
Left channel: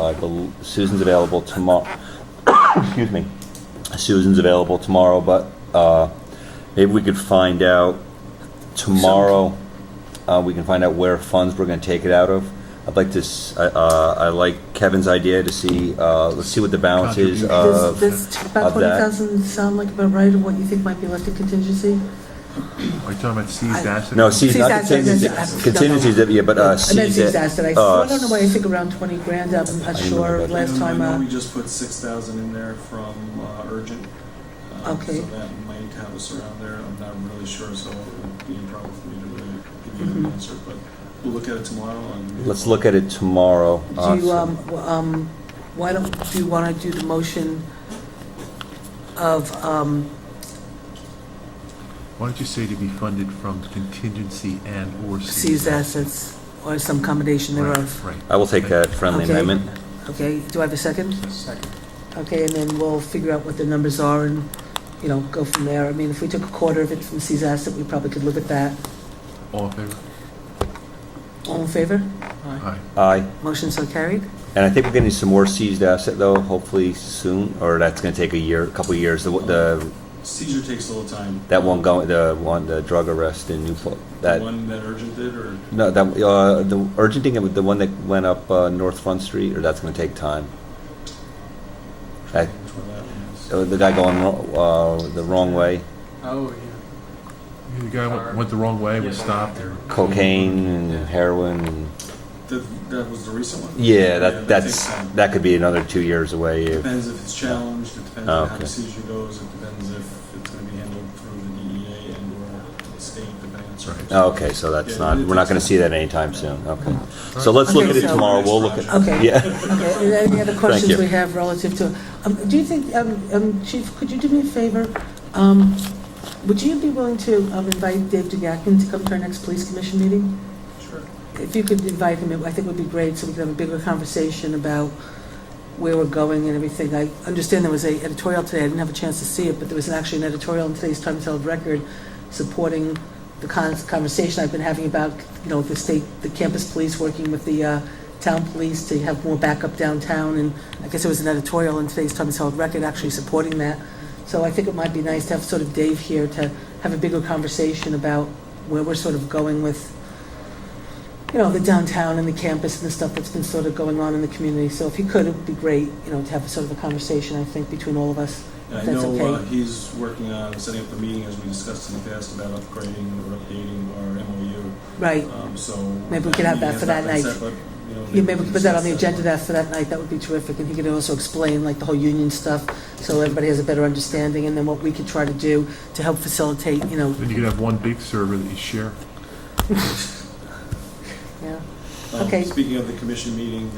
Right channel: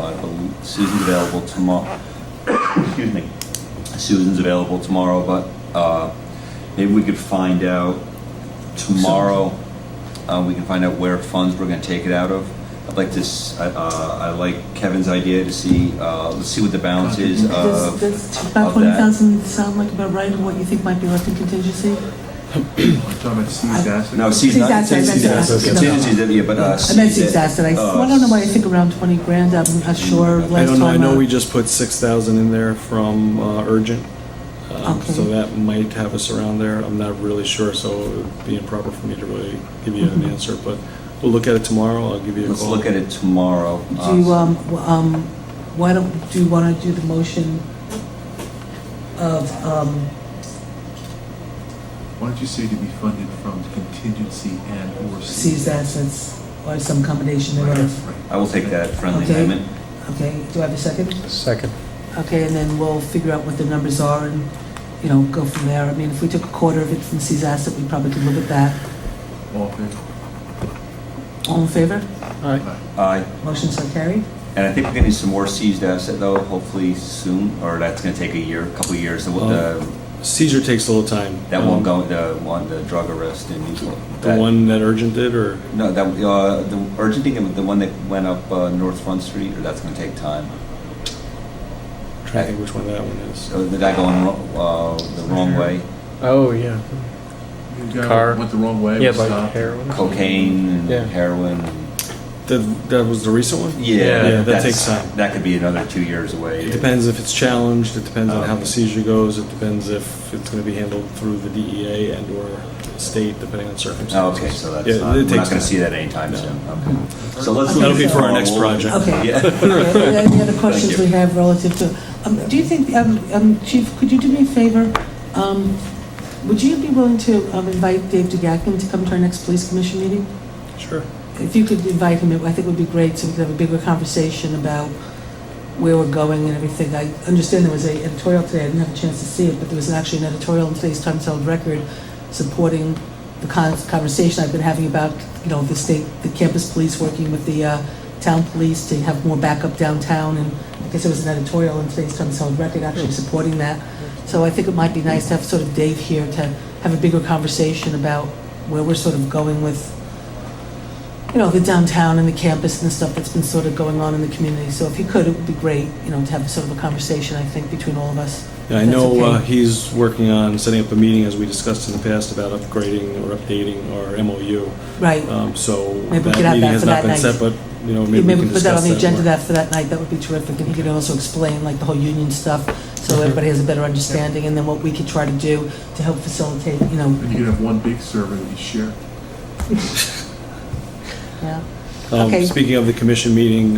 Susan's available tomorrow. Excuse me. Susan's available tomorrow, but maybe we could find out tomorrow. We can find out where funds we're going to take it out of. I'd like to. I like Kevin's idea to see. Let's see what the balance is of Does about of that. 20,000 sound like about right, and what you think might be left in contingency? Are you talking about C's asset? No, C's not C's asset, contingency. asset. Contingency, yeah, but I meant C's C's asset. I don't know why I think around 20 grand. I'm not sure. I Last don't know. I time, know we just put 6,000 in there from urgent. Okay. So that might have us around there. I'm not really sure, so it would be improper for me to really give you an answer, but we'll look at it tomorrow. I'll give you a Let's call. look at it tomorrow. Do you, why don't do you want to do the motion of, Why don't you say to be funded from contingency and or seized assets, or some combination thereof? Right. I will take that friendly Okay. amendment. Okay, do I have a second? Second. Okay, and then we'll figure out what the numbers are and, go from there. I mean, if we took a quarter of it from seized asset, we probably could live at that. All in favor? All in favor? Aye. Aye. Motion so carried? And I think we're getting some more seized asset though, hopefully soon, or that's going to take a couple of years. The Seizure takes a little time. that one go, the drug arrest in The that, one that urgent did, or no, that the urgent thing, the one that went up North Front Street, or that's going to take time. I'm trying to think which one that one is. The guy going the wrong way, Oh, yeah. The guy Car. went the wrong way, Yeah, was like stopped. heroin. cocaine and Yeah. heroin. That was the recent one? Yeah, that takes time. That could be another 2 years away. It depends if it's challenged, it depends on Oh. how the seizure goes, it depends if it's going to be handled through the DEA and or state, depending on circumstances. Oh, okay, so that's Yeah, not, it we're not takes going to time. see that anytime soon. Okay. So let's Okay, look at it so- for our next tomorrow. project. Okay. Yeah. Any other questions Thank you. we have relative to, do you think, Chief, could you do me a favor? Would you be willing to invite Dave DeGacken to come to our next police commission meeting? Sure. If you could invite him, I think it would be great, so we could have a bigger conversation about where we're going and everything. I understand there was an editorial today, I didn't have a chance to see it, but there was actually an editorial in today's Times Herald Record supporting the conversation I've been having about, the campus police working with the town police to have more backup downtown, and I guess there was an editorial in today's Times Herald Record actually supporting that. So I think it might be nice to have sort of Dave here to have a bigger conversation about where we're sort of going with the downtown and the campus and the stuff that's been sort of going on in the community. So if you could, it would be great, to have sort of a conversation, I think, between all of us. Yeah, I if that's know okay. he's working on setting up a meeting, as we discussed in the past, about upgrading or updating our MOU. Right. So Maybe we that could have meeting that has for not that been night. set, but, maybe we Maybe can put that on discuss the agenda more. for that night, that would be terrific. And he could also explain the whole union stuff, so everybody has a better understanding, and then what we could try to do to help facilitate, Then you could have one big server that you share. yeah. Okay. Speaking of the commission meeting,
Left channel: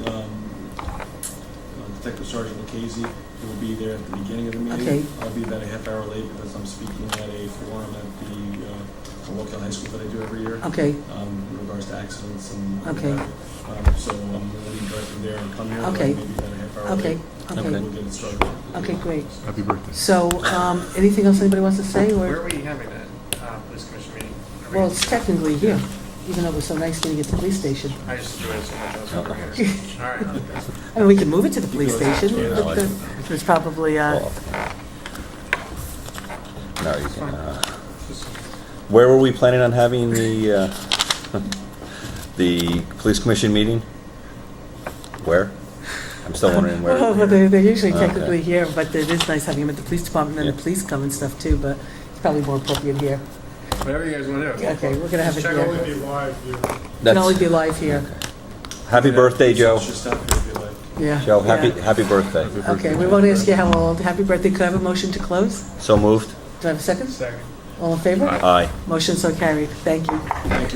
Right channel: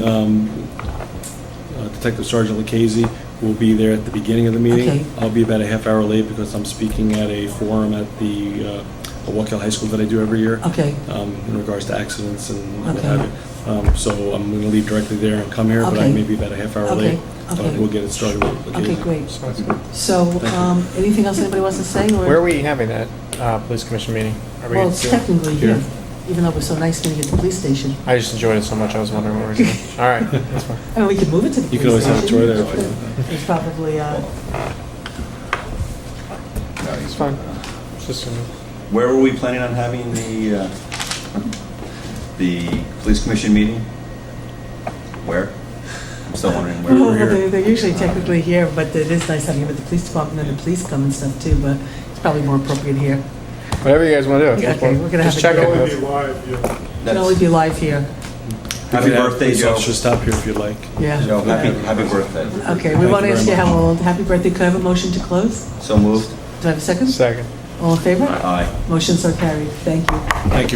Detective Sergeant Lucchese will be there at the beginning of the meeting. Okay. I'll be about a half hour late because I'm speaking at a forum at the Waukegan High School that I do every year. Okay. In regards to accidents and what Okay. have you. So I'm going to leave directly there and come here, but I Okay. may be about a half hour Okay. late. Okay. And we'll get it started with Lucchese. Okay, great. So, anything else anybody wants to say? Or? Where are we having that police commission meeting? Are we Well, it's doing- technically here, even though it was so nice meeting you at the police station. I just enjoyed it so much, I was wondering where we were. All right, that's fine. I mean, we can move it to the You can police always station. enjoy that. It's probably, It's fine. Just Where were we planning on having the police commission meeting? Where? I'm still wondering where. well, they're usually technically here, but it is nice having them at the police department and the police come and stuff too, but it's probably more appropriate here. Whatever you guys want to do. Yeah, okay, we're gonna have Just it check here. it. It'll only be live here. Happy birthday, Joe. Just stop here if you'd like. Yeah. Joe, happy birthday. Okay, we want to ask you how old. Happy birthday. Could I have a motion to close? So moved. Do I have a second? Second. All in favor? Aye. Motions are carried. Thank you. Thank you.